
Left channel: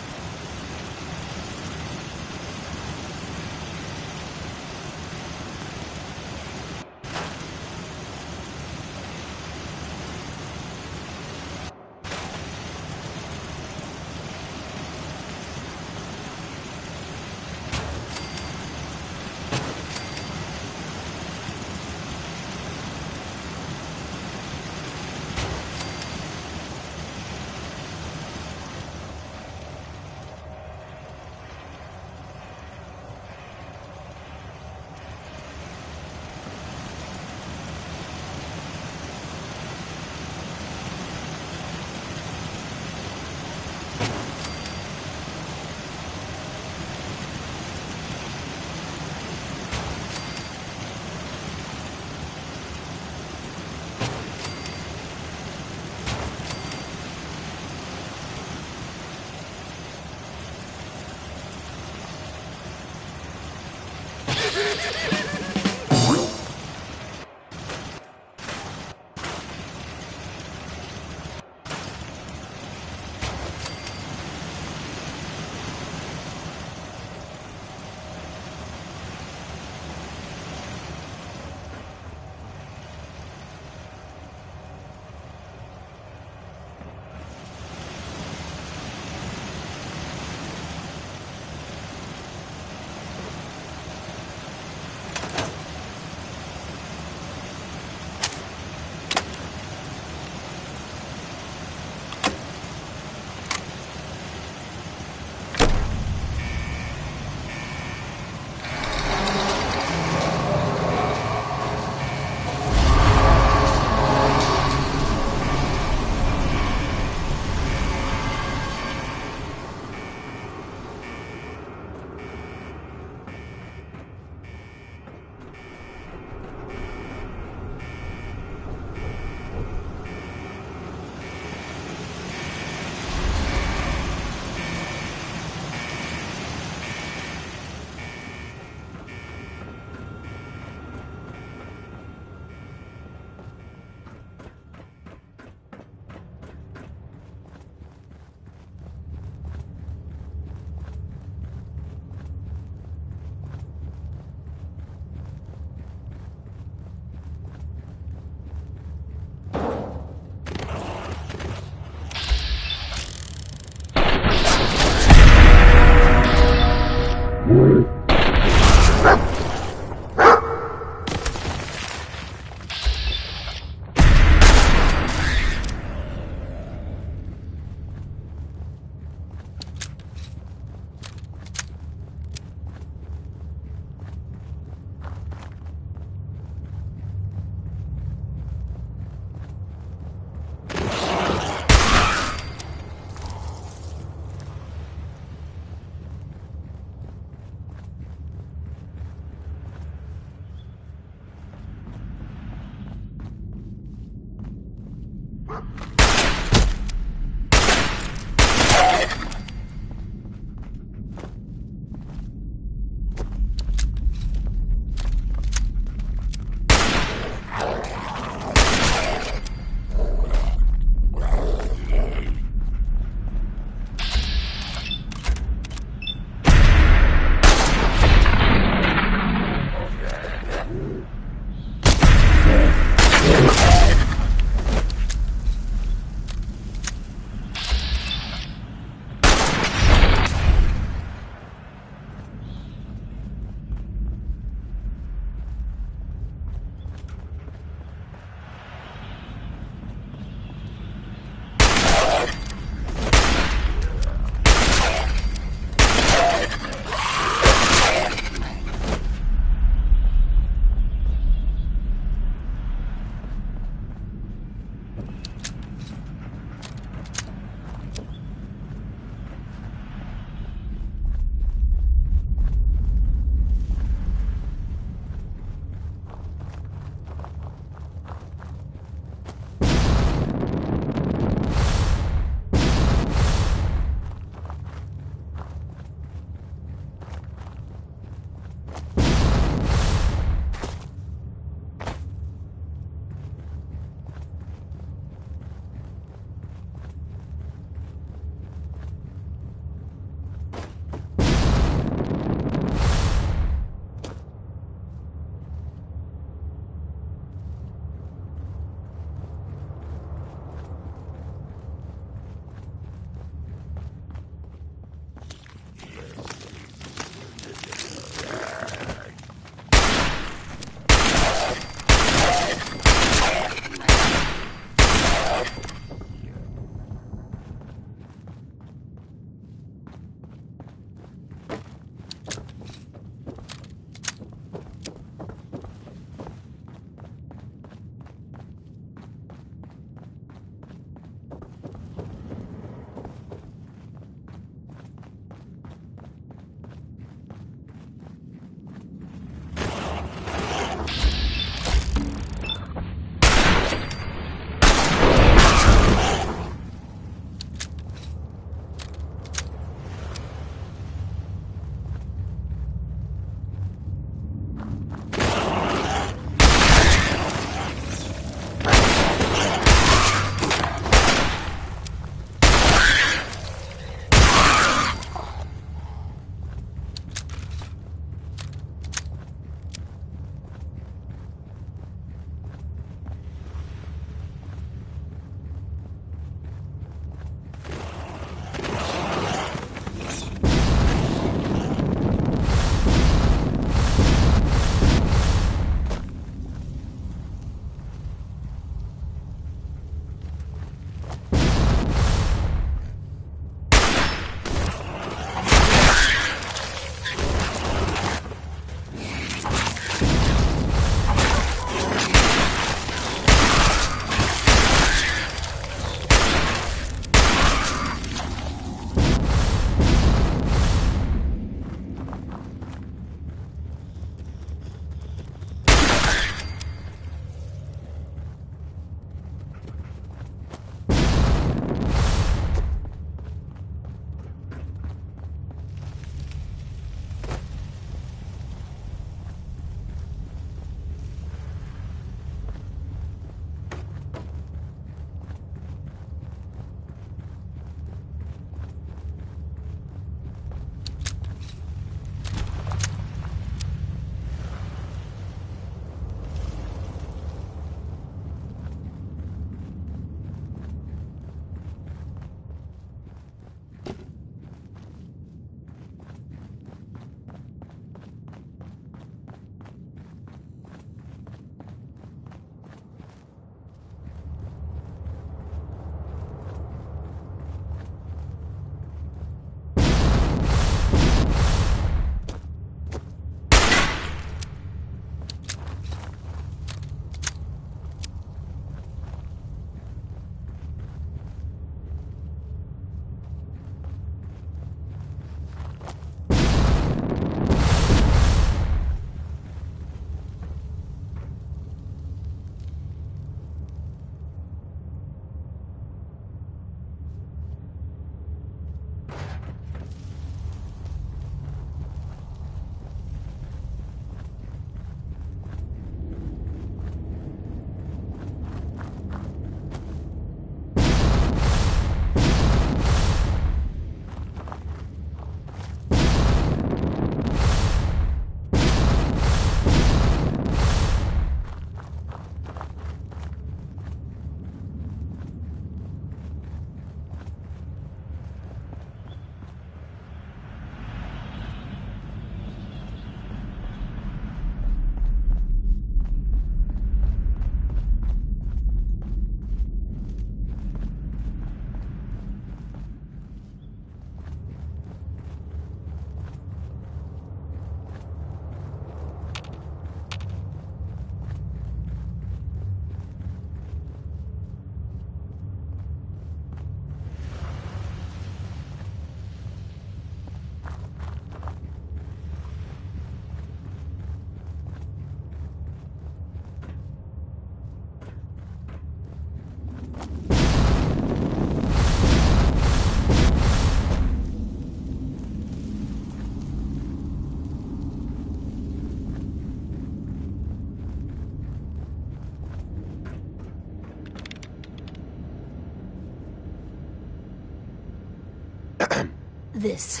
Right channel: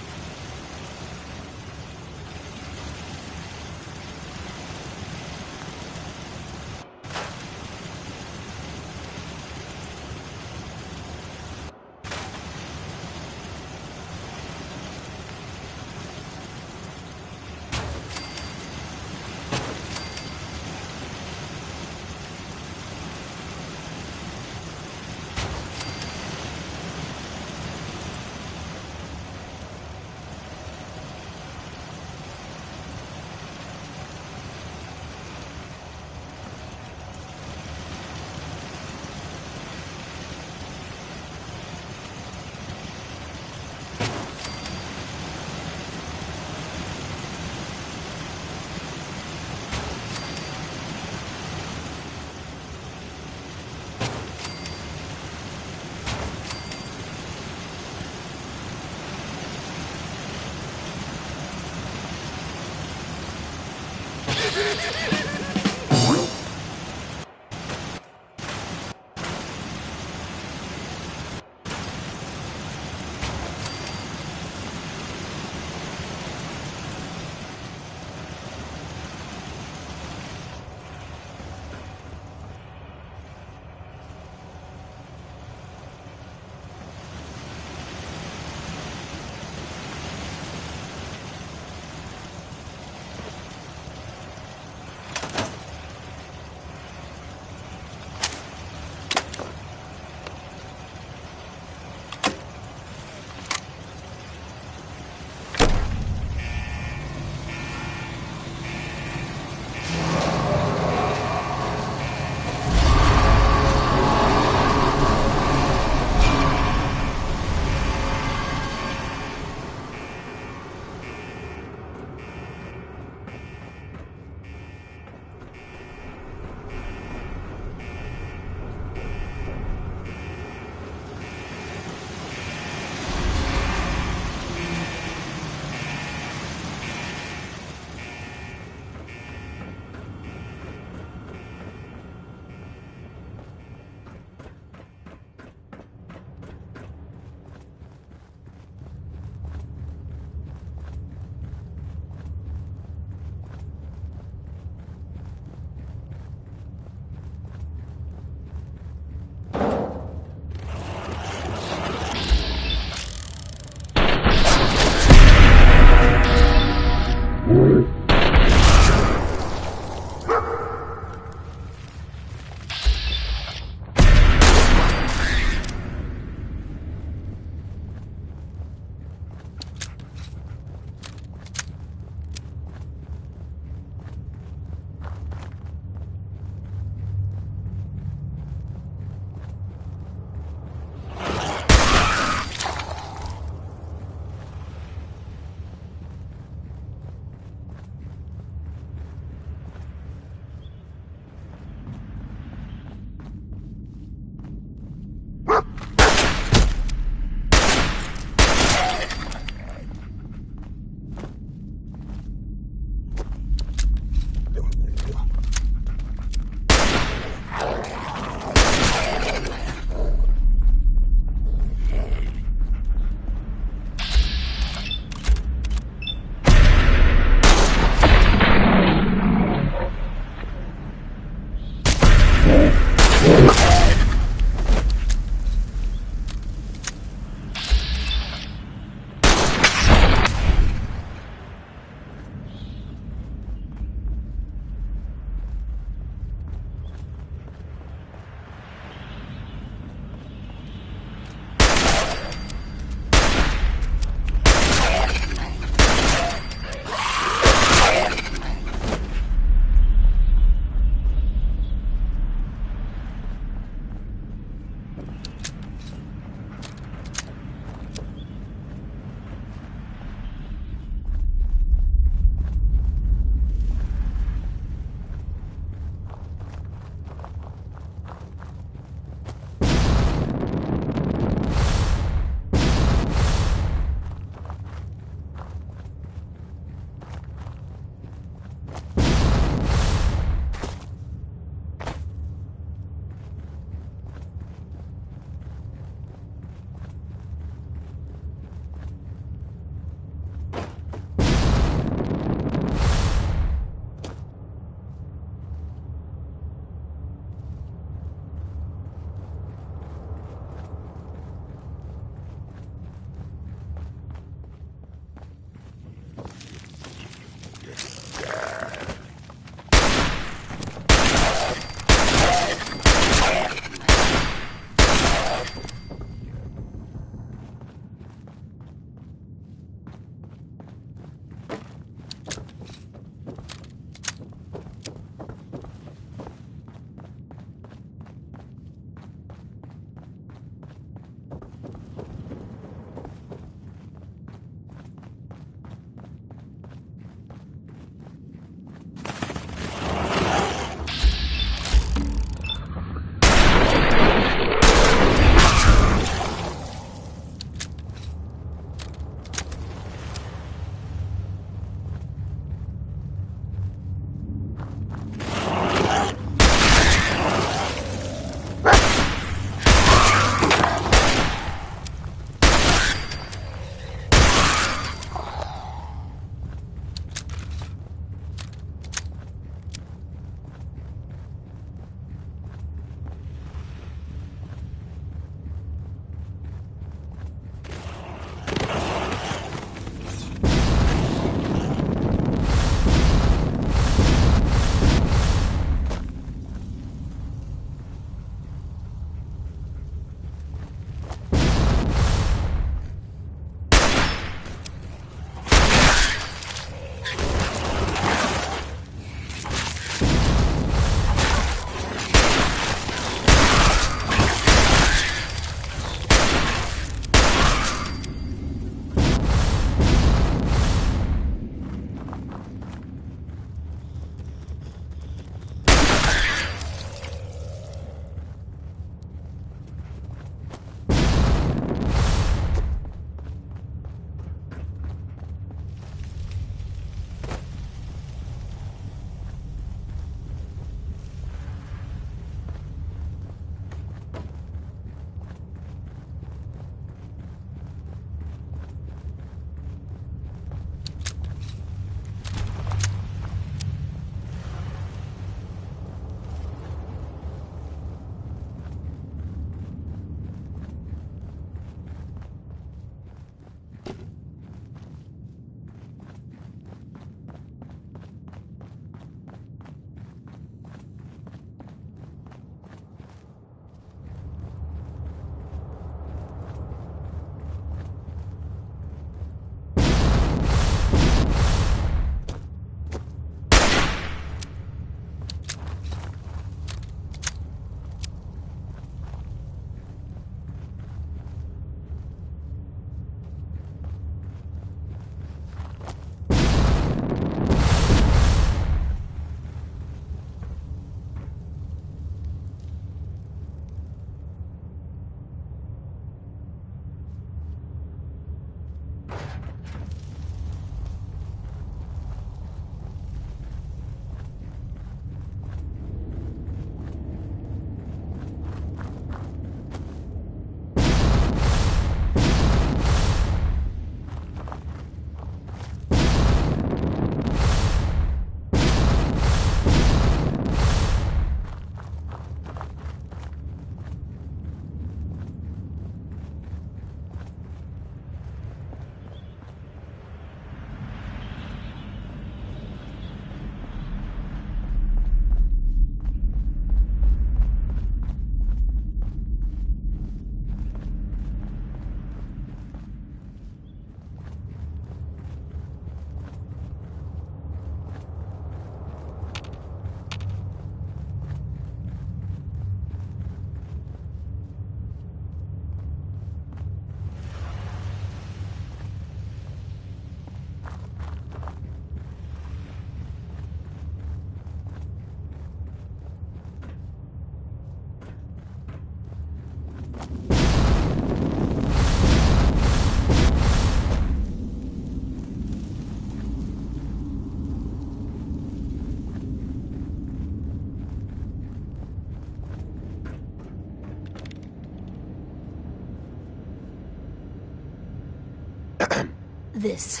This.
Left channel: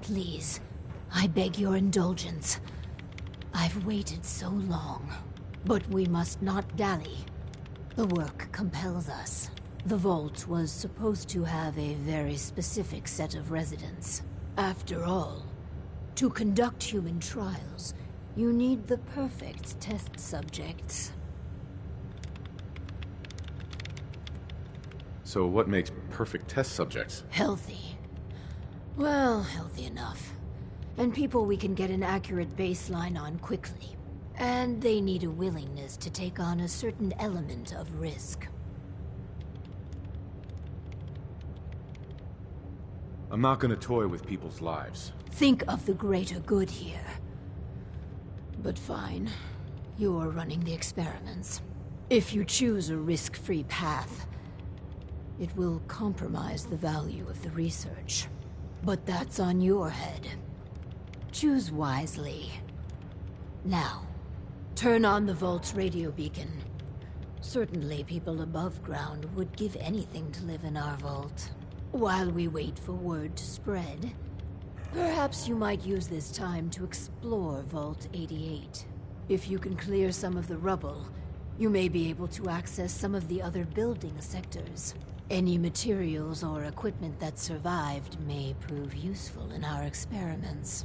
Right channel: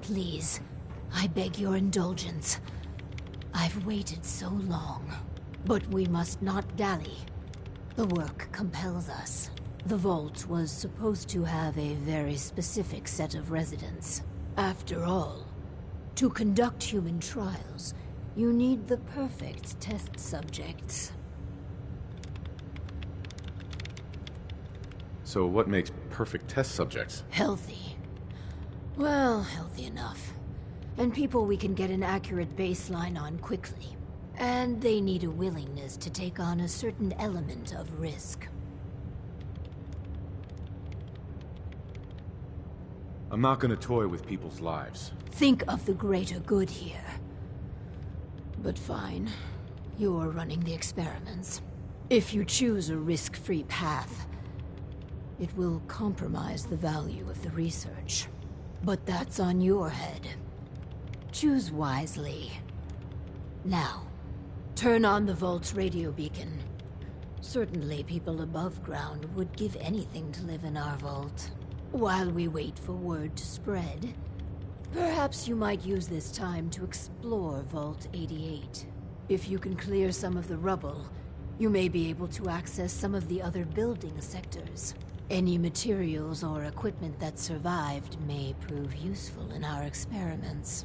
Please, I beg your indulgence. I've waited so long, but we must not dally. The work compels us. The vault was supposed to have a very specific set of residents. After all, to conduct human trials, you need the perfect test subjects. So what makes perfect test subjects? Healthy. Well, healthy enough. And people we can get an accurate baseline on quickly. And they need a willingness to take on a certain element of risk. I'm not gonna toy with people's lives. Think of the greater good here. But fine. You're running the experiments. If you choose a risk-free path, it will compromise the value of the research. But that's on your head. Choose wisely. Now, turn on the Vault's radio beacon. Certainly people above ground would give anything to live in our vault. While we wait for word to spread, perhaps you might use this time to explore Vault 88. If you can clear some of the rubble, you may be able to access some of the other building sectors. Any materials or equipment that survived may prove useful in our experiments.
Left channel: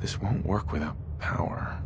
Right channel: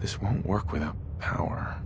This won't work without power.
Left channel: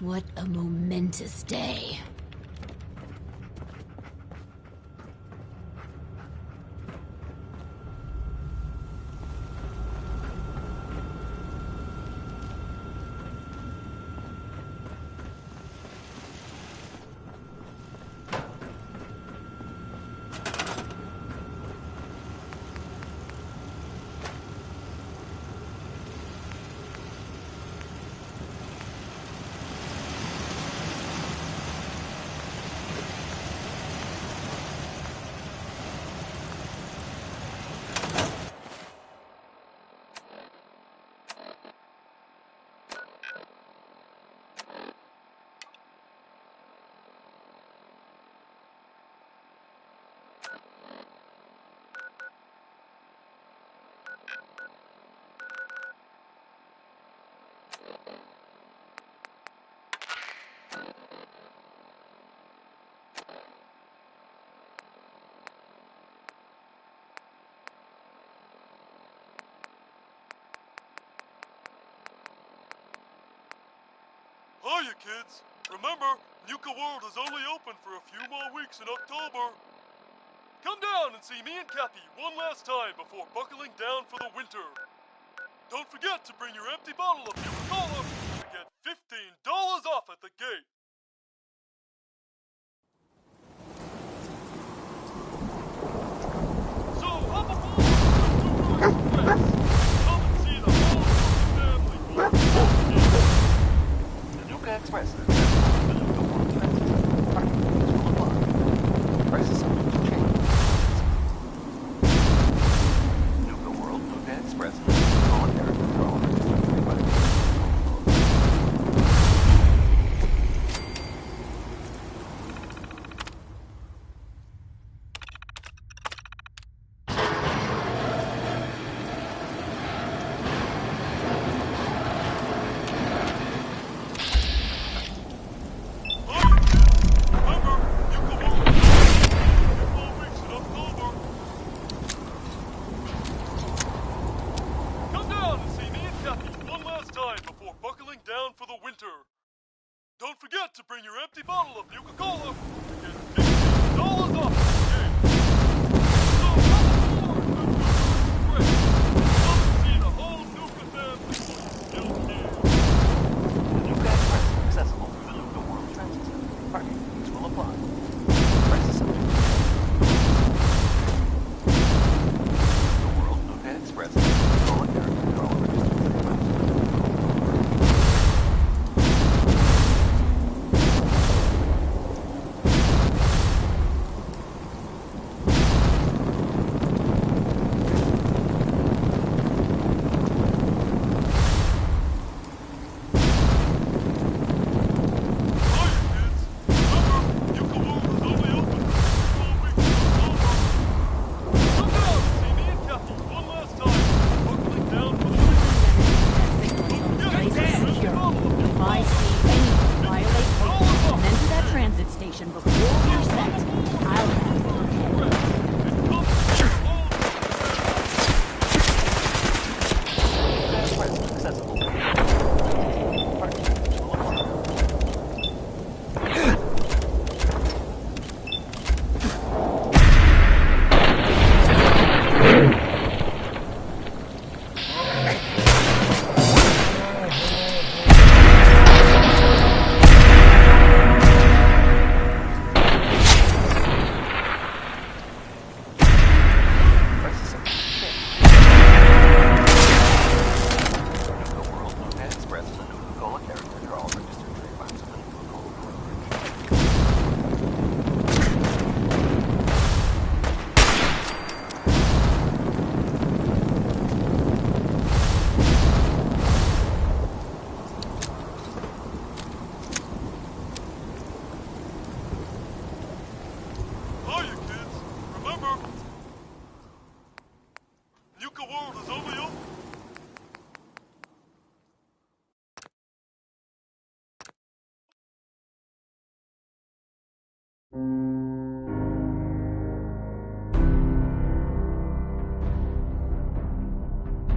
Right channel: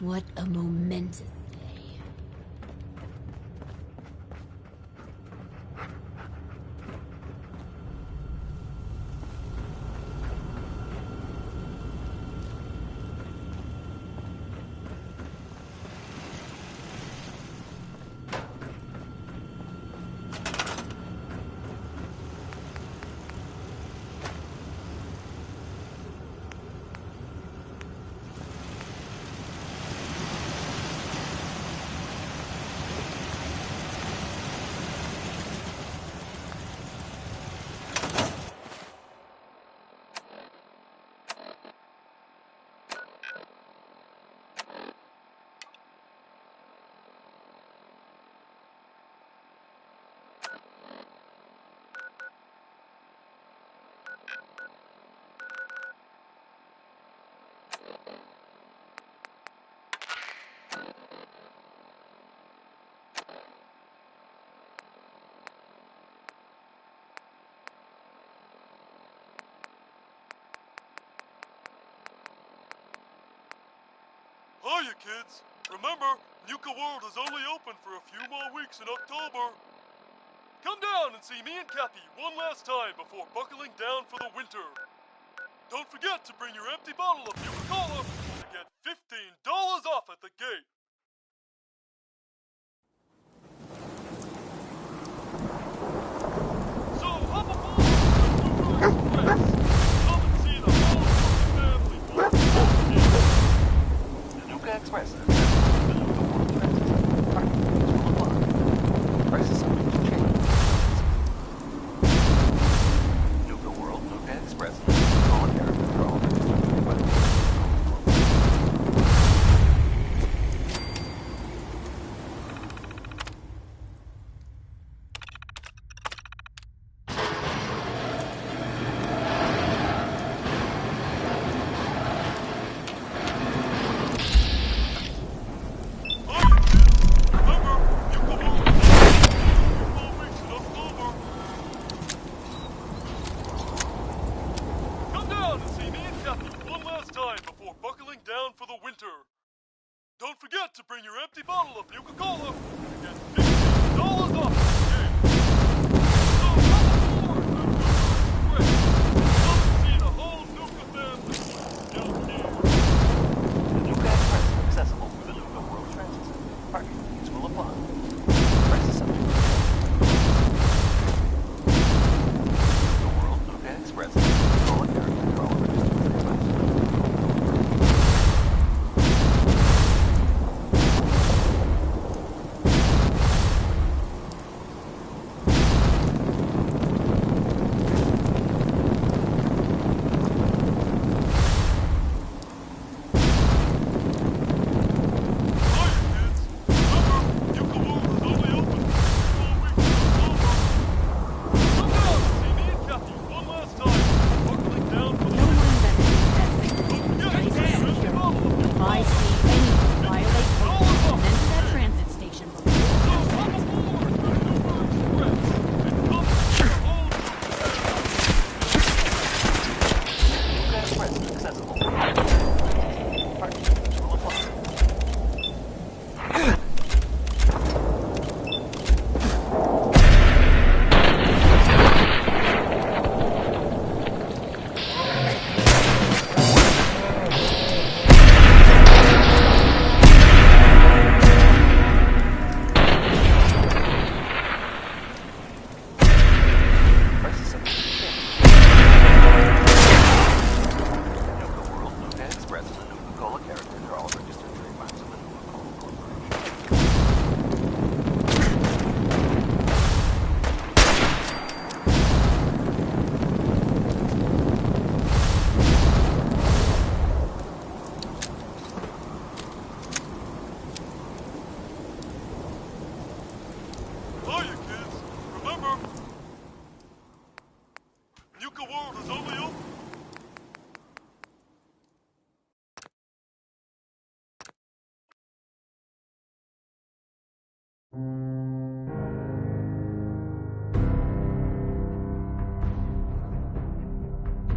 What a momentous day. Hiya, kids. Remember, Nuka World is only open for a few more weeks in October. Come down and see me and Cappy one last time before buckling down for the winter. Don't forget to bring your empty bottle of Nuka-Cola to get $15 off at the gate. So hop aboard the Nuka Express. Come and see the whole family. The Nuka Express is accessible through the Nuka World Transit Center. Parking fees will apply. Prices subject to change. Nuka World, Nuka Express, and the voluntary withdrawal registered by the Don't forget to bring your empty bottle of Nuka-Cola to get